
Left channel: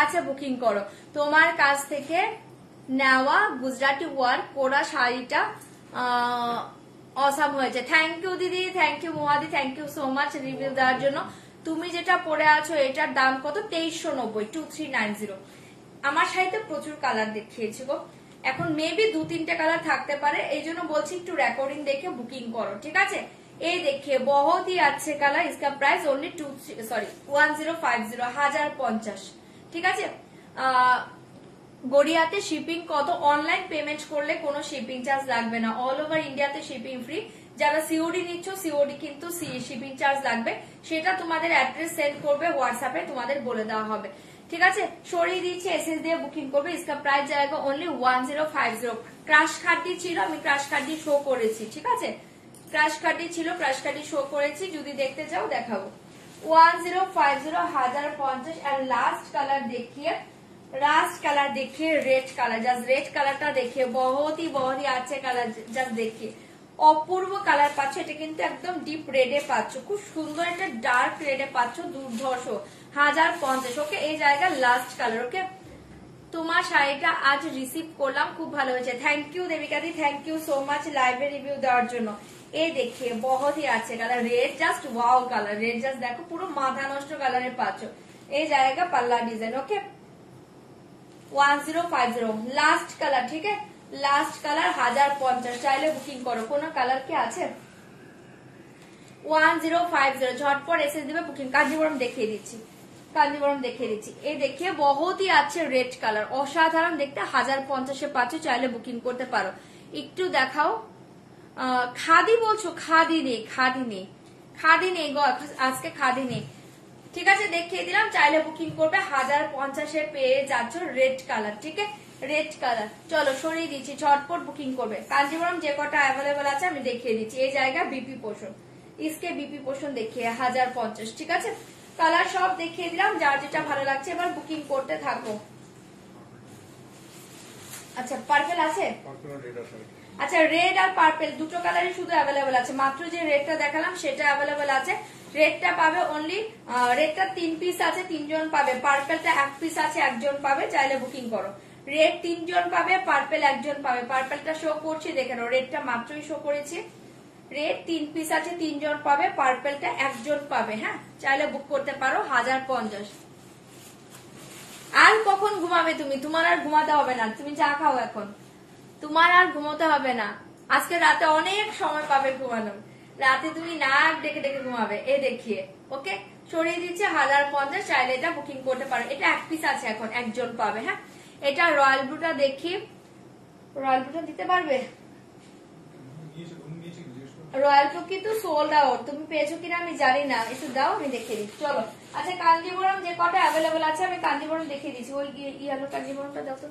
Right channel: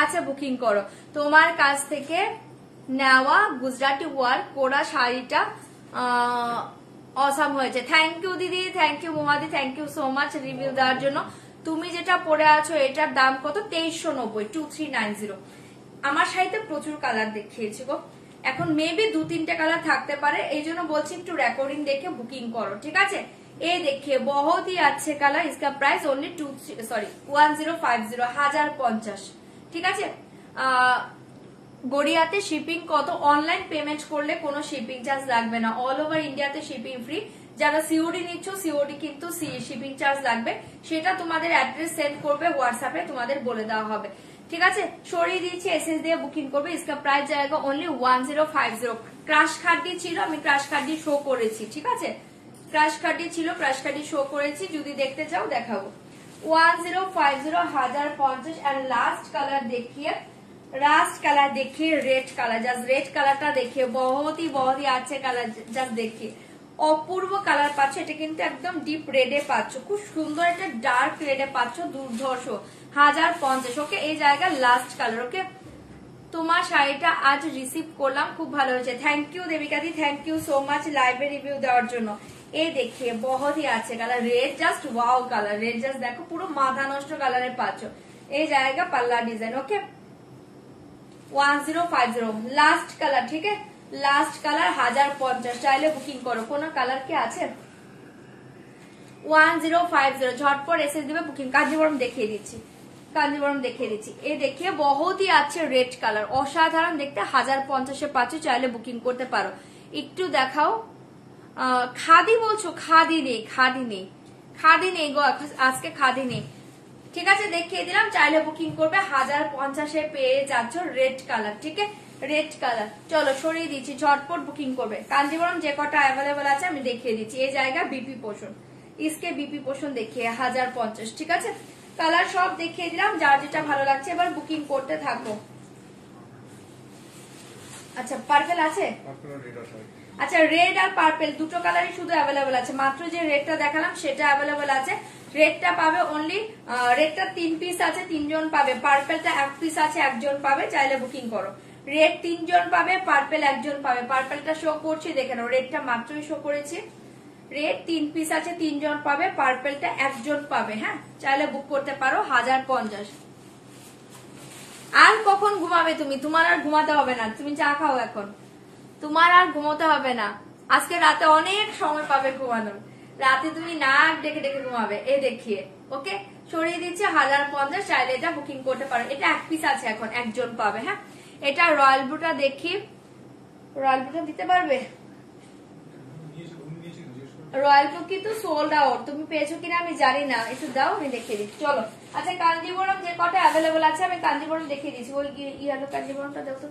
আছে বুকিং করো তোমার কাছ থেকে নেওয়া গুজরাটি ওয়ার্ক করা শাড়িটা অসাম হয়েছে থ্যাংক ইউ দিদি থ্যাংক ইউ মোহাদি thank you so much review দেওয়ার জন্য তুমি যেটা পরে আছো এটার দাম কত 2390 2390 আমার শাড়িতে প্রচুর কালার দেখিয়েছি গো এখন মেবি 2-3টে কালার থাকতে পারে এই জন্য বলছি একটু রেকর্ডিং দেখে বুকিং করো ঠিক আছে ये देखिए बहुत ही अच्छे कलर इसका प्राइस ओनली 1050 ঠিক আছে গড়িয়াতে শিপিং কত অনলাইন পেমেন্ট করলে কোনো শিপিং চার্জ লাগবে না অল ওভার ইন্ডিয়াতে শিপিং ফ্রি যারা সিওডি নিচ্ছ সিওডি কিন্তু শিপিং চার্জ লাগবে সেটা তোমাদের অ্যাড্রেস সেন্ড করবে হোয়াটসঅ্যাপে তোমাদের বলে দেওয়া হবে ঠিক আছে সরিয়ে দিচ্ছি এসএস দিয়ে বুকিং করবে इसका प्राइस जाएगा ओनली 1050 ক্রাশ কার্ডটি ছিল আমি ক্রাশ কার্ডটি শো করেছি ঠিক আছে ক্রাশ কার্ডটি ছিল ক্রাশ কার্ডটি শো করেছি যদি দেখতে চাও দেখাবো 1050 1050 एंड लास्ट कलर देखिए रेड कलर जस्ट रेड कलरটা देखिए बहुत ही अच्छे कलर जस्ट देखिए অপূর্ব কালার পাচ্ছ এটা কিন্তু একদম ডিপ রেডে পাচ্ছ খুব সুন্দর একটা ডার্ক রেডে পাচ্ছ দুর্ধর্ষ 1050 ওকে এই জায়গা লাস্ট কালার ওকে তোমার শাড়িটা আজ রিসিভ করলাম খুব ভালো হয়েছে thank you Debika di thank you so much লাইভে রিভিউ দেওয়ার জন্য ये देखिए बहुत ही अच्छे colour red just wow colour red just देखो पूरा माथा नष्ट कलर पाचो ये जाएगा पल्ला डिजाइन ओके 1050 लास्ट कलर ठीक है लास्ट कलर 1050 चाइले बुकिंग करो कोनो कलर के আছে 1050 झटपट एसएस দিবে বুকিং কাঞ্জিবরম দেখিয়ে দিচ্ছি এই देखिए बहुत ही अच्छे रेड कलर অসাধারণ দেখতে 1050 এ পাচ্ছ চাইলে বুকিং করতে পারো একটু দেখাও খাদি বলছো খাদি নেই গো আজকে খাদি নেই ঠিক আছে দেখিয়ে দিলাম চাইলে বুকিং করবে 1050 এ পেয়ে যাচ্ছ রেড কালার ঠিক আছে রেড কালার চলো সরিয়ে দিচ্ছি ঝটপট বুকিং করবে কাঞ্জিবরম যে কটা অ্যাভেলেবল আছে আমি দেখিয়ে দিচ্ছি এই জায়গা বিপি পোর্শন इसके बीपी पोर्शन देखिए 1050 ঠিক আছে কালার সব দেখিয়ে দিলাম যার যেটা ভালো লাগছে এবার বুকিং করতে থাকো আচ্ছা পার্পল আছে আচ্ছা রেড আর পার্পল দুটো কালারই শুধু অ্যাভেলেবল আছে মাত্র যে রেডটা দেখালাম সেটা অ্যাভেলেবল আছে রেডটা পাবে অনলি রেডটা 3 পিস আছে 3 জন পাবে পার্পলটা 1 পিস আছে 1 জন পাবে চাইলে বুকিং করো রেড 3 জন পাবে পার্পল 1 জন পাবে পার্পলটা শো করছি দেখে নাও রেডটা মাত্রই শো করেছি রেড 3 পিস আছে 3 জন পাবে পার্পলটা 1 জন পাবে হ্যাঁ চাইলে বুক করতে পারো 1050 আর কখন ঘুমাবে তুমি তোমার আর ঘুমাতে হবে না তুমি চা খাও এখন তোমার আর ঘুমোতে হবে না আজকে রাতে অনেক সময় পাবে ঘুমানোর রাতে তুমি নাক ডেকে ডেকে ঘুমাবে এই দেখিয়ে ওকে সরিয়ে দিচ্ছে 1050 চাইলে এটা বুকিং করতে পারো এটা 1 পিস আছে এখন 1 জন পাবে হ্যাঁ এটা রয়্যাল ব্লুটা দেখি, রয়্যাল ব্লুটা দিতে পারবে? রয়্যাল ব্লু কিন্তু সোল্ড আউট, তুমি পেয়েছো কিনা আমি জানি না, একটু দাও আমি দেখিয়ে দিচ্ছি। চলো আচ্ছা, কাঞ্জিবরম যে কটা অ্যাভেলেবল আছে আমি কাঞ্জিবরম দেখিয়ে দিচ্ছি। ওই ইয়ালো কাঞ্জিবরমটা দাও তো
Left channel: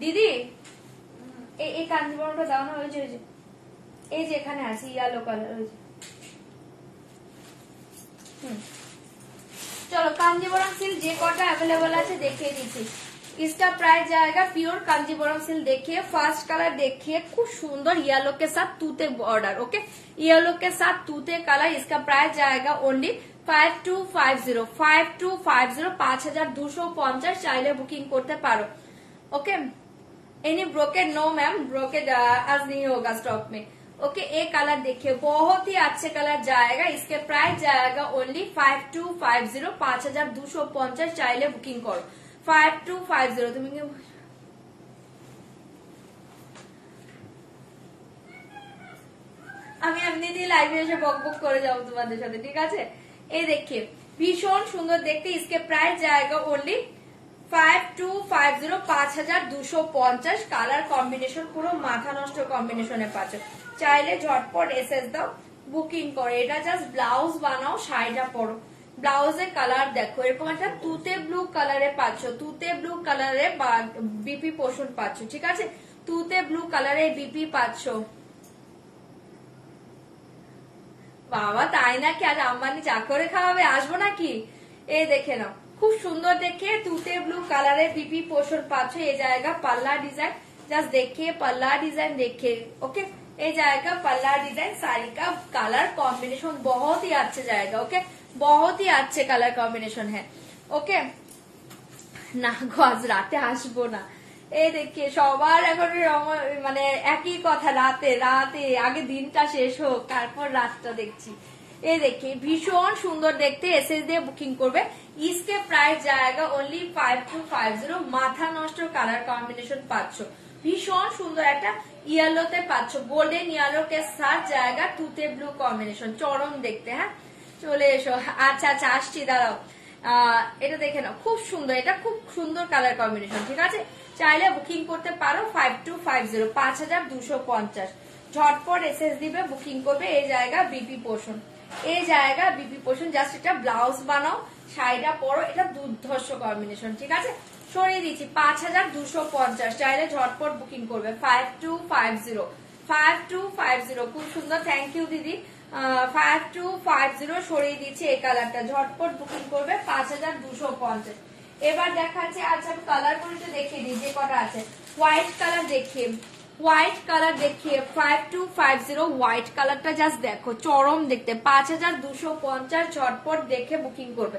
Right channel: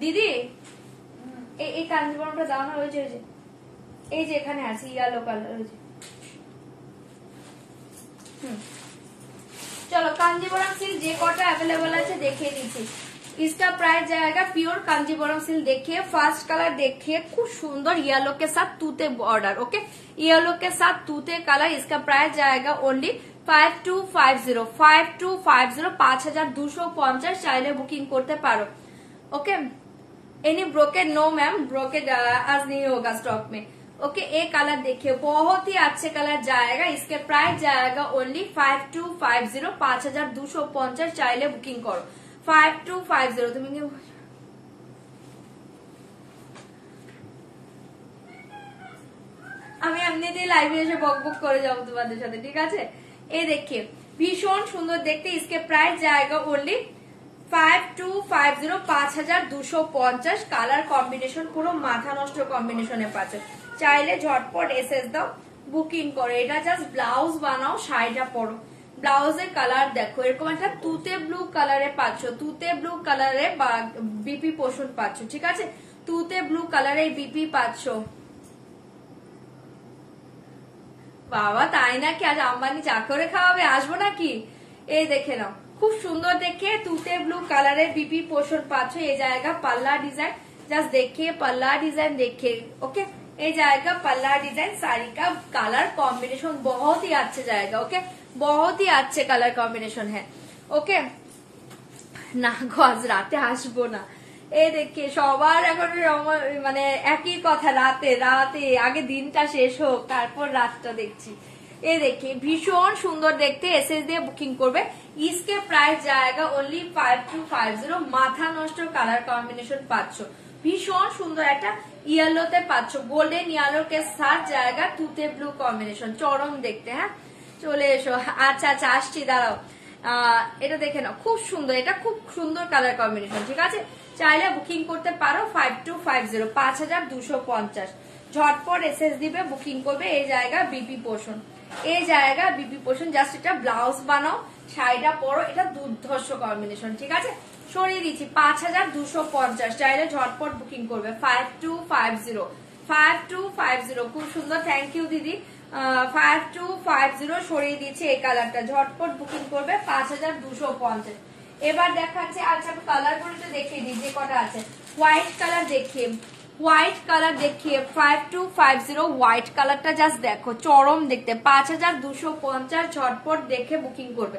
দিদি, এই কাঞ্জিবরমটা দাও না, ওই যে এই যে এখানে আছে ইয়ালো কালার, ওই যে। चलो कांजीवरम सिल्क जे कटा अवेलेबल है देखिए दीजिए। इसका प्राइस जाएगा प्योर कांजीवरम सिल्क देखिए, फर्स्ट कलर देखिए खूब सुंदर येलो के साथ तूते बॉर्डर, ओके येलो के साथ तूते कलर। इसका प्राइस जाएगा ओनली 5250 5250 5250 चाइले बुकिंग करते पारो, okay. Any brocade no ma'am, brocade आज नहीं होगा स्टॉक में, ओके। एक कलर देखिए बहुत ही अच्छे कलर जाएगा, इसके प्राइस जाएगा ओनली 5250 5250 चाइले बुकिंग करो 5250। তুমি আমি এমনিতেই লাইভে এসে বক বক করে যাবো তোমাদের সাথে, ঠিক আছে। এই देखिए ভীষণ সুন্দর দেখতে, इसके प्राइस जाएगा ओनली 5250 5250। কালার কম্বিনেশন পুরো মাথা নষ্ট কম্বিনেশনে পাচ্ছে, চাইলে ঝটপট এসএস দাও বুকিং করে। এটা জাস্ট ব্লাউজ বানাও, শাড়িটা পরো। ব্লাউজের কালার দেখো এরকম একটা তুতে ব্লু কালারে পাচ্ছ, তুতে ব্লু কালারে বিপি পোষণ পাচ্ছ, ঠিক আছে। তুতে ব্লু কালারে বিপি পাচ্ছ। বাবা তাই নাকি, আজ আম্বানি চা করে খাওয়াবে, আসবো নাকি? এই দেখে নাও খুব সুন্দর দেখে তুতে ব্লু কালারে বিপি পোষণ পাচ্ছ। এই জায়গা पल्ला डिजाइन जस्ट देखिए, पल्ला डिजाइन देखिए, ओके। ये जाएगा पल्ला डिजाइन, साड़ी का कलर कॉम्बिनेशन बहुत ही अच्छे जाएगा, ओके बहुत ही अच्छे कलर कॉम्बिनेशन है, ओके ना गज राते আসবো না। এই দেখে সবার এখন মানে একই কথা, রাতে রাতে আগে দিনটা শেষ হোক তারপর রাতটা দেখছি। এই দেখে ভীষণ সুন্দর দেখতে, এসএস দিয়ে বুকিং করবে। इसके प्राइस जाएगा ओनली 5250। মাথা নষ্ট কালার কম্বিনেশন পাচ্ছ, ভীষণ সুন্দর একটা ইয়েলোতে পাচ্ছ, গোল্ডেন ইয়েলো কে সাথ জায়গা তুতে ব্লু কম্বিনেশন, চরম দেখতে। হ্যাঁ চলে এসো, আচ্ছা আচ্ছা আসছি দাঁড়াও। এটা দেখে নাও খুব সুন্দর, এটা খুব সুন্দর কালার কম্বিনেশন, ঠিক আছে। চাইলে বুকিং করতে পারো 5250 5250। ঝটপট এসএস দিবে বুকিং করবে। এই জায়গা বিপি পোষণ, এই জায়গা বিপি পোষণ, জাস্ট এটা ব্লাউজ বানাও শাড়িটা পরো, এটা দুর্ধর্ষ কম্বিনেশন, ঠিক আছে। সরিয়ে দিচ্ছি 5250, চাইলে ঝটপট বুকিং করবে 5250 5250। খুব সুন্দর, থ্যাংক ইউ দিদি। 5250 সরিয়ে দিচ্ছি এই কালারটা, ঝটপট বুকিং করবে 5250। এবার দেখাচ্ছি, আচ্ছা আমি কালার গুলো দেখিয়ে দিই যে কটা আছে। হোয়াইট কালার দেখিয়ে, হোয়াইট কালার দেখিয়ে 5250 হোয়াইট কালারটা জাস্ট দেখো চরম দেখতে, 5250 ঝটপট দেখে বুকিং করবে।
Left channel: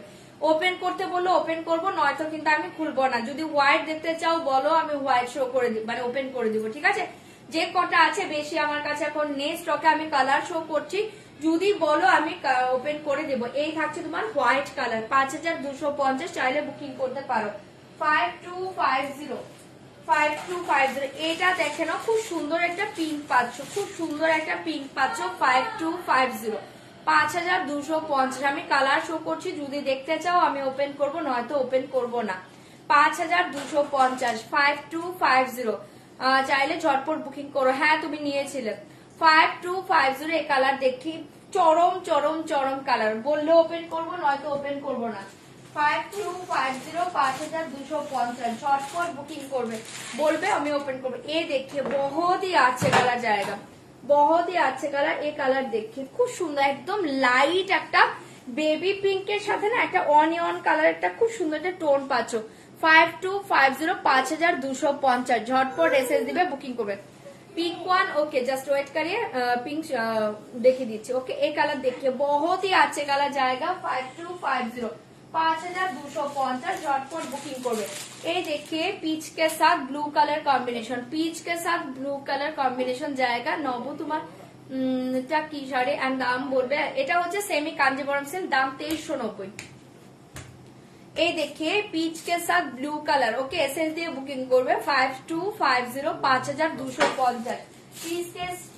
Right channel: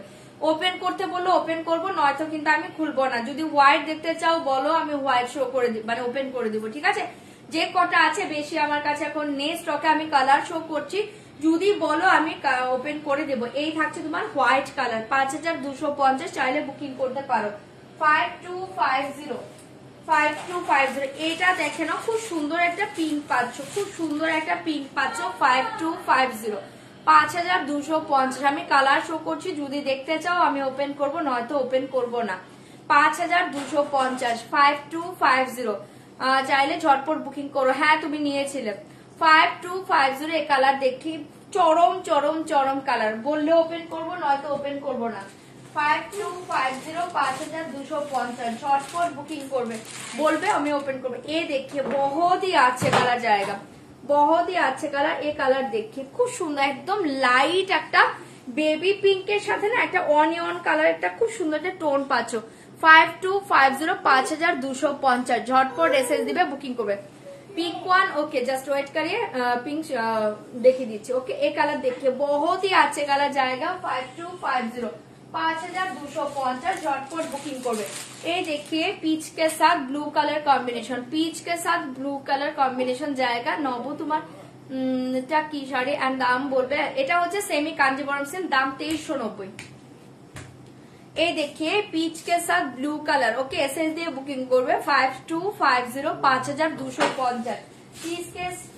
ওপেন করতে বললো ওপেন করবো, নয়তো কিন্তু আমি খুলবো না। যদি হোয়াইট দেখতে চাও বলো, আমি হোয়াইট শো করে দিব, মানে ওপেন করে দিব, ঠিক আছে। যে কটা আছে বেশি আমার কাছে এখন নেই স্টকে, আমি কালার শো করছি, যদি বলো আমি ওপেন করে দেবো। এই থাকছে তোমার হোয়াইট কালার 5250, চাইলে বুকিং করতে পারো 5250 5250। এটা দেখে নাও খুব সুন্দর একটা পিঙ্ক পাচ্ছ, খুব সুন্দর একটা পিঙ্ক পাচ্ছ 5250 5250। আমি কালার শো করছি, যদি দেখতে চাও আমি ওপেন করব, নয়তো ওপেন করব না। 5250 5250, চাইলে ঝটপট বুকিং করো। হ্যাঁ তুমি নিয়েছিলে 5250 এই কালার দেখি, চরম চরম চরম কালার, বললে ওপেন করব, নয়তো ওপেন করব না। 5250 5250 ঝটপট বুকিং করবে, বলবে আমি ওপেন করবো। এই देखिए बहुत ही अच्छे कलर जाएगा, बहुत ही अच्छे कलर। এই কালার देखिए খুব সুন্দর, একদম লাইট একটা বেবি পিঙ্কের সাথে না একটা অনিয়ন কালার, একটা খুব সুন্দর একটা টোন পাচ্ছ। 5250 5250 झटपट एसएस दिबे बुकिंग करबे। Pink one okay, just wait करिए, पिंक देखिए दीजिए, ओके। ये कलर देखिए बहुत ही अच्छे कलर जाएगा 5250 5250 झटपट बुकिंग करबे। ये देखिए पीच के साथ ब्लू कलर कॉम्बिनेशन, पीच के साथ ब्लू कलर कॉम्बिनेशन जाएगा। नबू तुम्हार এটা কি শাড়ি এন্ড দাম বলবে। এটা হচ্ছে সেমি কাঞ্জিবরম সিল্ক, দাম 2390। এই देखिए पीच के साथ ब्लू कलर, ओके एसएस দিয়ে বুকিং করবে 5250 5250। पीच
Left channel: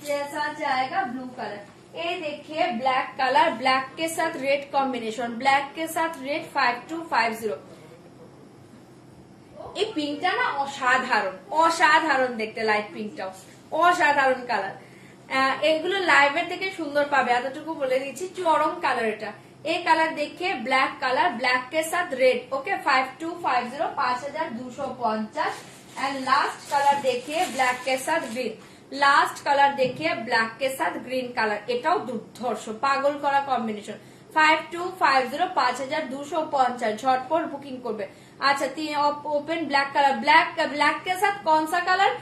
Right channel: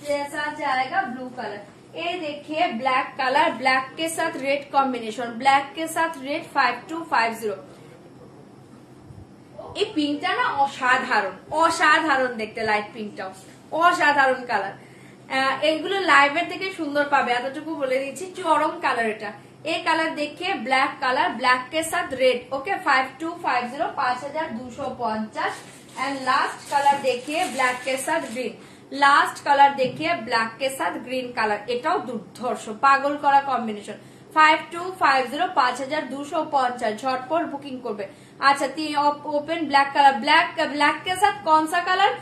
के साथ जाएगा ब्लू कलर। ये देखिए ब्लैक कलर, ब्लैक के साथ रेड कॉम्बिनेशन, ब्लैक के साथ रेड 5250। এই পিঙ্কটা না অসাধারণ, অসাধারণ দেখতে, লাইট পিঙ্কটাও অসাধারণ কালার। এইগুলো লাইভের থেকে সুন্দর পাবে, এতটুকু বলে দিচ্ছি। চরম কালার এটা। এই কালার देखिए ब्लैक कलर, ब्लैक के साथ red. Okay 5250 5250। And last colour देखिए ब्लैक के साथ ग्रीन। लास्ट कलर देखिए ब्लैक के साथ ग्रीन कलर। এটাও দুর্ধর্ষ পাগল করা কম্বিনেশন। 5250 5250 झटपट बुकिंग করবে। अच्छा ओपन ब्लैक कलर, ब्लैक के साथ कौन सा कलर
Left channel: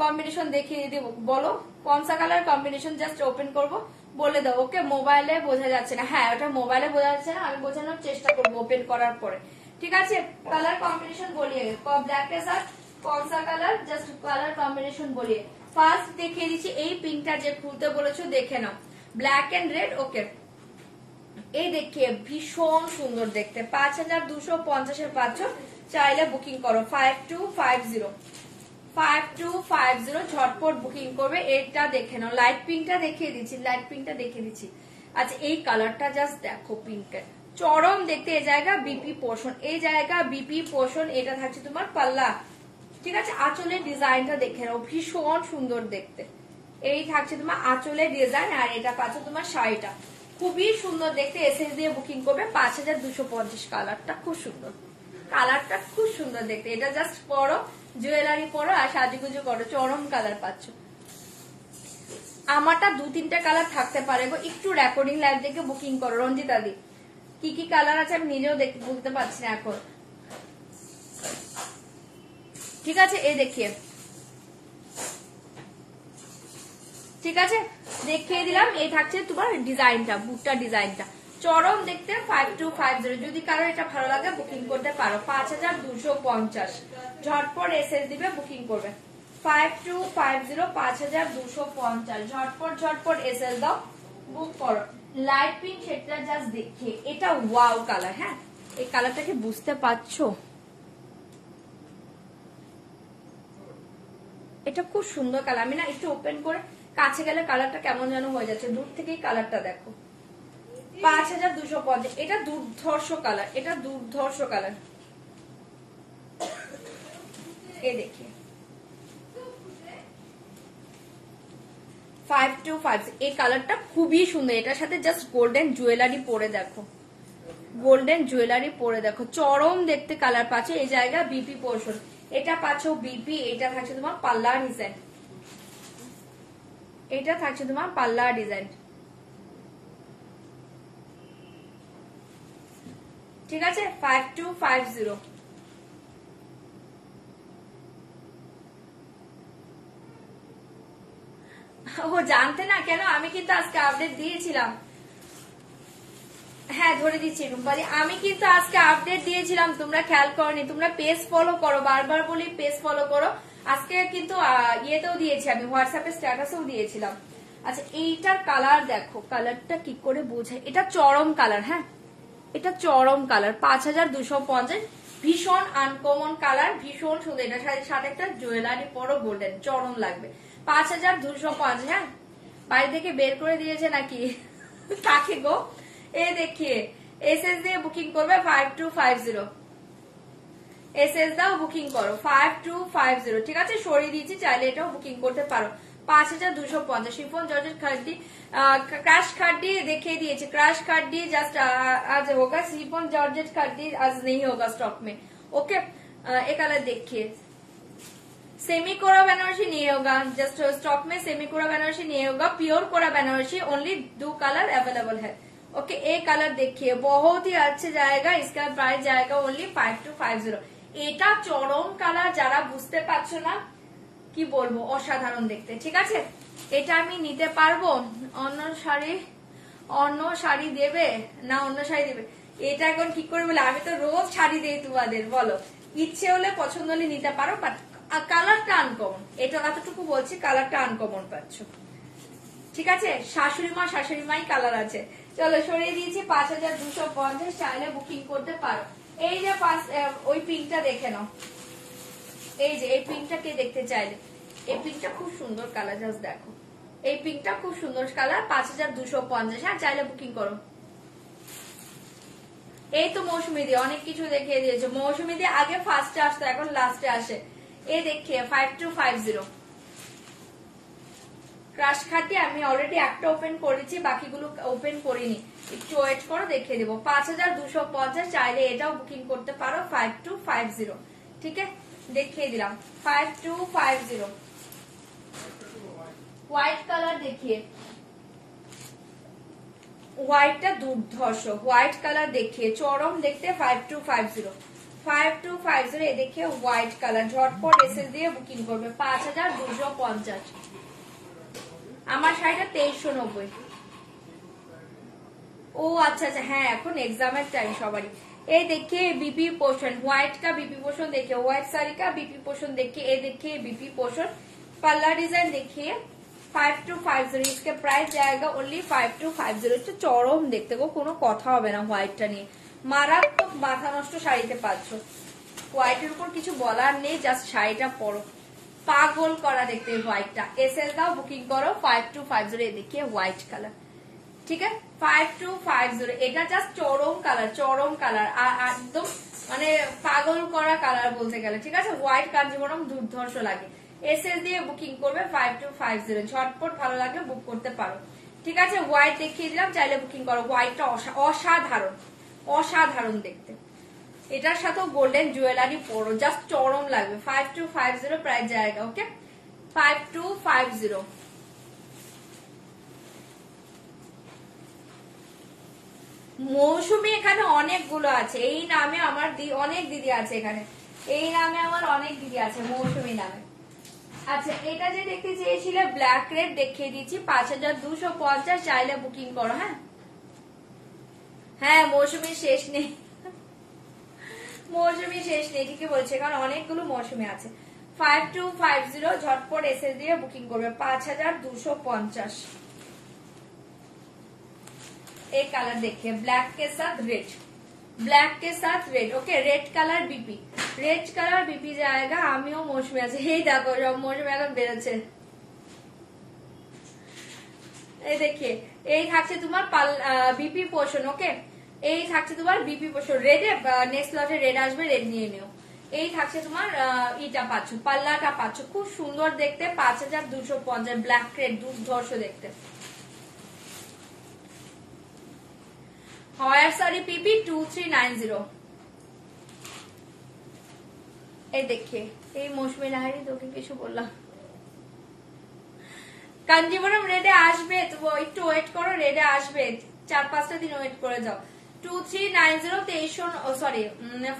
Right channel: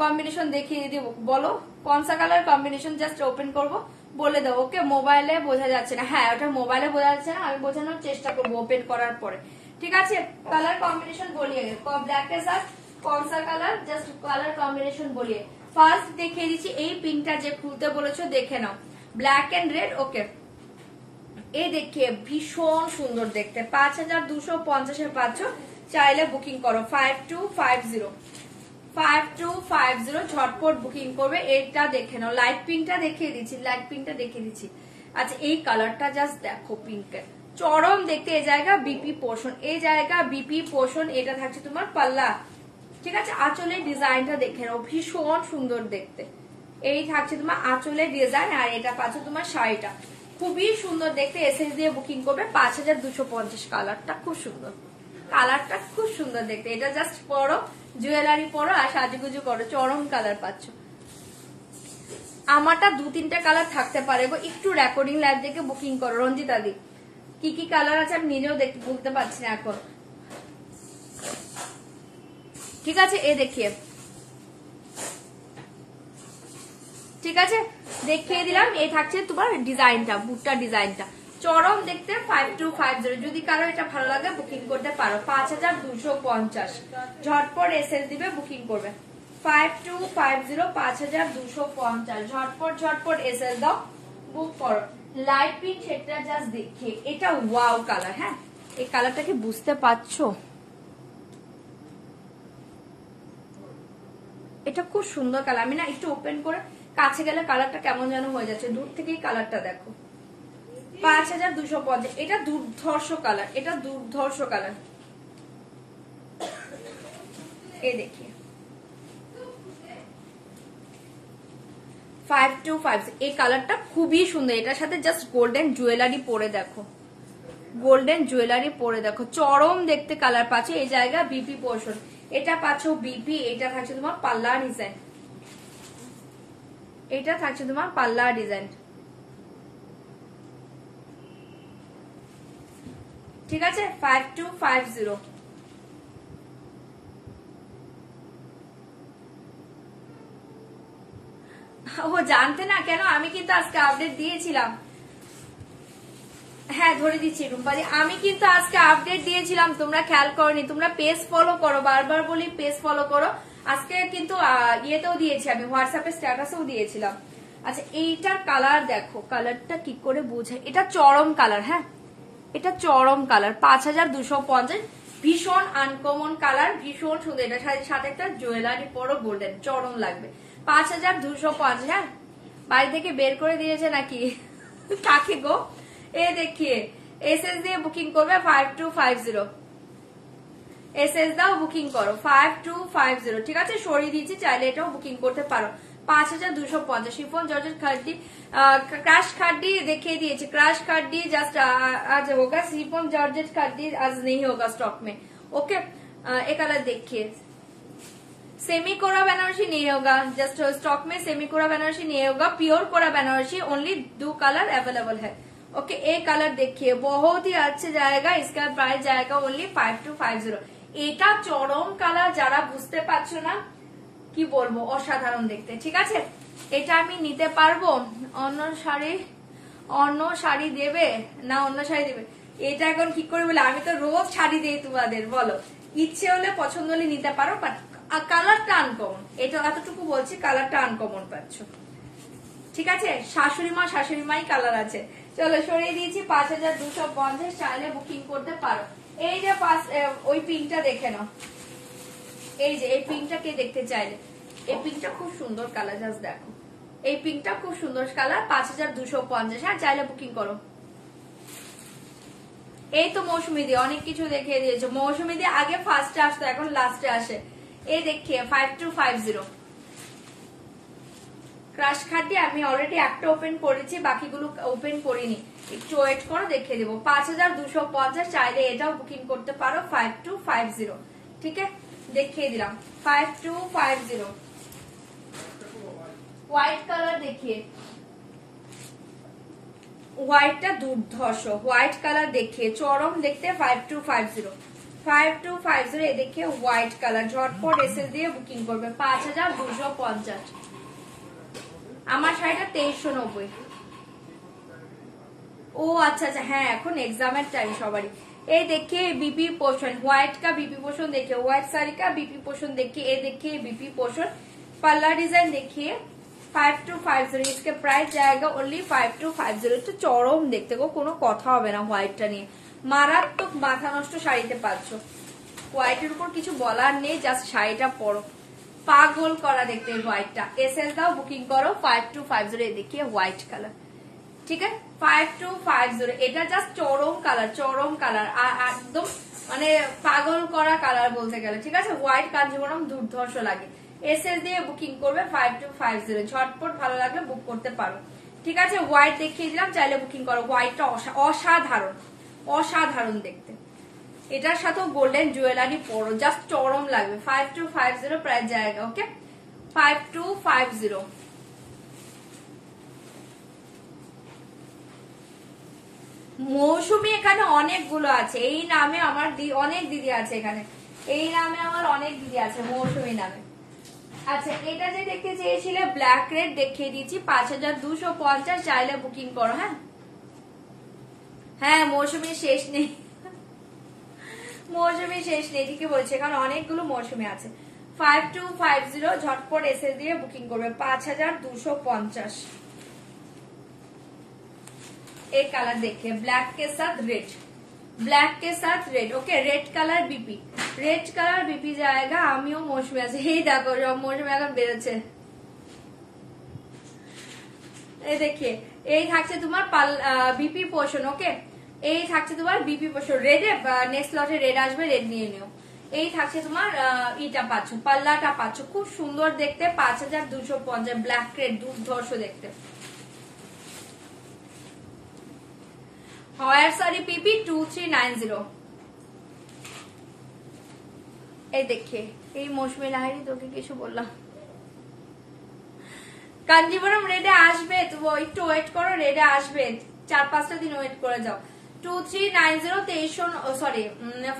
कॉम्बिनेशन देखिए बोलो, कौन सा कलर कॉम्बिनेशन जस्ट ओपन করবো বলে দাও। ওকে মোবাইলে বোঝা যাচ্ছে না, হ্যাঁ ওটা মোবাইলে বোঝা যাচ্ছে না, আমি বোঝানোর চেষ্টা করবো ওপেন করার পরে। ঠিক আছে কালার কম্বিনেশন বলিয়ে, ব্ল্যাক के साथ कौन सा कलर जस्ट कलर कॉम्बिनेशन বলিয়ে। ফার্স্ট দেখিয়ে দিচ্ছি এই পিঙ্কটা যে খুলতে বলেছো দেখে নাও, ব্ল্যাক এন্ড রেড। ওকে এই দেখিয়ে ভীষণ সুন্দর দেখতে, 5250 পাচ্ছ, চাইলে বুকিং করো। 5250 5250 ঝটপট বুকিং করবে। এটা দেখে নাও, লাইট পিঙ্কটা দেখিয়ে দিচ্ছি, লাইট পিঙ্কটা দেখিয়ে দিচ্ছি। আচ্ছা এই কালারটা জাস্ট দেখো, পিঙ্কের চরম দেখতে। এই জায়গা বিপি পোর্শন, এই জায়গা বিপি পোর্শন, এটা থাকছে তোমার পাল্লা। ঠিক আছে আঁচলের ডিজাইনটা দেখে নাও, ভীষণ সুন্দর দেখতে। এই থাকছে তোমার আঁচলের ডিজাইন, আর এটা পাচ্ছে তোমার শাড়িটা, খুবই সুন্দর দেখতে। এসএস দিয়ে বুকিং করবে 5250। কালারটা খুব সুন্দর, কালারটা খুব সুন্দর দেখতে। এটা জাস্ট পরো, জুয়েলারি পরো আর সাজুগুজু করো, চরম কালার পাচ্ছ। আমারটা 2-3টা কালার থাকতে পারে, একটু রেকর্ডিং লাইভ দেখে বুকিং করো। রঞ্জিতা দি কি কি কালার আছে আমি নিজেও বলতে পারছি না এখন। ঠিক আছে এই দেখিয়ে, ঠিক আছে দেখিয়ে দিলাম। এই থাকছে তোমার ডিজাইনটা, বুটটা ডিজাইনটা চরম দেখতে। 5250 যদি কালার এটা ভালো লাগে বুকিং করতে পারো। 5250 ঝটপট এসএস দিবে, বুকিং করবে। 5250 5250 ঝটপট ঝটপট এসএস দাও, বুক করো। লাইট পিঙ্ক সেটা জাস্ট দেখে, এটা ওয়াও কালার। হ্যাঁ এই কালারটাকে বুঝতে পারছো, এটা খুব সুন্দর কালার। আমি না একটু ওপেন করে কাছে গেলে কালারটা কেমন যেন হয়ে যাচ্ছে, দূর থেকেই কালারটা দেখো। 5250 এটা দুর্ধর্ষ কালার, এটা দুর্ধর্ষ কালার। এই দেখিয়ে 5250 এই কালারটা খুবই সুন্দর। এটার সাথে জাস্ট গোল্ডেন জুয়েলারি পরে দেখো, গোল্ডেন জুয়েলারি পরে দেখো, চরম দেখতে কালার পাচ্ছে। এই জায়গা বিপি পোর্শন, এটা পাচ্ছ বিপি। এটা থাকছে তোমার পাল্লা ডিজাইন, এটা থাকছে তোমার পাল্লা ডিজাইন। ঠিক আছে 5250 ও জানতে না কেন, আমি কিন্তু আজকে আপডেট দিয়েছিলাম। হ্যাঁ ধরে দিচ্ছি রুম্পালি, আমি কিন্তু আজকে আপডেট দিয়েছিলাম, তোমরা খেয়াল করনি। তোমরা পেজ ফলো করো, বারবার বলি পেজ ফলো করো। আজকে কিন্তু ইয়েতেও দিয়েছি, আমি হোয়াটসঅ্যাপে স্ট্যাটাসেও দিয়েছিলাম। আচ্ছা এইটার কালার দেখো, কালারটা কি করে বোঝায়, এটা চরম কালার। হ্যাঁ এটা চরম কালার, 5250 ভীষণ আনকমন কালার, ভীষণ সুন্দর। এটা সাথে একটা জুয়েলারি পরো গোল্ডেন, চরম লাগবে। 5250। হ্যাঁ বাড়ি থেকে বের করে দিয়েছে নাকি কাকে গো। এ দেখিয়ে এসএস দিয়ে বুকিং করবে 5250, এসএস দাও বুকিং করো 5250। ঠিক আছে সরিয়ে দিয়েছি, চাইলে এটাও বুকিং করতে পারো। 5250 शिफॉन जॉर्जेट खड्डी क्रैश खड्डी देखिए दिए, क्रैश खड्डी जस्ट आज होगा। शिफॉन जॉर्जेट खड्डी आज नहीं होगा स्टॉक में। ओके एक कलर देखिए, सेमी कोरा बनारसी नहीं होगा, जस्ट स्टॉक में सेमी कोरा बनारसी नहीं होगा, प्योर कोरा बनारसी ओनली 2 कलर अवेलेबल है। ओके एक कलर देखिए, बहुत ही अच्छे जाएगा, इसका प्राइस जाएगा ओनली 5250। এটা চরম কালার, যারা বুঝতে পারছো না কি বলবো, অসাধারণ দেখতে। ঠিক আছে এটা আমি নিতে পারবো। অন্য শাড়ি দেবে না, অন্য শাড়ি দেবে, এটা এখন কি করে বলে, আমি তো রোজ শাড়ি দেই তোমাদের, বলো ইচ্ছে হলে পছন্দ হলে নিতে পারো, বাট কালারটা আনকমন, এটা এতটুকু বলছি, কালারটা আনকমন পাচ্ছ। ঠিক আছে শাশুড়ি মাই কালার আছে। চলো সরিয়ে দিয়েছি 5250, চাইলে বুকিং করতে পারো। এই যে ওই পিঙ্কটা দেখে নাও, এই যে এই পিঙ্কটা কে দেখতে চাইলে, এই পিঙ্কটা খুব সুন্দর কালার, জাস্ট দেখো এই পিঙ্কটা খুব সুন্দর কালার। 5250। হ্যাঁ চাইলে বুকিং করো। এই তো মৌসুমী দিয়ে অনেক কিছু দেখিয়ে দিয়েছে। মৌসুমী দিয়ে আগে ফার্স্টে আসতো, এখন লাস্টে আসে। এই দেখিয়ে 5250 ক্রাশ খাটি আমি অলরেডি একটা ওপেন করেছি, বাকিগুলো ওপেন করিনি, একটু ওয়েট করে দেখিয়ে দিব। 5250 চাইলে এটাও বুকিং করতে পারো 5250। ঠিক আছে, দেখিয়ে দিলাম 5250। হোয়াইট কালার দেখিয়ে, হোয়াইটটা দুর্ধর্ষ, হোয়াইট কালার দেখিয়ে চরম দেখতে 5250 5250 এ দেখে হোয়াইট কালার ঝটপট এসএল দিয়ে বুকিং করবে 5250। আমার শাড়িটা 2390। ও আচ্ছা আচ্ছা, হ্যাঁ এখন এক্সামের টাইম সবারই। এই देखिए बीपी पोर्शन, व्हाइट का बीपी पोर्शन देखिए, व्हाइट साड़ी का बीपी पोर्शन देखिए, ये देखिए बीपी पोर्शन, पल्ला डिजाइन देखिए 5250। इसके प्राइस जाएगा ओनली 5250। তো চরম দেখতে গো, কোনো কথা হবে না হোয়াইটটা নিয়ে, মারাত্মক মাথা নষ্ট শাড়িতে পাচ্ছ। হোয়াইটের উপর কিছু বলার নেই, জাস্ট শাড়িটা পরো, পাগল করা দেখতে হোয়াইটটা। এসএল দাও বুকিং করো 5250। ये देखिए হোয়াইট কালার, ঠিক আছে 5250। এটা জাস্ট চরম কালার, চরম কালার, একদম মানে পাগল করা কালার বলতে গেলে। ঠিক আছে, হোয়াইট কাঞ্জিভরম দুর্ধর্ষ লাগে। এসএল দিয়ে বুকিং করবে 5250, ঝটপট ভালো লাগলে বুক করতে পারো। ঠিক আছে, হোয়াইট দেখিয়ে দিলাম, চাইলে বুকিং করো। হোয়াইটটা অসাধারণ, অসাধারণ দেখতে। এটার সাথে গোল্ডেন জুয়েলারি পরো, জাস্ট চরম লাগবে। 5250 প্রাইস জায়গা। ওকে 5250। মৌসুমী এখানে অনেকগুলো আছে, এই নামে আমার অনেক দিদি আছে এখানে, এই নামে আমার অনেক দিদি আছে মৌসুমী নামে। আচ্ছা, এটা যে দেখতে চেয়েছিলে ব্ল্যাক রেড দেখিয়ে দিচ্ছি 5250, চাইলে বুকিং করো। হ্যাঁ হ্যাঁ, মৌসুমী শেষ নেই, মৌসুমী শেষ নেই, ঠিকই বলছে, কারণ অনেকগুলো মৌসুমী আছে। 5250 ঝটপট এসে দিয়ে বুকিং করবে 5250। एक कलर देखिए, ब्लैक के साथ रेड, ब्लैक के साथ red. Okay, red colour BP, red colour BP जाएगा। আমিও মৌসুমী আছে, এই দেখো সব মৌসুমী এখন বেরোচ্ছে। এই দেখিয়ে, এই থাকছে তোমার বিপি পোর্শন। ওকে, এই থাকছে তোমার বিপি পোর্শন, রেডে নেক্সট লটে রেড আসবে, রেড নিয়ে নিও। এই থাকছে তোমার ইটা পাচ্ছ, পাল্লাটা পাচ্ছ, খুব সুন্দর দেখতে 5250। ব্ল্যাক রেড দুর্ধর্ষ দেখতে। হয়ার সারি পিপি 2390। এই দেখে, এই মৌসুমী লাহারি তোকে কিছু বললাম, কাঞ্জিভরম রেডে আসবে, তো একটু ওয়েট করো, রেডে আসবে, 4-5টা দিন ওয়েট করে যাও। 2390 সরি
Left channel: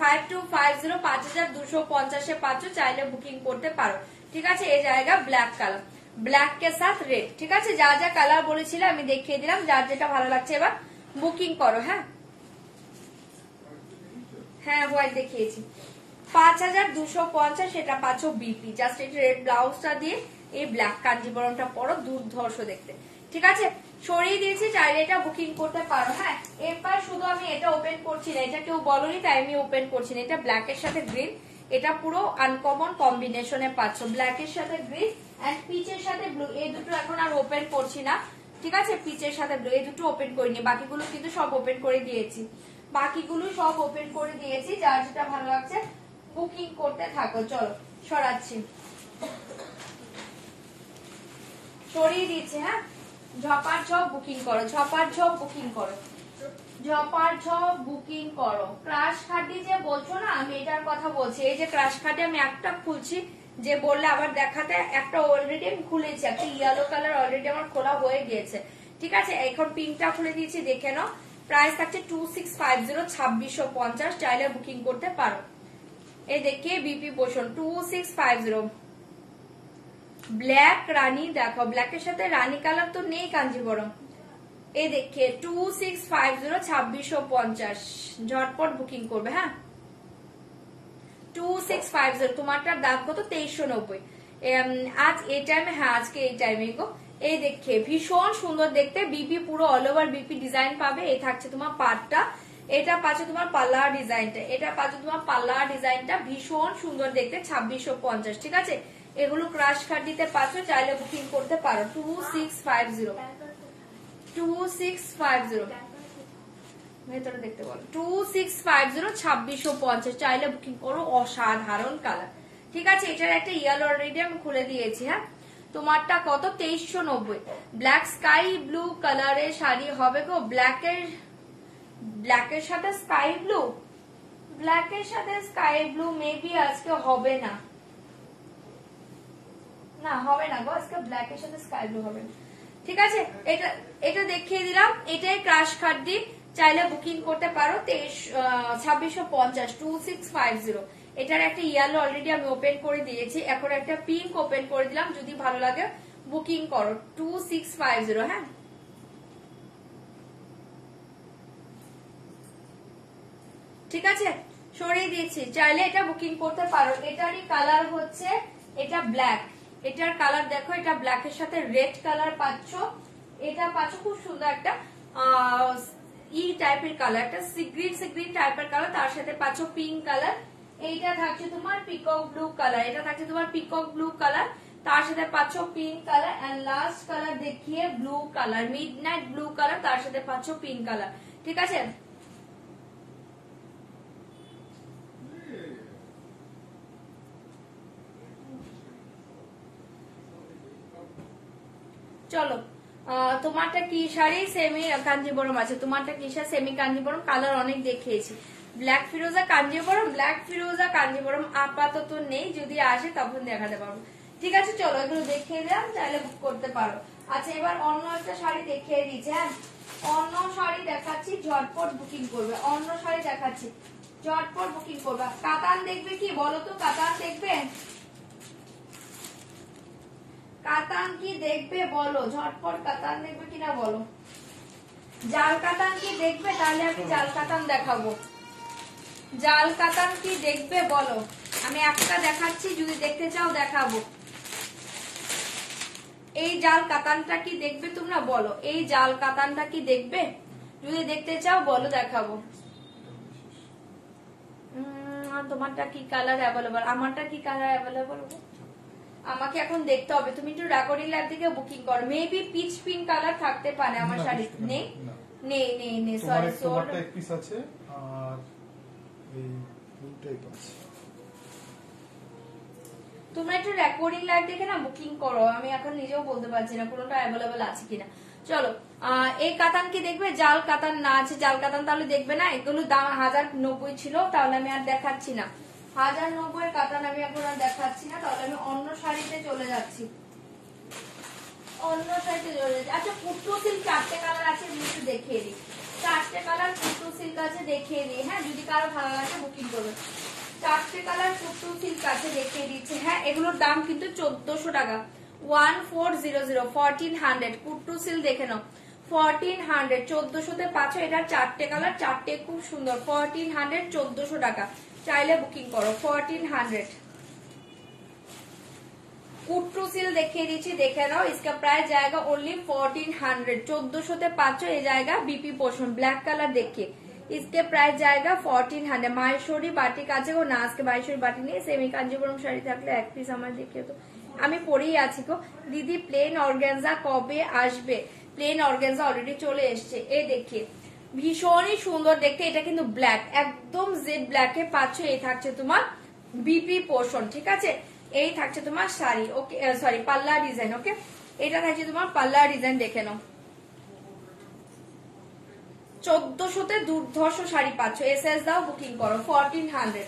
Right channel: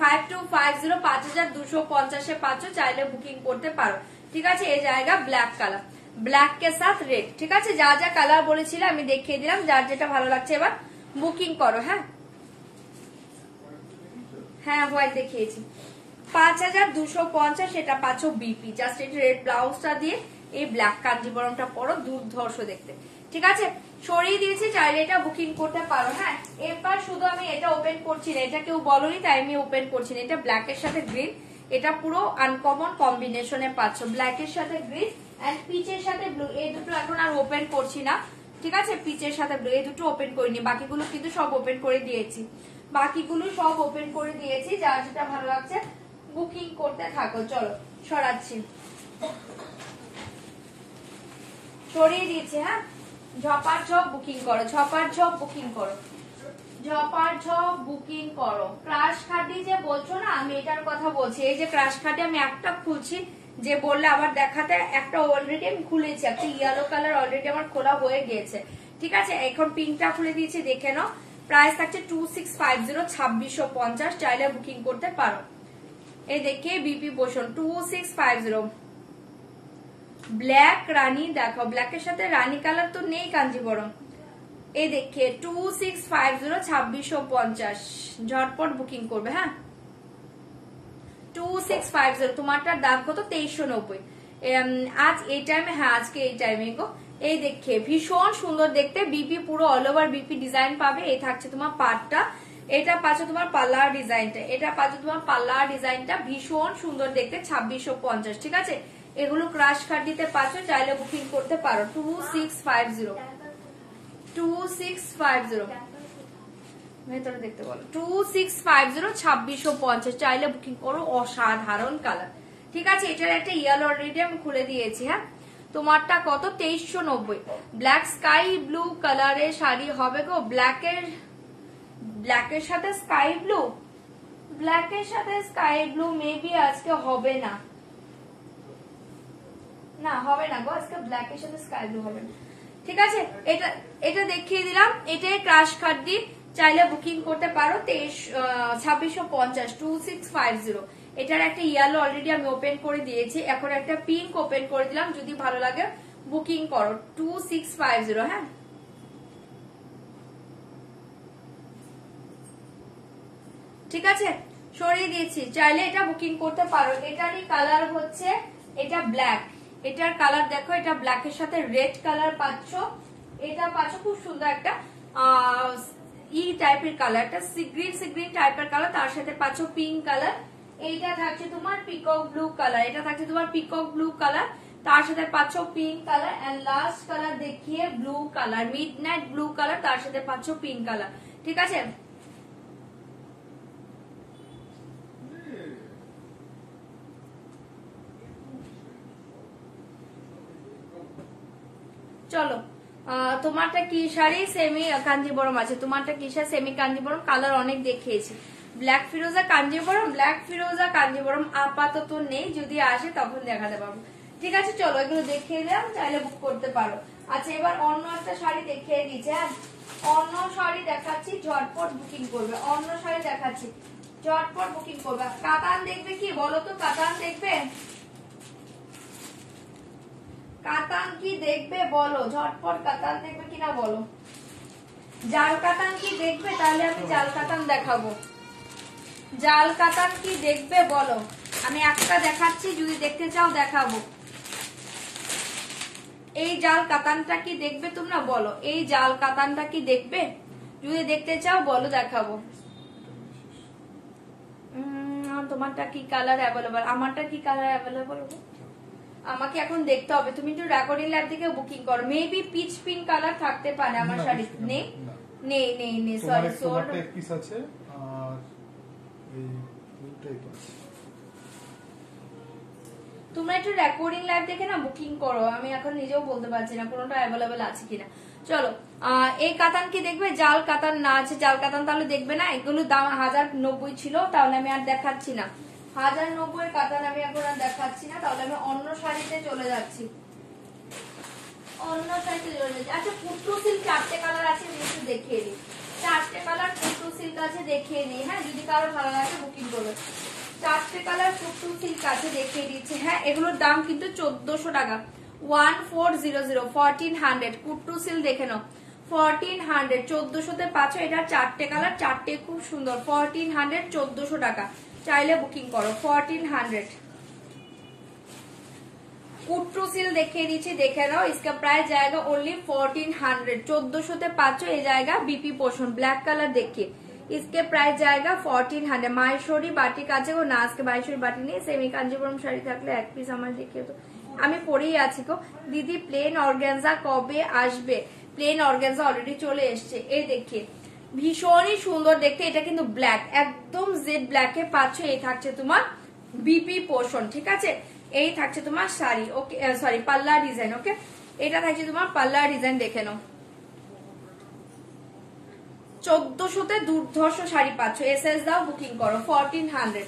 5250 5250 পাচ্ছ, চাইলে বুকিং করতে পারো। ঠিক আছে, এই জায়গা ব্ল্যাক কালার, ব্ল্যাক কে সাথ রেড। ঠিক আছে, যা যা কালার বলেছিল আমি দেখিয়ে দিলাম, যার যেটা ভালো লাগছে এবার বুকিং করো। হ্যাঁ হ্যাঁ, হোয়াইট দেখিয়েছি 5250, সেটা পাচ্ছ বিপি। জাস্ট একটু রেড ব্লাউজটা দিয়ে এই ব্ল্যাক কাঞ্জিভরমটা পরো, দুর্ধর্ষ দেখতে। ঠিক আছে, সরিয়ে দিয়েছি, চাইলে এটা বুকিং করতে পারো। হ্যাঁ, এরপর শুধু আমি এটা ওপেন করছি না, এটা কেউ বলনি তাই আমি ওপেন করছি না। এটা ব্ল্যাক এর সাথে গ্রিন, এটা পুরো আনকমন কম্বিনেশনে পাচ্ছ, ব্ল্যাক এর সাথে গ্রিন এন্ড পিচের সাথে ব্লু। এই দুটো এখন আর ওপেন করছি না। ঠিক আছে, পিচের সাথে ব্লু, এই দুটো ওপেন করিনি, বাকিগুলো কিন্তু সব ওপেন করে দিয়েছি, বাকিগুলো সব ওপেন করে দিয়েছি। যার যেটা ভালো লাগছে বুকিং করতে থাকো। চলো সরাচ্ছি, সরিয়ে দিচ্ছি। হ্যাঁ, ঝপার ঝপ বুকিং করো, ঝপার ঝপ বুকিং করো, ঝপার ঝপ বুকিং করো। ক্রাশ খাটি যে বলছো না, আমি এটার কথা বলছি। এই যে ক্রাশ খাটি আমি একটা খুলছি, যে বললে আবার দেখাতে, একটা অলরেডি আমি খুলেছি, একটা ইয়েলো কালার অলরেডি আমার খোলা হয়ে গিয়েছে। ঠিক আছে, এখন পিঙ্কটা খুলে দিয়েছি, দেখে নাও। প্রাইস থাকছে 2650 2650, চাইলে বুকিং করতে পারো। এই দেখে বিপি পোর্শন 2650। ব্ল্যাক রানী দেখো, ব্ল্যাকের সাথে রানী কালার তো নেই কাঞ্জিভরম। এই দেখে 2650 2650, ঝটপট বুকিং করবে। হ্যাঁ 2650, তোমারটার দাম কত 2390। আজ এই টাইমে, হ্যাঁ আজকে এই টাইমে গো। এই দেখে ভীষণ সুন্দর দেখতে, বিপি পুরো অল ওভার বিপি ডিজাইন পাবে। এই থাকছে তোমার পাটটা, এটা পাচ্ছে তোমার পাল্লার ডিজাইনটা, এটা পাচ্ছে তোমার পাল্লার ডিজাইনটা, ভীষণ সুন্দর দেখতে 2650। ঠিক আছে, এগুলো ক্রাশ কাট দিতে পারছো, চাইলে বুকিং করতে পারো। 2650 2650 ভেতরে দেখতে বলো 2650 2650 চাইলে বুকিং করো। অসাধারণ কালার, ঠিক আছে। এটার একটা ইয়ার অলরেডি আমি খুলে দিয়েছি। হ্যাঁ, তোমারটা কত? 2390। ব্ল্যাক স্কাই ব্লু কালারের শাড়ি হবে গো। ব্ল্যাকের সাথে স্কাই ব্লু, ব্ল্যাকের সাথে স্কাই ব্লু মেবি আজকে হবে না, না হবে না গো, আজকে ব্ল্যাকের সাথে স্কাই ব্লু হবে না। ঠিক আছে, এটা দেখিয়ে দিলাম। এটাই ক্রাশ খাদ্দি, চাইলে বুকিং করতে পারো 2650 2650। এটার একটা ইয়েলো অলরেডি আমি ওপেন করে দিয়েছি, এখন একটা পিঙ্ক ওপেন করে দিলাম। যদি ভালো লাগে বুকিং করো 2650। হ্যাঁ, ঠিক আছে, সরিয়ে দিয়েছি, চাইলে এটা বুকিং করতে পারো। এটারই কালার হচ্ছে এটা ব্ল্যাক, এটার কালার দেখো, এটা ব্ল্যাকের সাথে রেড কালার পাচ্ছ। এটা পাচ্ছ খুব সুন্দর একটা টাইপের কালার, একটা সিগ্রিন টাইপের কালার, তার সাথে পাচ্ছ পিঙ্ক কালার। এইটা থাকছে তোমার পিকক ব্লু কালার, এটা থাকছে তোমার পিকক ব্লু কালার, তার সাথে পাচ্ছ pink colour, and last colour দেখিয়ে blue colour, midnight blue colour, তার সাথে পাচ্ছ পিঙ্ক কালার। ঠিক আছে, চলো। তোমারটা কি শাড়ি? সেমি কাঞ্জিবরম আছে। তোমারটা কি শাড়ি? সেমি কাঞ্জিবরম। কালার অনেক দেখিয়েছি। ব্ল্যাক ফিরোজা কাঞ্জিবরম, ব্ল্যাক ফিরোজা কাঞ্জিবরম আপাতত নেই, যদি আসে তখন দেখাতে পারবো। ঠিক আছে, চলো এগুলো দেখিয়ে দিলাম, চাইলে বুক করতে পারো। আচ্ছা, এবার অন্য একটা শাড়ি দেখিয়ে দিচ্ছি। হ্যাঁ, অন্য শাড়ি দেখাচ্ছি, ঝটপট বুকিং করবে। অন্য শাড়ি দেখাচ্ছি, ঝটপট বুকিং করবে। কাতান দেখবে কি বলো তো? কাতান দেখবে? কাতান কি দেখবে বলো? ঝটপট কাতান দেখবে কিনা বলো। জাল কাতান কি দেখবে? তাহলে আমি জাল কাতান দেখাবো। জাল কাতান কি দেখবে বলো? আমি একটা দেখাচ্ছি, যদি দেখতে চাও দেখাবো। এই জাল কাতানটা কি দেখবে তোমরা বলো? এই জাল কাতানটা কি দেখবে? যদি দেখতে চাও বলো, দেখাবো। তোমারটা কি কালার অ্যাভেলেবল? আমারটা কি কালার অ্যাভেলেবল? আমাকে এখন দেখতে হবে। তুমি একটু রেকর্ডিং লাইভ থেকে বুকিং করো। মেবি পিচ পিঙ্ক কালার থাকতে পারে আমার শাড়ি। নেই নেই নেই নেই, সরি তোমারটা এক পিস আছে আর এই দুটোই আছে। তোমরা একটু রেকর্ডিং লাইভ দেখে না বুকিং করো, আমি এখন নিজেও বলতে পারছি না কোনটা অ্যাভেলেবল আছে কিনা। চলো, এই কাতান কি দেখবে? জাল কাতান না আছে, জাল কাতান তাহলে দেখবে না। এগুলো দাম 1090 ছিল, তাহলে আমি আর দেখাচ্ছি না। 1090 কাতান আমি এখন আর দেখাচ্ছি না, তাহলে আমি অন্য শাড়িতে চলে যাচ্ছি। অন্য শাড়িতে চলে যাচ্ছি। আচ্ছা, পুট্টু সিল্ক 4টে কালার আছে, একটু দেখিয়ে দিই। 4টে কালার পুট্টু সিল্ক আছে, দেখিয়ে দিই। হ্যাঁ, যদি কারো ভালো লাগে বুকিং করবে। 4টে কালার পুট্টু সিল্ক আছে, দেখিয়ে দিচ্ছি। হ্যাঁ, এগুলোর দাম কিন্তু 1400 টাকা। 1400 1400 পুট্টু সিল্ক দেখে নাও। 1400 1400-তে পাচ্ছ। এটা 4টে কালার, 4টে খুব সুন্দর। 1400 1400 টাকা, চাইলে বুকিং করো। 1400 কুট্টু সিল দেখিয়ে দিচ্ছি, দেখে নাও। इसका प्राइस जाएगा ओनली 1400 1400-তে পাচ্ছ। এই জায়গা বিপি পোষণ ব্ল্যাক কালার देखिए, इसके प्राइस जाएगा 1400। মাহেশ্বরী বাটিক আছে গো না? আজকে মাহেশ্বরী বাটিক নেই। সেমি কাঞ্জিপুরম শাড়ি থাকলে এক পিস আমার দেখিয়ে তো, আমি পরেই আছি গো। দিদি প্লেন অর্গানজা কবে আসবে? প্লেন অর্গানজা অলরেডি চলে এসছে। এই দেখিয়ে ভীষণই সুন্দর দেখতে। এটা কিন্তু ব্ল্যাক, একদম জেড ব্ল্যাকে পাচ্ছ। এই থাকছে তোমার বিপি পোষণ। ঠিক আছে, এই থাকছে তোমার শাড়ি। ওকে, সরি, পাল্লা ডিজাইন। ওকে, এটা থাকছে তোমার পাল্লা ডিজাইন, দেখে নাও। 1400-তে দুর্ধর্ষ শাড়ি পাচ্ছ। এসএস দাও, বুকিং করো। 1400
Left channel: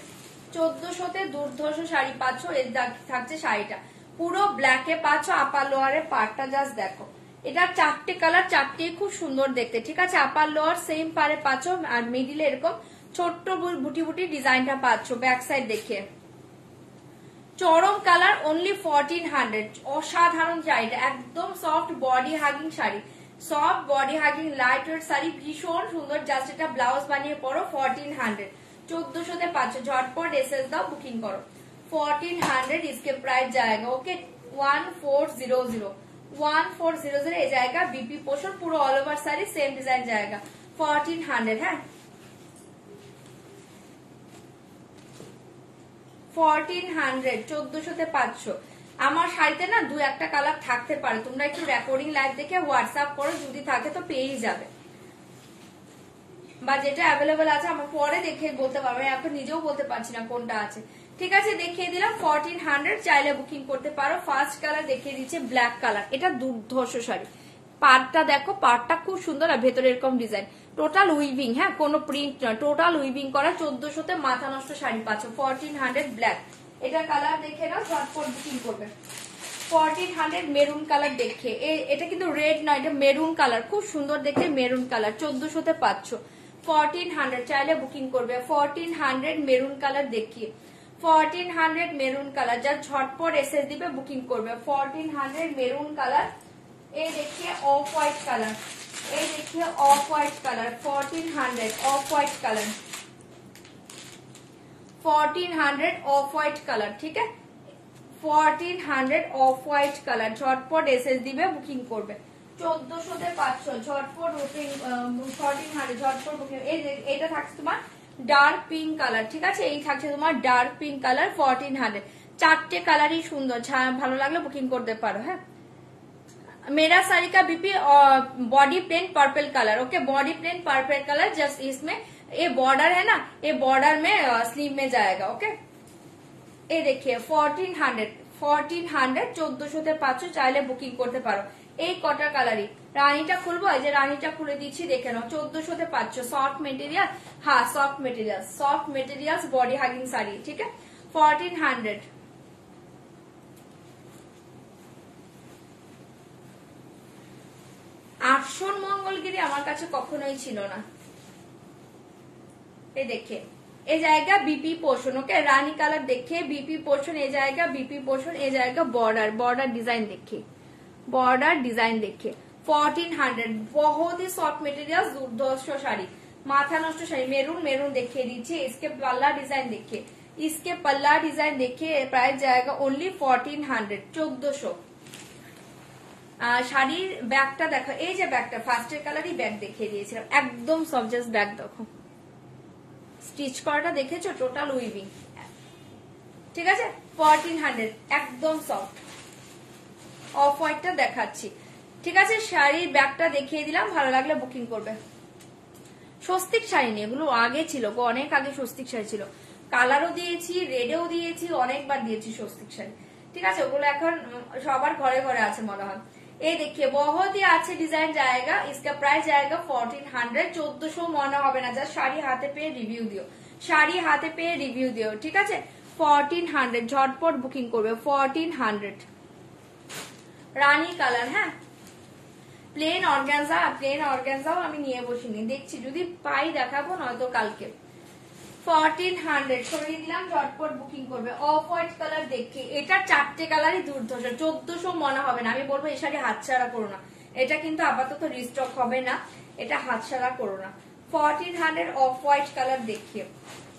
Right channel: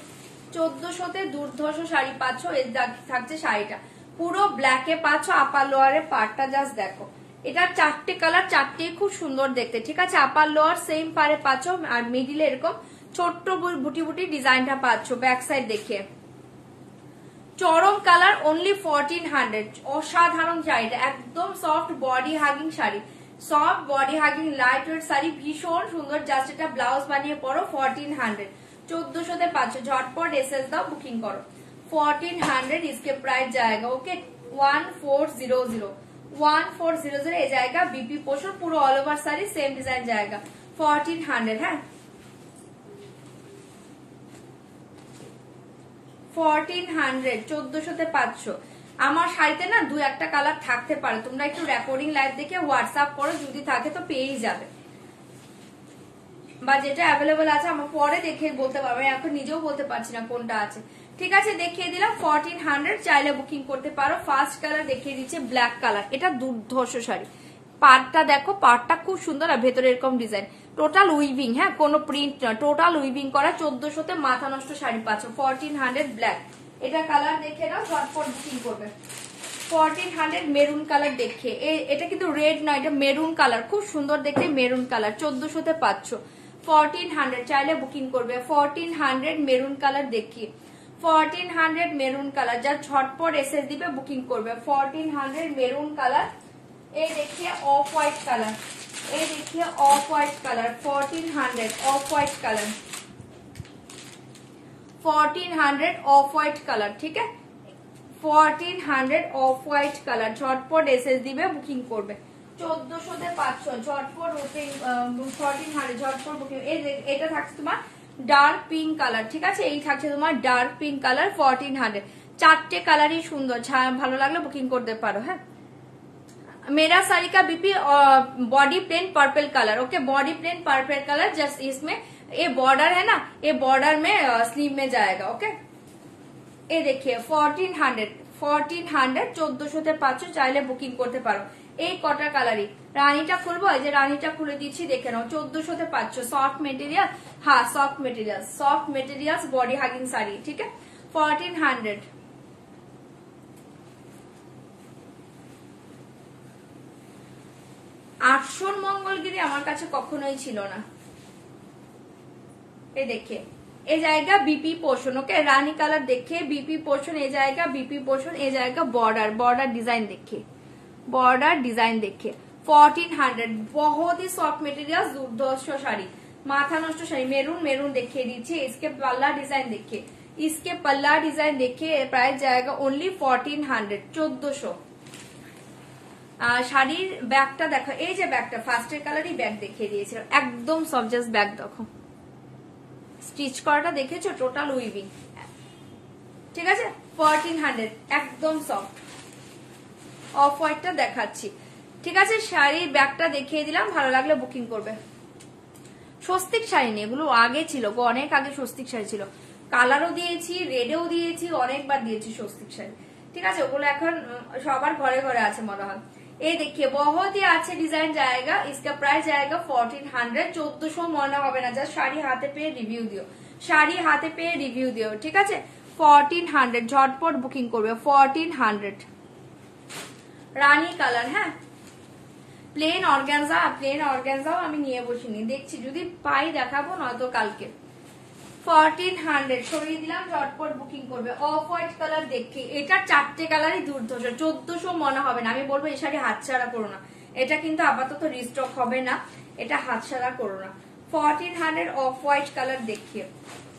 1400-তে দুর্ধর্ষ শাড়ি পাচ্ছ। এই থাকছে শাড়িটা পুরো ব্ল্যাকে পাচ্ছ। আপার লোয়ারের পার্টটা জাস্ট দেখো। এটা 4টে কালার, 4টেই খুব সুন্দর দেখতে। ঠিক আছে, আপার লোয়ার সেম পারে পাচ্ছ, আর মিডিলে এরকম ছোট্ট বুটি বুটি ডিজাইনটা পাচ্ছ। ব্যাক সাইড দেখে চরম কালার, অনলি 1400। অসাধারণ শাড়িটা, একদম soft body hugging sari, soft body hugging light weight sari, ভীষণ সুন্দর। জাস্ট এটা ব্লাউজ বানিয়ে পরো। 1400 1400-তে পাচ্ছ। ঝটপট এসএস দাও, বুকিং করো। 1400 इसके प्राइस जाएगा। ओके, 1400 1400 এই জায়গা বিপি পোষণ, পুরো all over sari same design জায়গা। 1400। হ্যাঁ, 1400 1400-তে পাচ্ছ। আমার শাড়িতে না 2-1টা কালার থাকতে পারে, তোমরা একটু রেকর্ডিং লাইভ দেখে হোয়াটসঅ্যাপ করো, যদি থাকে তো পেয়েই যাবে। বা যেটা অ্যাভেলেবল আছে আমার পরে দেখে বলতে পারবে, এখন নিজেও বলতে পারছি না কোনটা আছে। ঠিক আছে, দেখিয়ে দিলাম 1400, চাইলে বুকিং করতে পারো। ফার্স্ট কালার দেখিয়ে দিচ্ছে ব্ল্যাক কালার, এটা দুর্ধর্ষ শাড়ি। পাড়টা দেখো, পাড়টা খুব সুন্দর আর ভেতরে এরকম ডিজাইন, টোটাল উইভিং, হ্যাঁ কোনো প্রিন্ট না, টোটাল উইভিং করা। 1400-তে মাথা নষ্ট শাড়ি পাচ্ছ, 1400 ব্ল্যাক। এটা কালার দেখে নাও, ঝটপট বুকিং করবে। 1400 মেরুন কালার দেখে, এটা কিন্তু রেড নয়, এটা মেরুন কালার, খুব সুন্দর দেখে মেরুন কালার, 1400-তে পাচ্ছ। 1400 চাইলে বুকিং করবে। 1400 মেরুন কালার দেখিয়ে, 1400 মেরুন কালার, যা ঝটপট এসএস দিবে বুকিং করবে। 1400 মেরুন কালার। এই দেখিয়ে অফ হোয়াইট কালার, এই দেখিয়ে off white colour, 1400 off white colour, 1400 off white colour. ঠিক আছে, 1400 অফ হোয়াইট কালার, ঝটপট এসএস দিবে বুকিং করবে। 1400-তে পাচ্ছ, ঝটপট বুকিং। 1400 ঝটপট বুকিং। এটা থাকছে তোমার ডার্ক পিঙ্ক কালার। ঠিক আছে, এই থাকছে তোমার ডার্ক পিঙ্ক কালার, 1400। চারটে কালারই সুন্দর, ভালো লাগলে বুকিং করতে পারো। হ্যাঁ, मेरा साड़ी का बीपी body plain purple colour, okay body plain purple colour, just इसमें ये बॉर्डर है ना, ये बॉर्डर में स्लीव में जाएगा। ओके, ये देखिए 1400 1400-তে পাচ্ছ, চাইলে বুকিং করতে পারো। এই কটা কালারই। রানীটা খুলবো, এই যে রানীটা খুলে দিচ্ছি, দেখে নাও। 1400-তে পাচ্ছ, সফট মেটেরিয়াল, হ্যাঁ soft material body hugging sari. ঠিক আছে, 1400। আসন মঙ্গলগিরি আমার কাছে কখনোই ছিল না। এই দেখে, এই জায়গা বিপি পোর্শন, ওকে রানী কালার দেখে বিপি পোর্শন, এই জায়গা বিপি পোর্শন, এই জায়গা बॉर्डर डिजाइन देखे, बॉर्डर डिजाइन देखे। 1400 बहुत ही सॉफ्ट मटेरियल, दुर्धर्ष শাড়ি, माथा नष्ट শাড়ি। मेरून देखिए दीजिए, इसके पल्ला डिजाइन देखिए, इसके पल्ला डिजाइन देखिए। प्राइस जाएगा ओनली 1400, 1400। শাড়ির ব্যাগটা দেখো, এই যে ব্যাগটা ফার্স্টের কালারই ব্যাগ দেখিয়ে দিয়েছিলাম, একদম সফট, জাস্ট ব্যাগ দেখো, স্টিচ করাটা দেখেছো, টোটাল উইভিং। ঠিক আছে, 1400 একদম সফট। অফ হোয়াইটটা দেখাচ্ছি। ঠিক আছে, শাড়ির ব্যাগটা দেখিয়ে দিলাম, ভালো লাগলে বুকিং করবে। স্বস্তিক শাড়ি নিয়ে, এগুলো আগে ছিল, অনেক আগে স্বস্তিক শাড়ি ছিল, কালারও দিয়েছি, রেডেও দিয়েছি, অনেকবার দিয়েছি স্বস্তিক শাড়ি। ঠিক আছে, ওগুলো এখন সবার ঘরে ঘরে আছে মনে হয়। ये देखिए बहुत ही अच्छे डिजाइन जाएगा, इसका प्राइस जाएगा 1400, 1400 মনে হবে না, জাস্ট শাড়ি হাতে পেয়ে রিভিউ দিও, শাড়ি হাতে পেয়ে রিভিউ দিও। ঠিক আছে, 1400 ঝটপট বুকিং করবে। 1400 রানী কালার, হ্যাঁ প্লেন অর্গানজাও আমি নিয়ে বসিনি, দেখছি যদি পাই দেখাবো, নয়তো কালকে। 1400 সরিয়ে দিলাম, ঝটপট বুকিং করবে। অফ হোয়াইট কালার দেখে, এটা চারটে কালারই দুর্ধর্ষ, 1400 মনে হবে না। আমি বলবো এই শাড়ি হাতছাড়া করো না, এটা কিন্তু আপাতত রিস্টক হবে না, এটা হাতছাড়া করো না। 1400 অফ হোয়াইট কালার দেখিয়ে,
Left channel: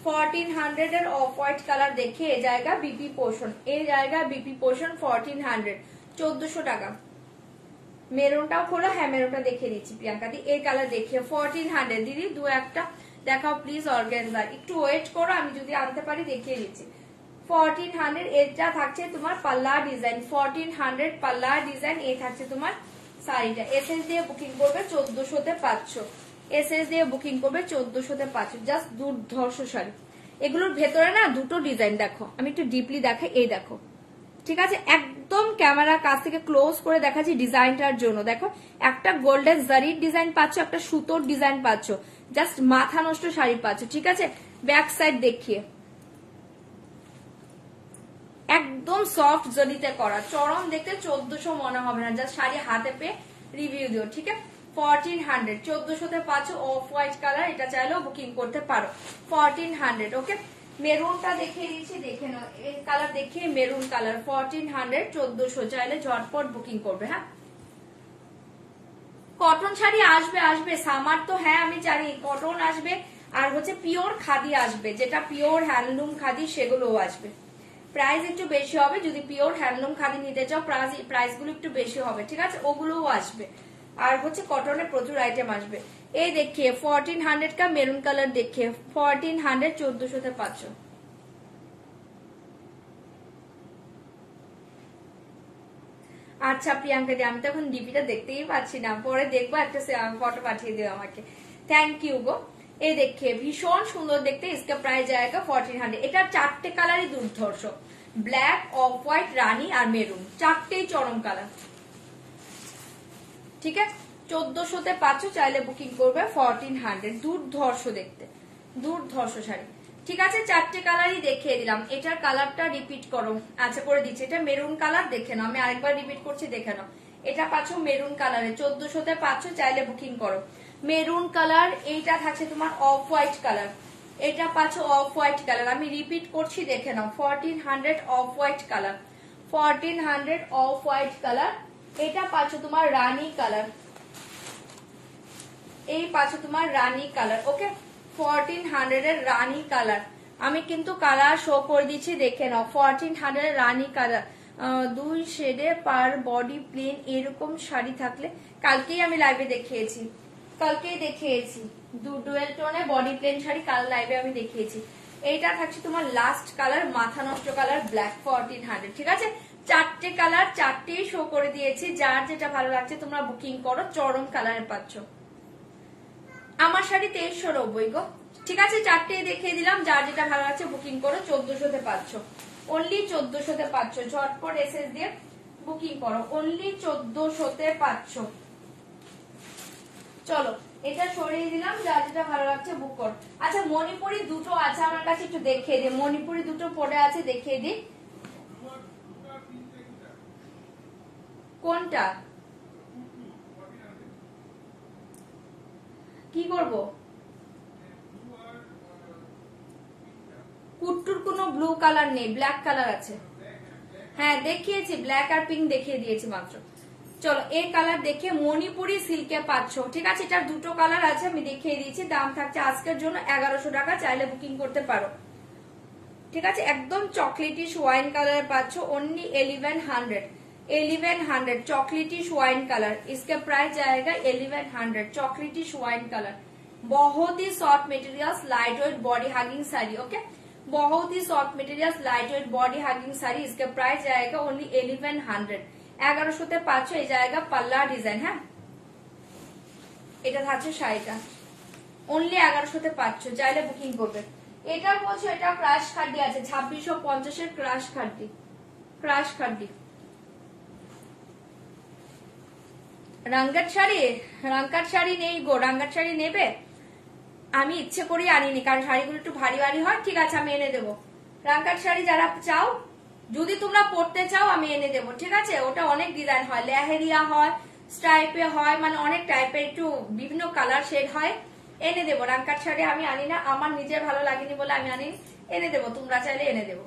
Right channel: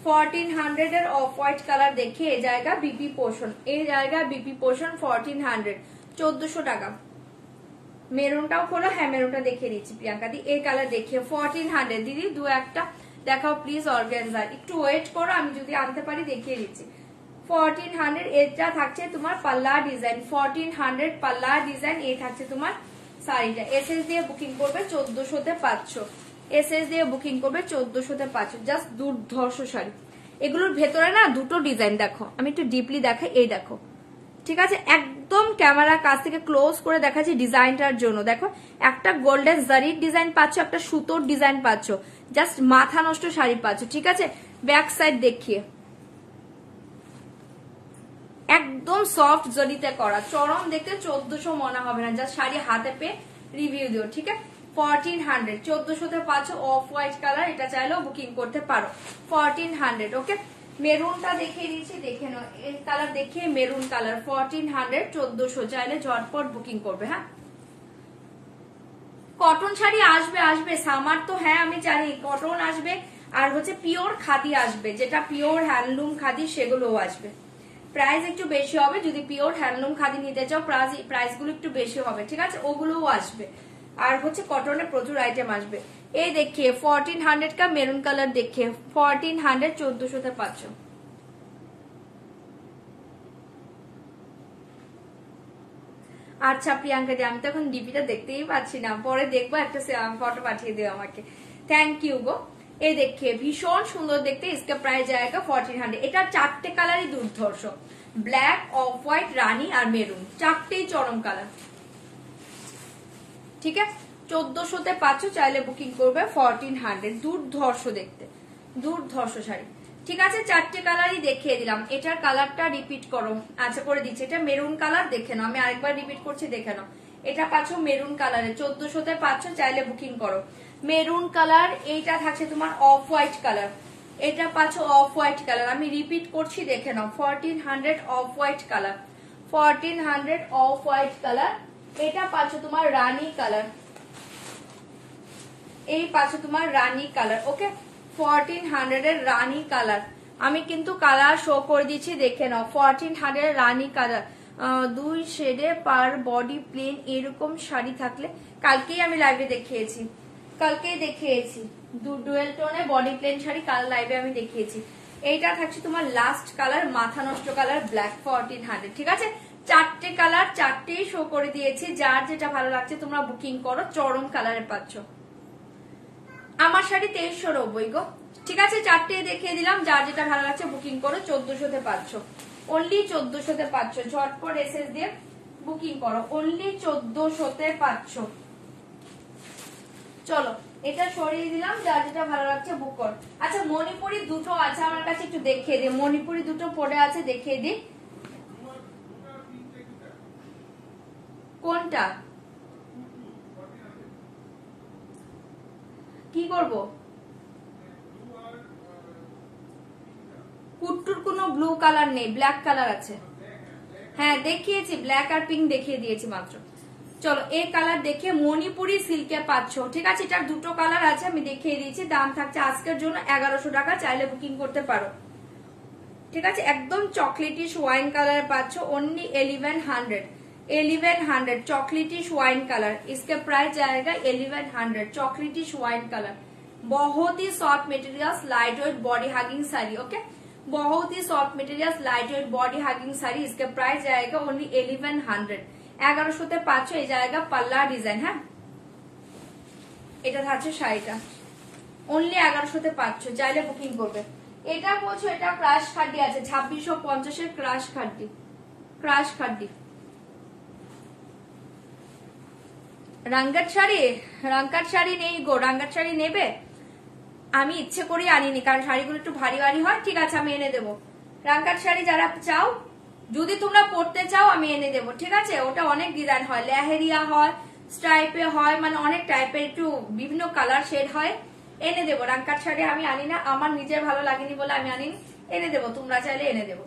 1400 এর অফ হোয়াইট কালার দেখে, এই জায়গা বিপি পোর্শন, এই জায়গা বিপি পোর্শন, 1400, 1400 টাকা। মেরুনটাও খোলো, হ্যাঁ মেরুনটা দেখিয়ে দিচ্ছি প্রিয়াঙ্কা দি, এই কালার দেখিয়ে 1400। দিদি দু একটা দেখাও প্লিজ অর্গানজার, একটু ওয়েট করো, আমি যদি আনতে পারি দেখিয়ে দিচ্ছি। 1400 এটা থাকছে তোমার পাল্লা ডিজাইন, 1400 পাল্লা ডিজাইন, এই থাকছে তোমার শাড়িটা। এসএস দিয়ে বুকিং করবে, 1400-তে পাচ্ছ। এসএস দিয়ে বুকিং করবে, 1400-তে পাচ্ছ। জাস্ট দুর্ধর্ষ শাড়ি। এগুলোর ভেতরে না দুটো ডিজাইন দেখো, আমি একটু ডিপলি দেখাই, এই দেখো। ঠিক আছে, একদম ক্যামেরার কাছ থেকে ক্লোজ করে দেখাচ্ছি ডিজাইনটার জন্য। দেখো, একটা গোল্ডেন জারির ডিজাইন পাচ্ছ, একটা সুতোর ডিজাইন পাচ্ছ, জাস্ট মাথা নষ্ট শাড়ি পাচ্ছ। ঠিক আছে, ব্যাক সাইড দেখিয়ে, একদম সফট জরিতে করা, চরম দেখতে 1400 মনে হবে না, জাস্ট শাড়ি হাতে পেয়ে রিভিউ দিও। ঠিক আছে, 1400 1400-তে পাচ্ছ। অফ হোয়াইট কালার, এটা চাইলেও বুকিং করতে পারো। 1400 ওকে। মেরুনটা দেখিয়ে দিচ্ছি, দেখে নাও, এই কালার দেখিয়ে মেরুন কালার, 1400 1400 চাইলে ঝটপট বুকিং করবে। হ্যাঁ, কটন শাড়ি আসবে সামার তো, হ্যাঁ আমি জানি কটন আসবে, আর হচ্ছে পিওর খাদি আসবে, যেটা পিওর হ্যান্ডলুম খাদি সেগুলোও আসবে। প্রাইস একটু বেশি হবে, যদি পিওর হ্যান্ডলুম খাদি নিতে চাও প্রাইস গুলো একটু বেশি হবে। ঠিক আছে, ওগুলোও আসবে, আর হচ্ছে কটনের প্রচুর আইটেম আসবে। এই দেখিয়ে 1400 কা মেরুন কালার দেখিয়ে, 1400 1400-তে পাচ্ছ। আচ্ছা প্রিয়াঙ্কা দি, আমি তো এখন ডিপিটা দেখতেই পাচ্ছি না, পরে দেখবো, একটা ফটো পাঠিয়ে দিও আমাকে। থ্যাংক ইউ গো। এই দেখে ভীষণ সুন্দর দেখতে, इसका প্রাইস जाएगा 1400। এটা চারটে কালারই দুর্ধর্ষ, ব্ল্যাক, অফ হোয়াইট, রানী আর মেরুন, চারটেই চরম কালার। ঠিক আছে, 1400-তে পাচ্ছ, চাইলে বুকিং করবে 1400। দুর্ধর্ষ দেখতে, দুর্ধর্ষ শাড়ি। ঠিক আছে, চারটে কালারই দেখিয়ে দিলাম। এটার কালারটা রিপিট করো। আচ্ছা, করে দিচ্ছি। এটা মেরুন কালার, দেখে নাও, আমি আরেকবার রিপিট করছি, দেখে নাও। এটা পাচ্ছ মেরুন কালারে, 1400-তে পাচ্ছ, চাইলে বুকিং করো। Maroon colour. এইটা থাকছে তোমার অফ হোয়াইট কালার, এটা পাচ্ছ অফ হোয়াইট কালার, আমি রিপিট করছি, দেখে নাও, 1400 off white colour, 1400 off white colour. এটা পাচ্ছ তোমার রানী কালার, এই পাচ্ছ তোমার রানী কালার। ওকে, 1400 এর রানী কালার। আমি কিন্তু কালার শো করে দিচ্ছি, দেখে নাও, 1400 এর রানী কালার। 2 শেডে পার বডি প্লেন এরকম শাড়ি থাকলে, কালকেই আমি লাইভে দেখিয়েছি, কালকেই দেখিয়েছি ডুয়েল টোনে বডি প্লেন শাড়ি, কাল লাইভে আমি দেখিয়েছি। এইটা থাকছে তোমার লাস্ট কালার, মাথা নষ্ট কালার, ব্ল্যাক, 1400। ঠিক আছে, চারটে কালার, চারটেই শো করে দিয়েছি। যার যেটা ভালো লাগছে তোমরা বুকিং করো, চরম কালারে পাচ্ছ। আমার শাড়ি 2390 গো। ঠিক আছে, চারটেই দেখিয়ে দিলাম, যার যেটা ভালো লাগছে বুকিং করো, 1400-তে পাচ্ছ, অনলি 1400-তে পাচ্ছ। ঝটপট এসএস দিয়ে বুকিং করো, অনলি 1400-তে পাচ্ছ। চলো, এটা সরিয়ে দিলাম, যার যেটা ভালো লাগছে বুক করো। আচ্ছা, মণিপুরি দুটো আছে আমার কাছে, একটু দেখিয়ে দিই। মণিপুরি দুটো পড়ে আছে, দেখিয়ে দিই। কোনটা কি করব? কুট্টুর কোনো ব্লু কালার নেই, ব্ল্যাক কালার আছে। হ্যাঁ দেখিয়েছি, ব্ল্যাক আর পিঙ্ক দেখিয়ে দিয়েছি মাত্র। চলো, এই কালার দেখে মণিপুরি সিল্কে পাচ্ছ। ঠিক আছে, এটার দুটো কালার আছে, আমি দেখিয়ে দিয়েছি। দাম থাকছে আজকের জন্য 1100 টাকা, চাইলে বুকিং করতে পারো। ঠিক আছে, একদম চকলেটিশ ওয়াইন কালারে পাচ্ছ, অনলি 1100। 1100 চকলেটিশ ওয়াइन कलर, इसका प्राइस जाएगा 1100। चॉकलेटिश वाइन कलर, बहुत ही soft materials, light weight body hugging sari. Okay, बहुत ही soft materials, light weight body hugging sari. इसका प्राइस जाएगा ओनली 1100। 1100-তে পাচ্ছ। এই জায়গা পাল্লা ডিজাইন। হ্যাঁ, এটা থাকছে শাড়িটা, অনলি 1100-তে পাচ্ছ, চাইলে বুকিং করবে। এটা বলছো এটা ক্রাশ খাড্ডি আছে, 2650-এর ক্রাশ খাড্ডি, ক্রাশ খাড্ডি। রাঙ্গাট শাড়ি, রাঙ্গাট শাড়ি নেই গো। রাঙ্গাট শাড়ি নেবে? আমি ইচ্ছে করি আনিনি, কারণ শাড়িগুলো একটু ভারী ভারী হয়। ঠিক আছে, আমি এনে দেবো। রাঙ্গাট শাড়ি যারা চাও, যদি তোমরা পড়তে চাও, আমি এনে দেবো। ঠিক আছে, ওটা অনেক ডিজাইন হয়, লেহেরিয়া হয়, স্টাইপে হয়, মানে অনেক টাইপের, একটু বিভিন্ন কালার শেড হয়, এনে দেবো। রাঙ্গাট শাড়ি আমি আনি না, আমার নিজের ভালো লাগেনি বলে আমি আনিনি, এনে দেবো। তোমরা চাইলে এনে দেবো।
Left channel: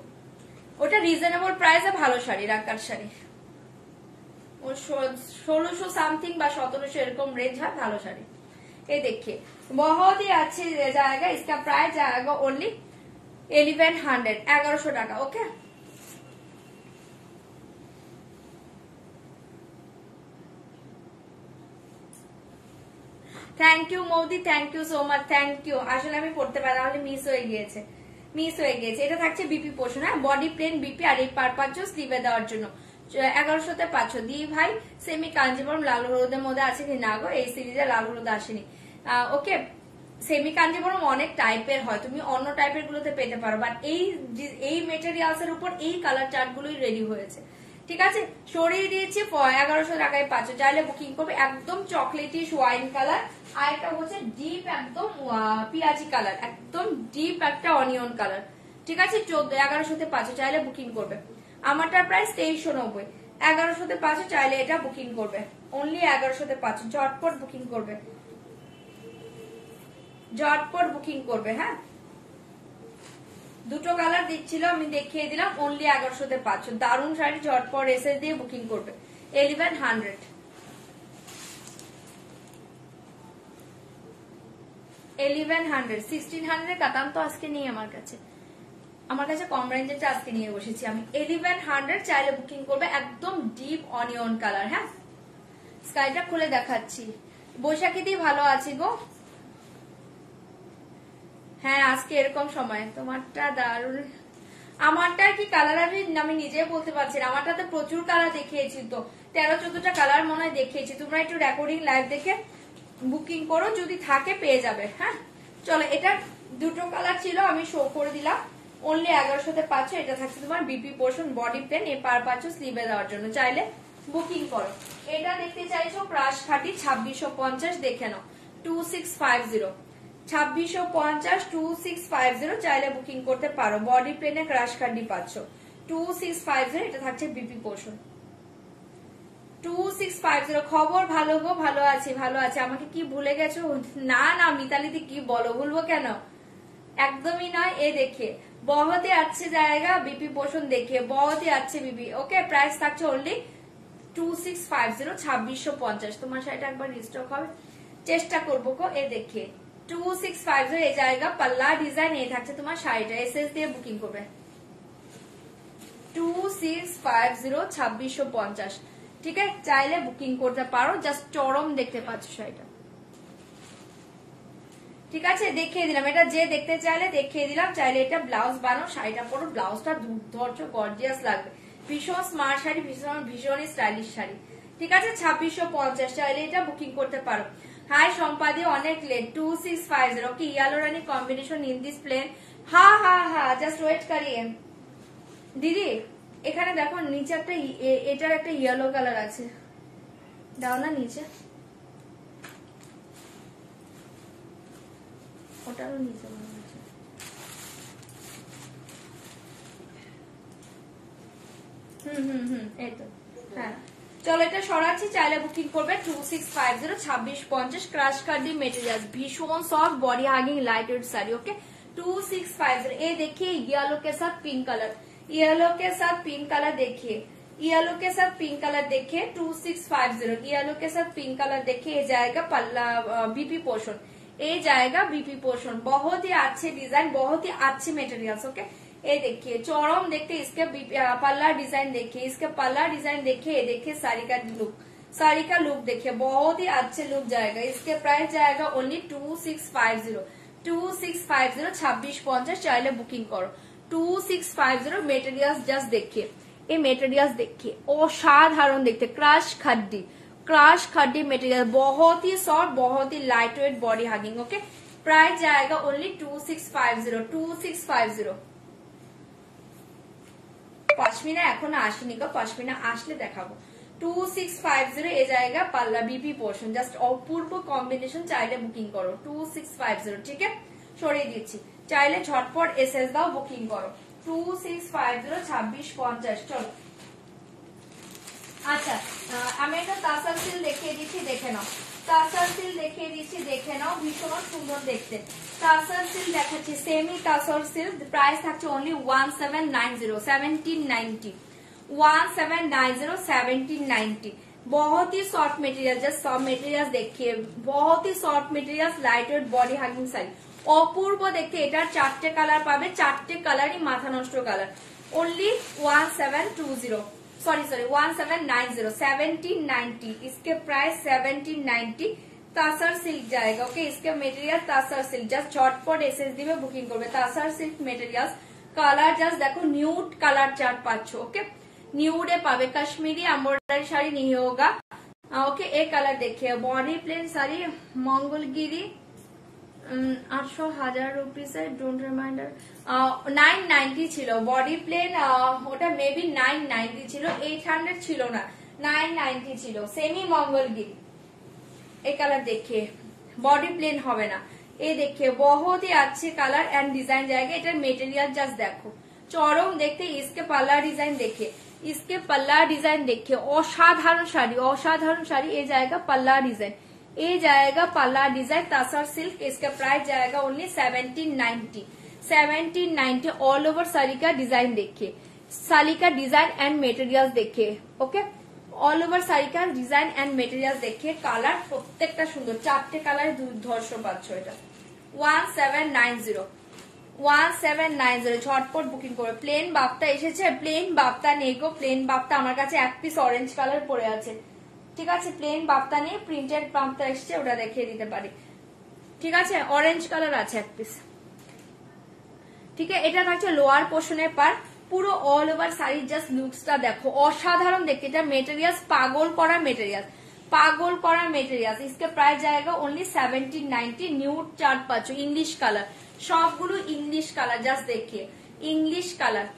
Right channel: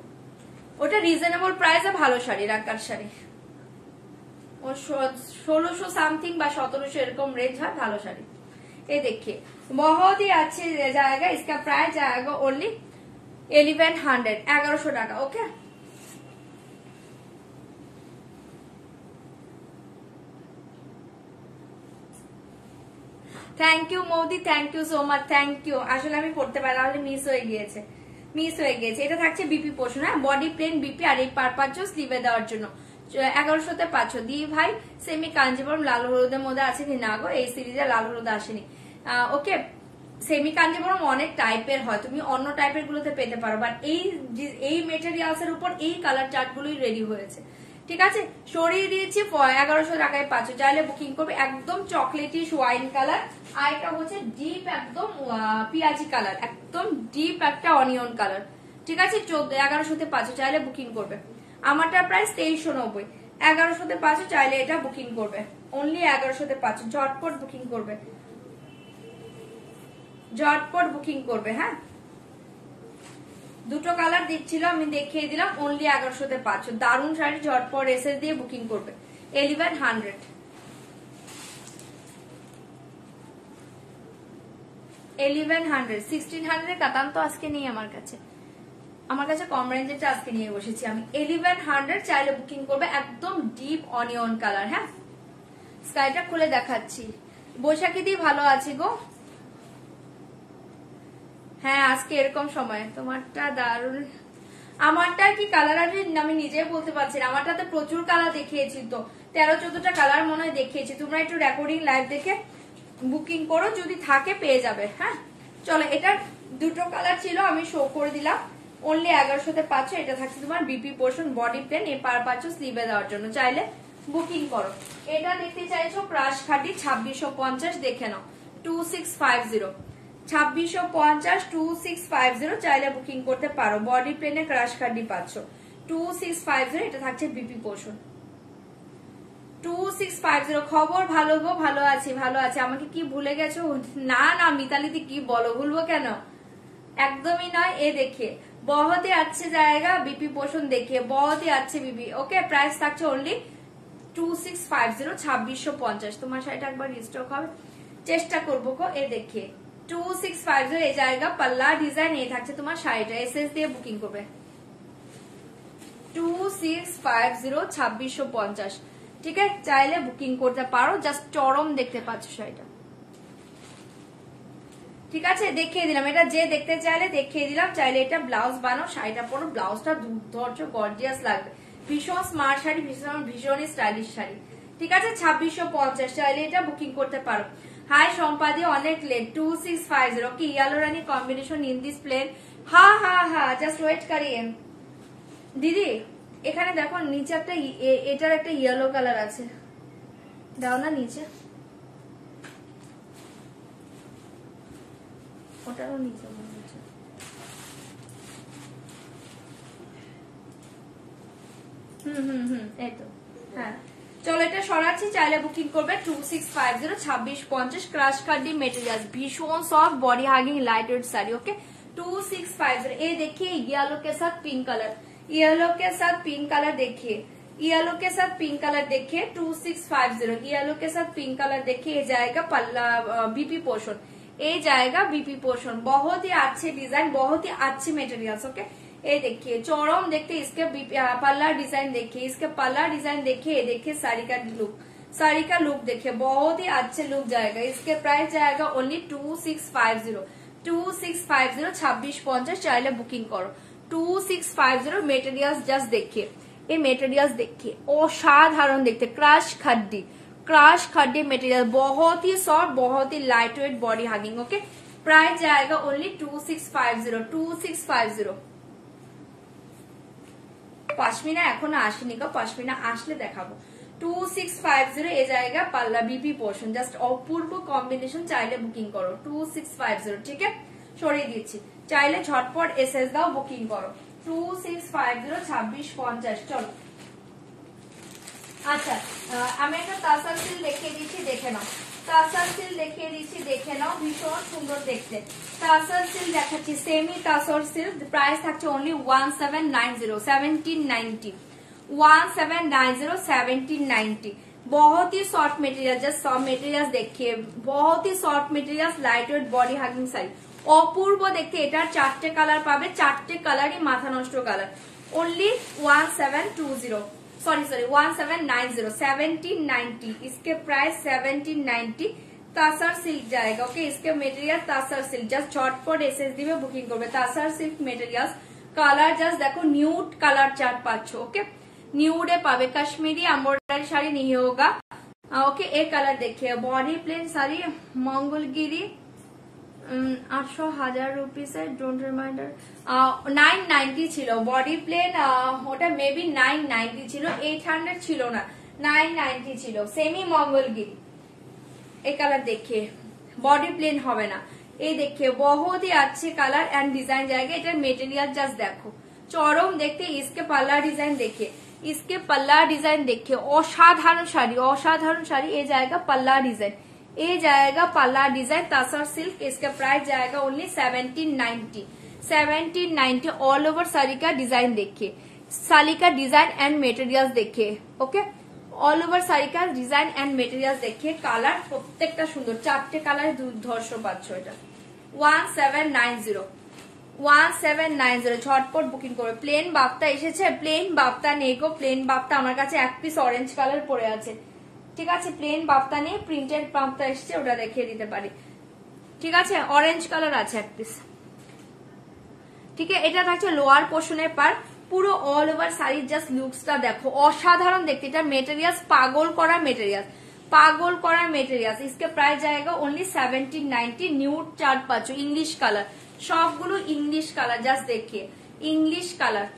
ওটা রিজনেবল প্রাইসে ভালো শাড়ি, রাঙ্গাট শাড়ি। 1600 সামথিং বা 1700 এরকম রেঞ্জ হয়, ভালো শাড়ি। এই देखिए बहुत ही अच्छी जाएगा, इसका प्राइस जाएगा ओनली 1100, 1100 টাকা। ओके, থ্যাংক ইউ মৌদি, thank you so much, thank you. আসলে আমি পড়তে পারি, আমাদের মিস হয়ে গিয়েছে, মিস হয়ে গিয়েছে। এটা থাকছে বিপি পোর্শন। হ্যাঁ, বডি প্লেন বিপি, আর এই পারপাস স্লিভে দেওয়ার জন্য 1100-তে পাচ্ছ। দি ভাই সেমি কাঞ্জিবরম লাল হলুদের মধ্যে আছে কি না গো? এই সিরিজে লাল হলুদ আসেনি। ওকে, সেমি কাঞ্জিবরম অনেক টাইপের হয়, তুমি অন্য টাইপের গুলোতে পেতে পারো, বাট এই মেটেরিয়ালস এর উপর এই কালার চার্ট গুলোই রেডি হয়েছে। ঠিক আছে, সরিয়ে দিয়েছি, 1100 টাকায় পাচ্ছ, চাইলে বুকিং করবে। একদম চকলেটিশ ওয়াইন কালার, আর এটা হচ্ছে ডিপ একদম পিয়াজি কালার, একদম ডিপ একটা অনিয়ন কালার। ঠিক আছে, 1100-তে পাচ্ছ, চাইলে বুকিং করবে। আমারটা প্রাইস 2390, 1100-তে পাচ্ছ, চাইলে এটা বুকিং করবে। অনলি 1100-তে পাচ্ছ, ঝটপট বুকিং করবে, ঝটপট বুকিং করবে। হ্যাঁ, দুটো কালার দিচ্ছিল, আমি দেখিয়ে দিলাম, অনলি 1100-তে পাচ্ছ। দারুণ শাড়ি, ঝটপট এসএস দিয়ে বুকিং করবে। 1100, 1100, 1600 কাতান তো আজকে নেই আমার কাছে, আমার কাছে কম রেঞ্জেরটা আজকে নিয়ে বসেছি আমি। 1100 চাইলে বুকিং করবে, একদম ডিপ অনিয়ন কালার। হ্যাঁ, স্কাইটা খুলে দেখাচ্ছি। বৈশাখী দি ভালো আছি গো। হ্যাঁ, আজকে এরকম সময়। তোমারটা দারুণ, আমারটা কি কালার আছে আমি নিজে বলতে পারছি না। আমারটাতে প্রচুর কালার দেখিয়েছি, তো 13-14টা কালার মনে হয় দেখিয়েছি। তোমরা একটু রেকর্ডিং লাইভ দেখে বুকিং করো, যদি থাকে পেয়ে যাবে। হ্যাঁ, চলো এটা দুটো কালার ছিল, আমি শো করে দিলাম। অনলি 1100-তে পাচ্ছ। এটা থাকছে তোমার বিপি পোর্শন, বডি প্লেন, এ পার পাচ্ছ স্লিভে দেওয়ার জন্য, চাইলে বুকিং করো। এটা দেখতে চাইছো ক্রাশ খাটি 2650, দেখে নাও 2650, 2650 2650, চাইলে বুকিং করতে পারো। বডি প্লেনে ক্রাশ খাটি পাচ্ছ 2650, এটা থাকছে বিপি পোর্শন 2650। খবর ভালো গো, ভালো আছি ভালো আছি। আমাকে কি ভুলে গেছো? না না মিতালিদি, কি বলো, ভুলবো কেন, একদমই নয়। এ দেখে बहुत ही अच्छे जाएगा बीपी पोर्शन, देखिए बहुत ही अच्छे बीपी। ओके, प्राइस থাকছে অনলি 2650, 2650। তোমার শাড়িটা একবার রিস্টক হবে, চেষ্টা করবো গো। এ দেখে 2650 এ জায়গা, পাল্লা ডিজাইন, এ থাকছে তোমার শাড়িটা। এসএস দিয়ে বুকিং করবে 2650, 2650, ঠিক আছে, চাইলে বুকিং করতে পারো। জাস্ট চরম দেখতে পাচ্ছ শাড়িটা, ঠিক আছে, দেখিয়ে দিলাম। এটা যে দেখতে চাইলে দেখিয়ে দিলাম। চাইলে এটা ব্লাউজ বানাও, শাড়িটা পরো, ব্লাউজটা দুর্ধর্ষ গর্জিয়াস লাগবে। ভীষণ স্মার্ট শাড়ি, ভীষণ স্টাইলিশ শাড়ি, ঠিক আছে। 2650, চাইলে এটা বুকিং করতে পারো। হাই সম্পাদি, অনেক লেট। 2650 কি yellow rani combination in this plain. হ্যাঁ হ্যাঁ হ্যাঁ, জাস্ট ওয়েট করিয়ে দিদি। এখানে দেখো নিচে একটা, এটার একটা ইয়েলো কালার আছে, দাও না নিচে, ওটারও নিচে মনে হচ্ছে। এই তো, হ্যাঁ চলো এটা সরাচ্ছি, চাইলে বুকিং করবে 2650, 2650, ক্রাশ কার্ডি মেটেরিয়াল, ভীষণ soft body hugging light weight sari. Okay 2650। এই देखिए येलो के साथ पिंक कलर, येलो के साथ पिंक कलर देखिए, येलो के साथ पिंक कलर देखिए 2650, येलो के साथ पिंक कलर देखिए। ये जाएगा पल्ला बीपी पोर्शन, ये जाएगा बीपी पोर्शन। बहुत ही अच्छे डिजाइन, बहुत ही अच्छे मेटेरियल्स। ओके, ये देखिए चौरम देखते, इसके पल्ला डिजाइन देखिए, इसके पल्ला डिजाइन देखिए, ये देखिए साड़ी का लुक, साड़ी का लुक देखिए, बहुत ही अच्छे लुक जाएगा। इसके प्राइस जाएगा ओनली 2650, 2650, 2650, चाइले बुकिंग करो 2650। मेटेरियल्स जस्ट देखिए, ये मेटेरियल्स देखिए, असाधारण देखते, crush khadi, crush khadi material, बहुत ही सॉफ्ट, बहुत ही light weight body hugging. Okay, price जाएगा ओनली 2650, 2650। पश्मीना এখনো আসেনি গো, পশমিনা আসলে দেখাবো। 2650 এ জায়গা পাল্লা বিপি পোর্শন, জাস্ট অপূর্ব কম্বিনেশন, চাইলে বুকিং করো 2650, ঠিক আছে, সরিয়ে দিচ্ছি। চাইলে ঝটপট এসএস দাও, বুকিং করো 2650, 2650। চলো আচ্ছা, আমি একটা তাসার সিল দেখিয়ে দিচ্ছি, দেখে নাও। তাসার সিল দেখিয়ে দিচ্ছি, দেখে নাও, ভীষণ সুন্দর দেখতে। তাসার সিল দেখাচ্ছি, সেমি তাসার সিল, প্রাইস থাকছে অনলি 1790, 1790, 1790, 1790। बहुत ही soft material, just soft material देखिए, बहुत ही soft material, light weight body hugging sari, অপূর্ব দেখতে। এটা 4টে কালার পাবে, 4টে কালারই মাথা নষ্ট কালার। ओनली 1720, सॉरी 1790, 1790, इसके प्राइस 1790। तासर सिल्क जाएगा। ओके, इसके मेटेरियल तासर सिल्क, जस्ट झटपट एसएसडी में बुकिंग করবে। तासर सिल्क मेटेरियल्स, কালার জাস্ট দেখো, নিউড কালার চার্ট পাচ্ছ। ওকে, নিউডে পাবে, কাশ্মীরি एम्ब्रॉयडरी শাড়ি नहीं होगा। ओके, एक कलर देखिए, body plain sari, Mangalagiri 800 rupees है, डोंट रिमाइंडर। 990 ছিল বডি প্লেন, ওটা মেবি 990 ছিল, 800 ছিল না, 990 ছিল। সেমি মঙ্গলগিরি, এই কালার देखिए, बॉडी प्लेन হবে না। এই देखिए बहुत ही अच्छे कलर एंड डिजाइन जाएगा। এটা মেটেরিয়াল জাস্ট দেখো, চরম দেখতে। इसके पल्ला डिजाइन देखिए, इसके पल्ला डिजाइन देखिए, असाधारण শাড়ি, असाधारण শাড়ি। ये जाएगा पल्ला डिजाइन, ये जाएगा पल्ला डिजाइन तासर सिल्क। इसका प्राइस जाएगा ओनली 1790, 1790। ऑल ओवर साड़ी का डिजाइन देखिए, साड़ी का डिजाइन एंड मेटेरियल देखिए। ओके, ऑल ओवर साड़ी का डिजाइन एंड मेटेरियल देखिए, কালার প্রত্যেকটা সুন্দর, 4টে কালারে দুর্ধর্ষ পাচ্ছ। এটা 1790, 1790, ঝটপট বুকিং করবে। প্লেন বাপ্তা এসেছে, প্লেন বাপ্তা নেই গো, প্লেন বাপ্তা আমার কাছে এক পিস অরেঞ্জ কালার পড়ে আছে, ঠিক আছে। প্লেন বাপ্তা নেই, প্রিন্টেড বাপ্তা এসছে, ওটা দেখিয়ে দিতে পারি, ঠিক আছে। অরেঞ্জ কালার আছে এক পিস, ঠিক আছে। এটা থাকছে লোয়ার পোর্শনের পার, পুরো অল ওভার শাড়ির জাস্ট লুকসটা দেখো, অসাধারণ দেখতে। এটা মেটেরিয়াল পাগল করা মেটেরিয়াল, पागल करा मेटेरियल इसके प्राइस जाएगा ओनली 1790 न्यूड चार्ट पाचो इंग्लिश कलर सबगुलो इंग्लिश कलर जस्ट देखिए इंग्लिश कलर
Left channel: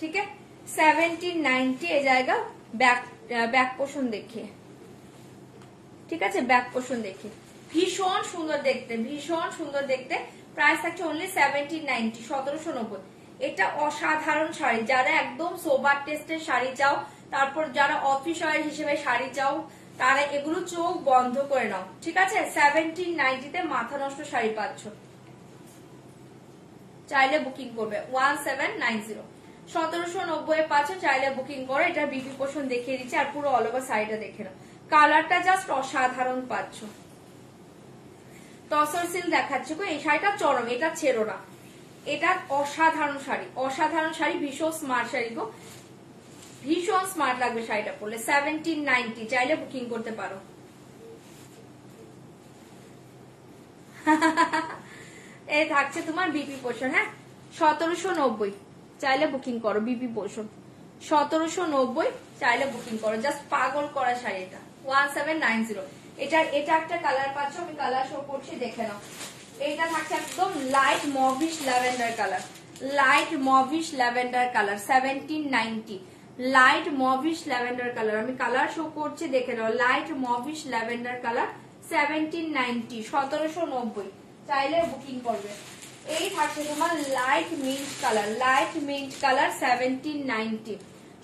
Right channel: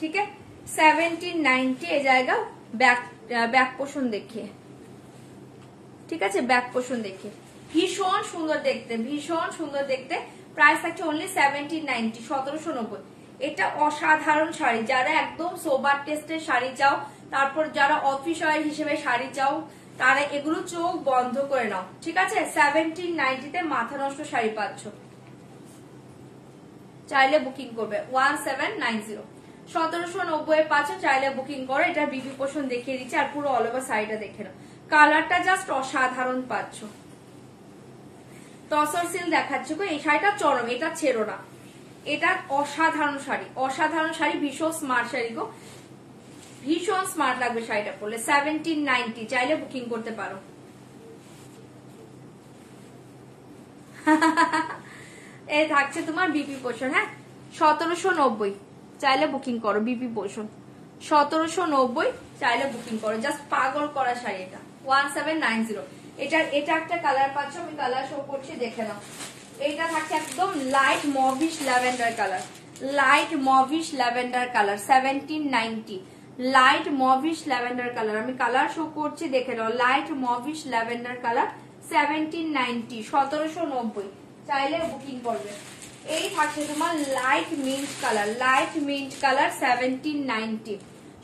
ठीक है 1790 ए जाएगा बैक पोर्शन देखिए ठीक है बैक पोर्शन देखिए भीषण सुंदर देखते प्राइस থাকছে ओनली 1790 1790 এটা অসাধারণ শাড়ি যারা একদম সোবার টেস্টের শাড়ি চাও তারপর যারা অফিস ওয়্যার হিসেবে শাড়ি চাও তারা এগুলো চোখ বন্ধ করে নাও ঠিক আছে 1790 তে মাথা নষ্ট শাড়ি পাচ্ছ চাইলে বুকিং করবে 1790 1790 এ পাচ্ছ চাইলে বুকিং করো এটা বিবি পোর্শন দেখিয়ে দিচ্ছি আর পুরো অল ওভার শাড়িটা দেখে নাও কালারটা জাস্ট অসাধারণ পাচ্ছ টসর সিল দেখাচ্ছি গো এই শাড়িটা চরম এটা ছেড়ো না এটা অসাধারণ শাড়ি ভীষণ স্মার্ট শাড়ি গো ভীষণ স্মার্ট লাগবে শাড়িটা পরলে 1790 চাইলে বুকিং করতে পারো এই থাকছে তোমার বিপি পোর্শন হ্যাঁ 1790 চাইলে বুকিং করো বিপি পোর্শন 1790 চাইলে বুকিং করো জাস্ট পাগল করা শাড়ি এটা 1790 এটা একটা কালার পাচ্ছ আমি কালার শো করছি দেখে নাও এটা থাকছে একদম light mauvish lavender colour 1790 light mauvish lavender colour আমি কালার শো করছি দেখে নাও লাইট মভিশ ল্যাভেন্ডার কালার 1790 1790 চাইলে বুকিং করবে এই থাকছে তোমার light mint colour 1790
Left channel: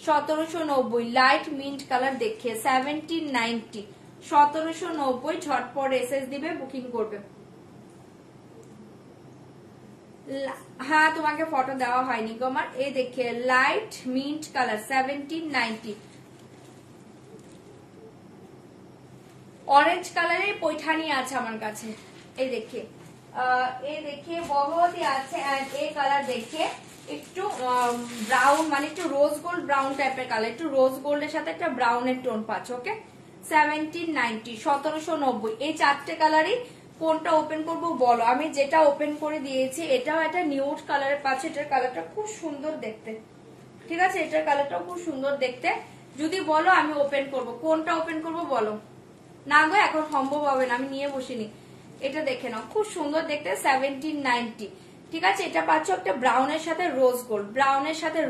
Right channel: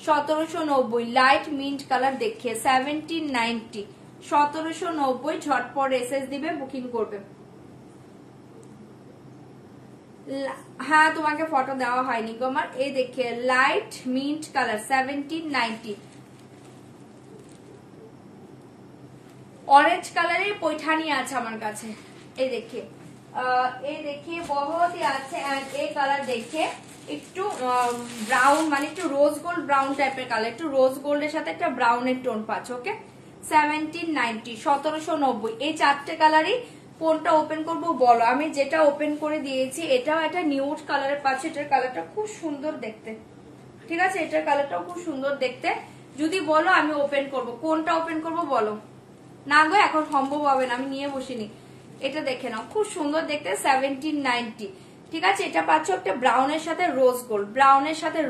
1790 light mint colour দেখে 1790 1790 ঝটপট এসএস দিবে বুকিং করবে হ্যাঁ তোমাকে ফটো দেওয়া হয়নি তোমার এই দেখে লাইট মিন্ট কালার 1790 অরেঞ্জ কালারের পৈঠানি আছে আমার কাছে এই দেখে বহুত আছে এই কালার দেখে একটু ব্রাউন মানে একটু রোজ গোল্ড ব্রাউন টাইপের কালার একটু রোজ গোল্ডের সাথে একটা ব্রাউনের টোন পাচ্ছ ওকে 1790 1790 এই চারটে কালারই কোনটা ওপেন করবো বলো আমি যেটা ওপেন করে দিয়েছি এটাও একটা নিউড কালারের পাচ্ছি এটার কালারটা খুব সুন্দর দেখতে ঠিক আছে এটার কালারটাও খুব সুন্দর দেখতে যদি বলো আমি ওপেন করব কোনটা ওপেন করব বলো না গো এখন সম্ভব হবে না আমি নিয়ে বসিনি এটা দেখে নাও খুব সুন্দর দেখতে 1790 ঠিক আছে এটা পাচ্ছ একটা ব্রাউনের সাথে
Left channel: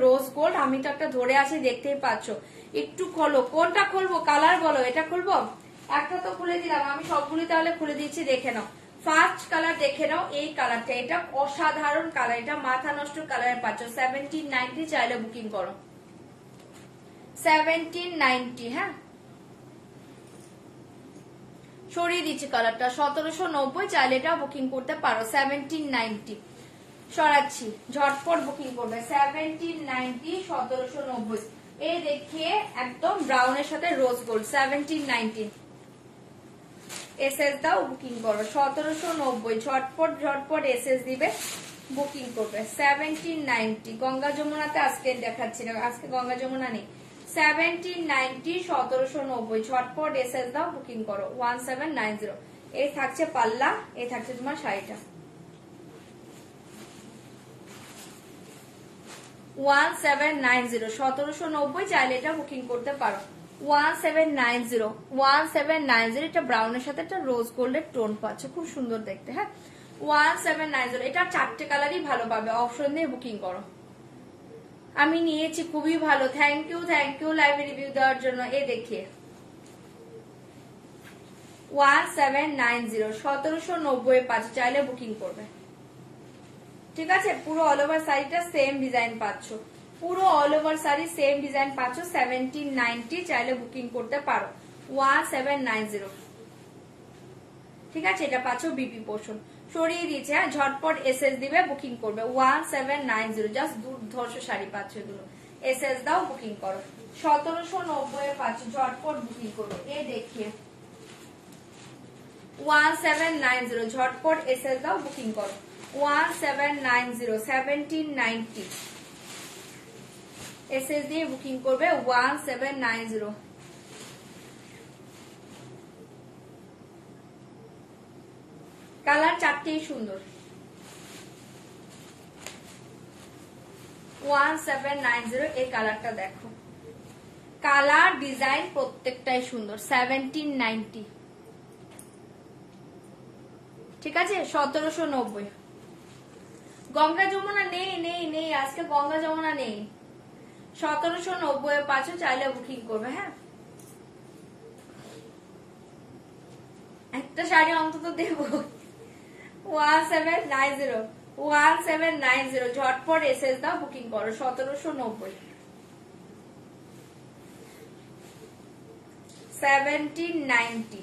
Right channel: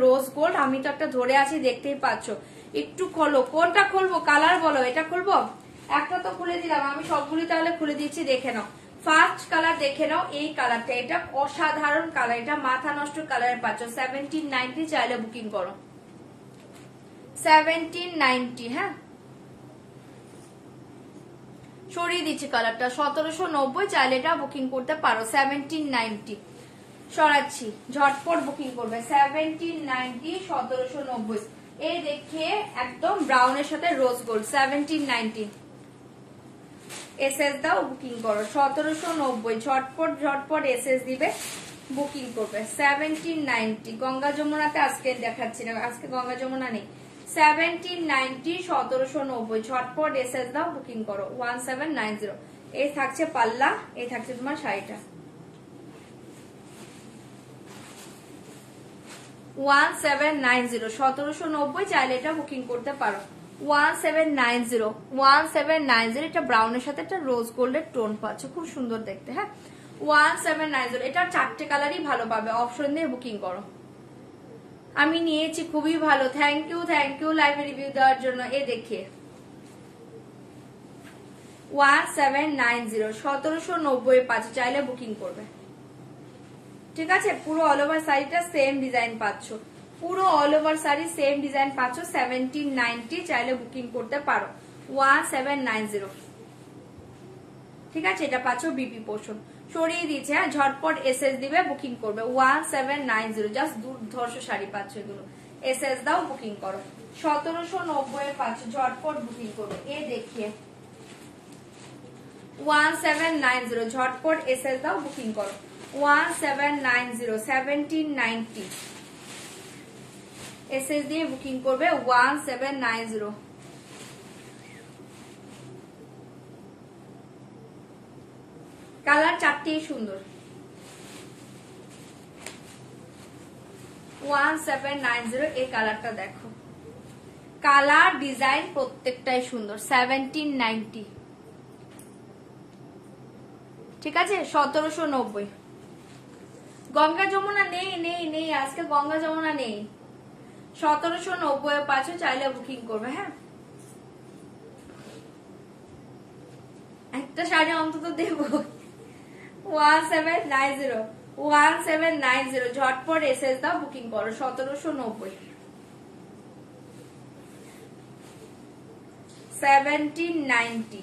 রোজ গোল্ড আমি তো একটা ধরে আছি দেখতেই পাচ্ছ একটু খোলো কোনটা খুলবো কালার বলো এটা খুলবো একটা তো খুলে দিলাম আমি সবগুলি তাহলে খুলে দিচ্ছি দেখে নাও ফার্স্ট কালার দেখে নাও এই কালারটা এটা অসাধারণ কালার এটা মাথা নষ্ট কালারের পাচ্ছ 1790 চাইলে বুকিং করো 1790 হ্যাঁ সরিয়ে দিচ্ছি কালারটা 1790 চাইলে এটা বুকিং করতে পারো 1790 সরাচ্ছি ঝটপট বুকিং করবে 1790 1790 এই দেখে একদম ব্রাউনের সাথে রোজ গোল্ড 1790 এসএস দাও বুকিং করো 1790 ঝটপট এসএস দিবে বুকিং করবে 1790 গঙ্গা যমুনাতে আজকে দেখাচ্ছি না আজকে গঙ্গা যমুনা নেই 1790 1790 ঝটপট এসএস দাও বুকিং করো 1790 এই থাকছে পাল্লা এই থাকছে তোমার শাড়িটা 1790 1790 চাইলে এটা বুকিং করতে পারো 1790 এটা ব্রাউনের সাথে একটা রোজ গোল্ডের টোন পাচ্ছ খুব সুন্দর দেখতে হ্যাঁ 1790 এটা চারটে কালারই ভালো পাবে অপশন দিয়ে বুকিং করো আমি নিয়েছি খুবই ভালো থ্যাংক ইউ লাইভ রিভিউ দেওয়ার জন্য এই দেখে 1790 1790 পাচ্ছ চাইলে বুকিং করবে ঠিক আছে পুরো অল ওভার শাড়িটা সেম ডিজাইন পাচ্ছ পুরো all over sari same design পাচ্ছ 1790 চাইলে বুকিং করতে পারো 1790 ঠিক আছে এটা পাচ্ছ বিপি পোর্শন সরিয়ে দিয়েছে হ্যাঁ ঝটপট এসএস দিবে বুকিং করবে 1790 জাস্ট দুর্ধর্ষ শাড়ি পাচ্ছ এগুলো এসএস দাও বুকিং করো 1790 এর পাচ্ছ ঝটপট বুকিং করবে এ দেখিয়ে 1790 ঝটপট এসএস দাও বুকিং করো 1790 1790 এসএস দিয়ে বুকিং করবে 1790 কালার চারটেই সুন্দর 1790 এই কালারটা দেখো কালার ডিজাইন প্রত্যেকটাই সুন্দর। 1790, ঠিক আছে। 1790। গঙ্গা যমুনা নেই নেই নেই, আজকে গঙ্গা যমুনা নেই। 1790 পাচ্ছ, চাইলে বুকিং করবে। হ্যাঁ, একটা শাড়ি অন্তত দেবো। 1790, 1790, ঝটপট এসএস দাও, বুকিং করো। 1790, 1790,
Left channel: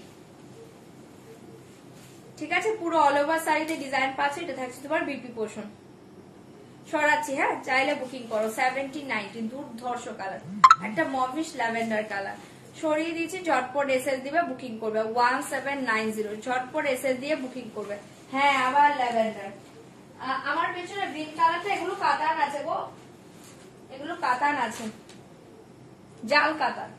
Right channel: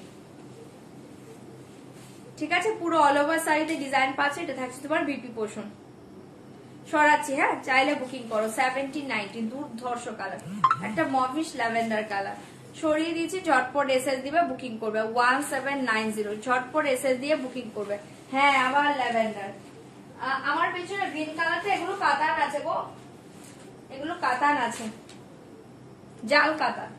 ঠিক আছে। পুরো অল ওভার শাড়িতে ডিজাইন পাচ্ছে। এটা থাকছে তোমার বিপি পোর্শন। সরাচ্ছি, হ্যাঁ, চাইলে বুকিং করো। 1790, দুর্ধর্ষ কালার, একটা মভিশ ল্যাভেন্ডার কালার। সরিয়ে দিয়েছি, ঝটপট এসএস দিবে, বুকিং করবে। 1790, ঝটপট এসএস দিয়ে বুকিং করবে। হ্যাঁ, আবার ল্যাভেন্ডার। আমার পেছনে গ্রিন কালারটা, এগুলো কাতান আছে গো, এগুলো কাতান আছে, জাল কাতান।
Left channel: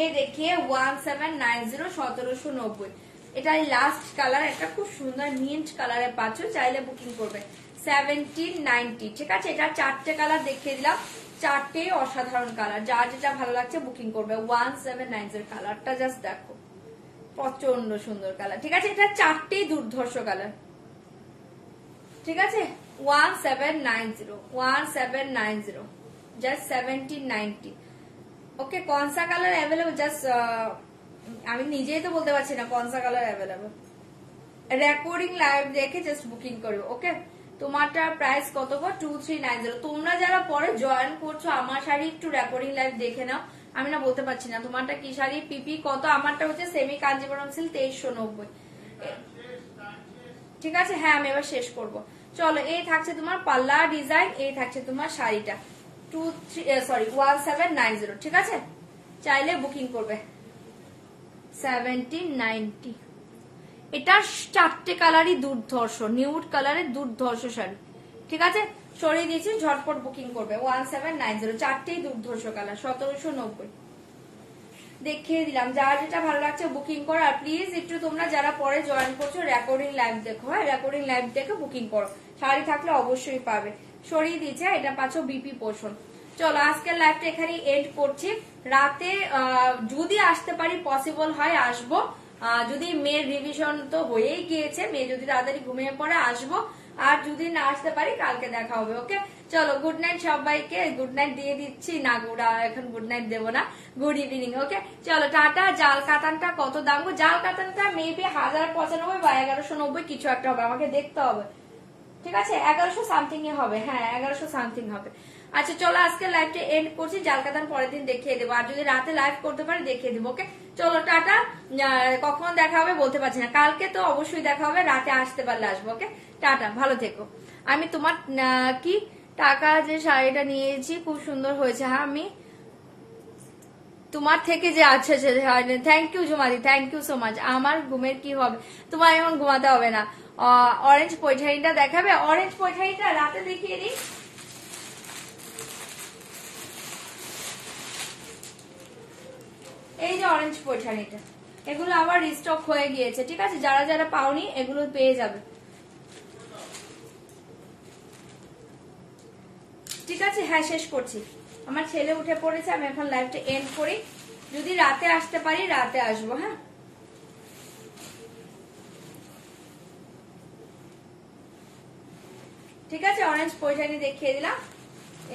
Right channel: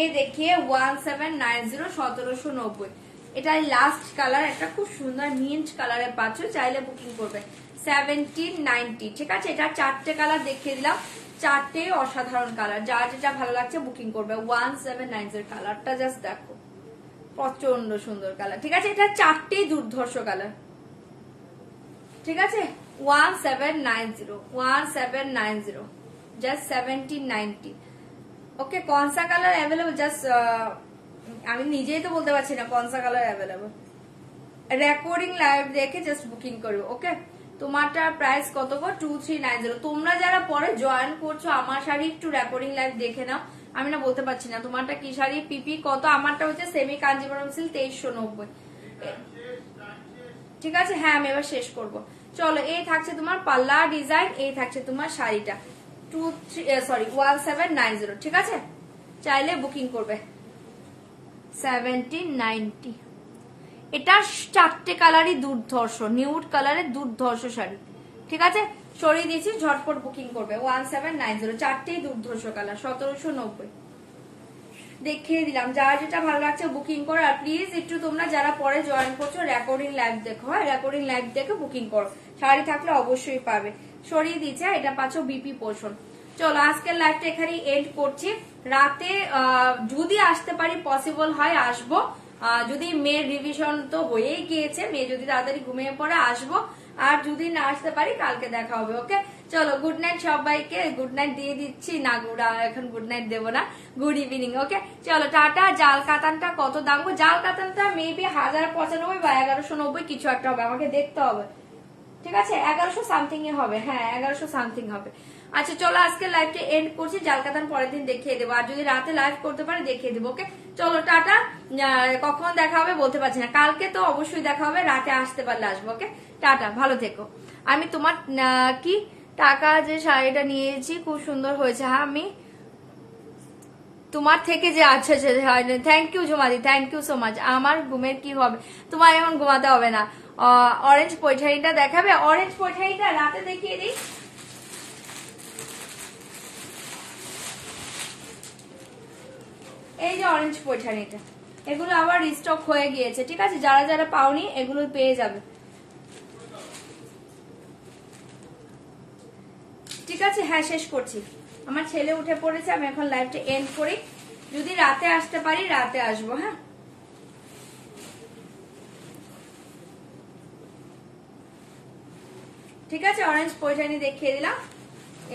এ দেখিয়ে 1790, 1790। এটা লাস্ট কালার, একটা খুব সুন্দর মিন্ট কালারে পাচ্ছ, চাইলে বুকিং করবে। 1790, ঠিক আছে। এটা 4টে কালার দেখিয়ে দিলাম, 4টে অসাধারণ কালার। যার যেটা ভালো লাগছে বুকিং করবে। 1790 কালারটা জাস্ট দেখো, প্রচন্ড সুন্দর কালার, ঠিক আছে। এটা 4টেই দুর্ধর্ষ কালার, ঠিক আছে। 1790, 1790, জাস্ট 1790। ওকে, কনসা কালার অ্যাভেলেবল? জাস্ট আমি নিজেই তো বলতে পারছি না কনসা কালার অ্যাভেলেবল। রেকর্ডিং লাইভ দেখে জাস্ট বুকিং করবে। ওকে, তোমারটার প্রাইস কত গো? 2390। তোমরা যারা পরে জয়েন করছো আমার শাড়ি একটু রেকর্ডিং লাইভ দেখে নাও। আমি না বলতে পারছি না তোমারটা কি শাড়ি, পিপি কত। আমারটা হচ্ছে সেমি কাঞ্জিবরম সিল্ক, 2390, ঠিক আছে। হ্যাঁ, আমি এবার শেষ করব। চলো, এই থাকছে তোমার পাল্লা ডিজাইন, এই থাকছে তোমার শাড়িটা। 1790, ঠিক আছে। চাইলে বুকিং করবে। 1790, এটা 4টে কালারই দুর্ধর্ষ, নিউড কালারের দুর্ধর্ষ শাড়ি, ঠিক আছে। সরিয়ে দিয়েছি, ঝটপট বুকিং করবে। 1790, 4টেই দুর্ধর্ষ কালার। 1790 দেখিয়ে দিলাম। যার যেটা ভালো লাগছে বুকিং করো। আর প্লিজ একটু তোমরা যারা পরে জয়েন করছো রেকর্ডিং লাইভ দেখো, হ্যাঁ, রেকর্ডিং লাইভ দেখে বুকিং করো। শাড়ি থাকলে অবশ্যই পাবে। সরিয়ে দিচ্ছে, এটা পাচ্ছ বিপি পোর্শন। চলো, আজকের লাইভটা এখানে এন্ড করছি। রাতে যদি আসতে পারি, পসিবল হয় আসবো। যদি মেয়ের রিভিশন তো হয়েই গিয়েছে, মেয়ে যদি তাড়াতাড়ি ঘুমিয়ে পড়ে আসবো। আর যদি না আসতে পারি কালকে দেখা হবে। ওকে, চলো, গুড নাইট সবাইকে। গুড নাইট দিয়ে দিচ্ছি না, এখন গুড নাইট দেবো না, গুড ইভিনিং। ওকে, চলো, টাটা। জাল কাতানটা কত দাম? জাল কাতানটা মেবি 1095 বা 1190 কিছু একটা হবে, আমাকে দেখতে হবে, ঠিক আছে। 1100 সামথিং এ হবে, হ্যাঁ 1100 সামথিং হবে। আচ্ছা, চলো, আজকে লাইভটা এন্ড করছি। জাল কাতান পরের দিন দেখিয়ে দেবো, আর যদি রাতে লাইভ করতে পারি দেখিয়ে দেবো। ওকে, চলো, টাটা। কখন দেখা হবে বলতে পারছি না, কালকে তো অবশ্যই দেখা হবে, রাতে আসতে পারলে আসবো। ওকে, টাটা, ভালো থেকো। আমি তোমার কি টাকা যে শাড়িটা নিয়েছি খুব সুন্দর হয়েছে। হ্যাঁ, আমি তোমার থেকে যে আচ্ছা থ্যাংক ইউ জমাদি, থ্যাংক ইউ সো মাচ। আমার ঘুমের কি হবে, তোমার এখন ঘুমাতে হবে না। অরেঞ্জ পৈঠানিটা দেখাবে? অরেঞ্জ পৈঠানিটা রাতে দেখিয়ে দিই। এই যে অরেঞ্জ পৈঠানিটা, এগুলো আবার রিস্টক হয়ে গিয়েছে, ঠিক আছে। যারা যারা পাওনি এগুলো পেয়ে যাবে, ঠিক আছে। হ্যাঁ, শেষ করছি। আমার ছেলে উঠে পড়েছে, আমি এখন লাইভটা এন্ড করি। যদি রাতে আসতে পারি রাতে আসবো, হ্যাঁ। ঠিক আছে, অরেঞ্জ পৈঠানি দেখিয়ে দিলাম,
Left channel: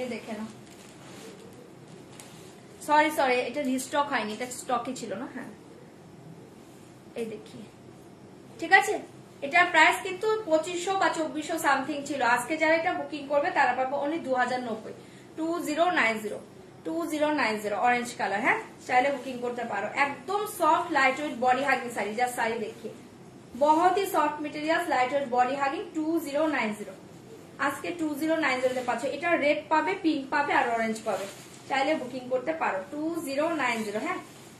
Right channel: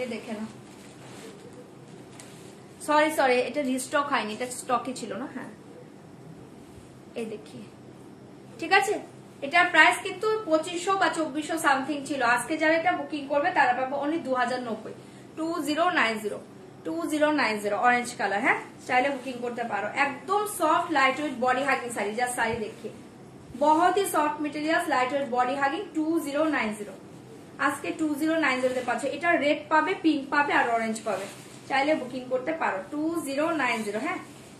এই দেখে নাও। সরি, এটা রিস্টক হয়নি, এটা স্টকে ছিল না। হ্যাঁ, এই দেখি, ঠিক আছে। এটার প্রাইস কিন্তু 2500 বা 2400 সামথিং ছিল। আজকে যারা এটা বুকিং করবে তারা পাবে অনলি 2090, 2090 অরেঞ্জ কালার। হ্যাঁ, চাইলে বুকিং করতে পারো। একদম soft light weight body hugging sari, যা শাড়ি देखिए बहुत ही soft material, light weight body hugging. 2090 আজকে 2090 পাচ্ছে। এটা রেড পাবে, পিঙ্ক পাবে আর অরেঞ্জ পাবে, চাইলে বুকিং করতে পারো। 2090, হ্যাঁ।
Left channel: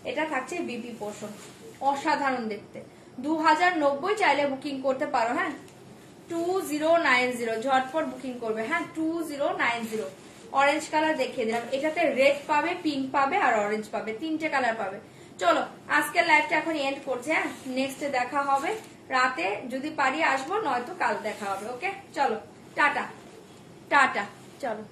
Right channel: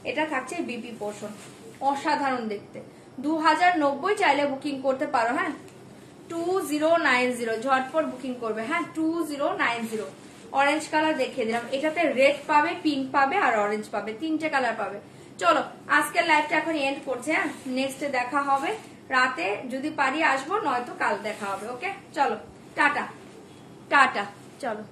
এটা থাকছে বিপি পোর্শন, অসাধারণ দেখতে। 2090 চাইলে বুকিং করতে পারো, হ্যাঁ। 2090 ঝটপট বুকিং করবে, হ্যাঁ। 2090 অরেঞ্জ কালার দেখিয়ে দিলাম। এটাতে রেড পাবে, পিঙ্ক পাবে আর অরেঞ্জ পাবে, 3টে কালার পাবে। চলো, আজকের লাইভটা এখন এন্ড করছে, হ্যাঁ। নেক্সট দেখা হবে রাতে, যদি পারি আসবো, নয়তো কাল দেখা হবে। ওকে, চলো, টাটা টাটা, চলো।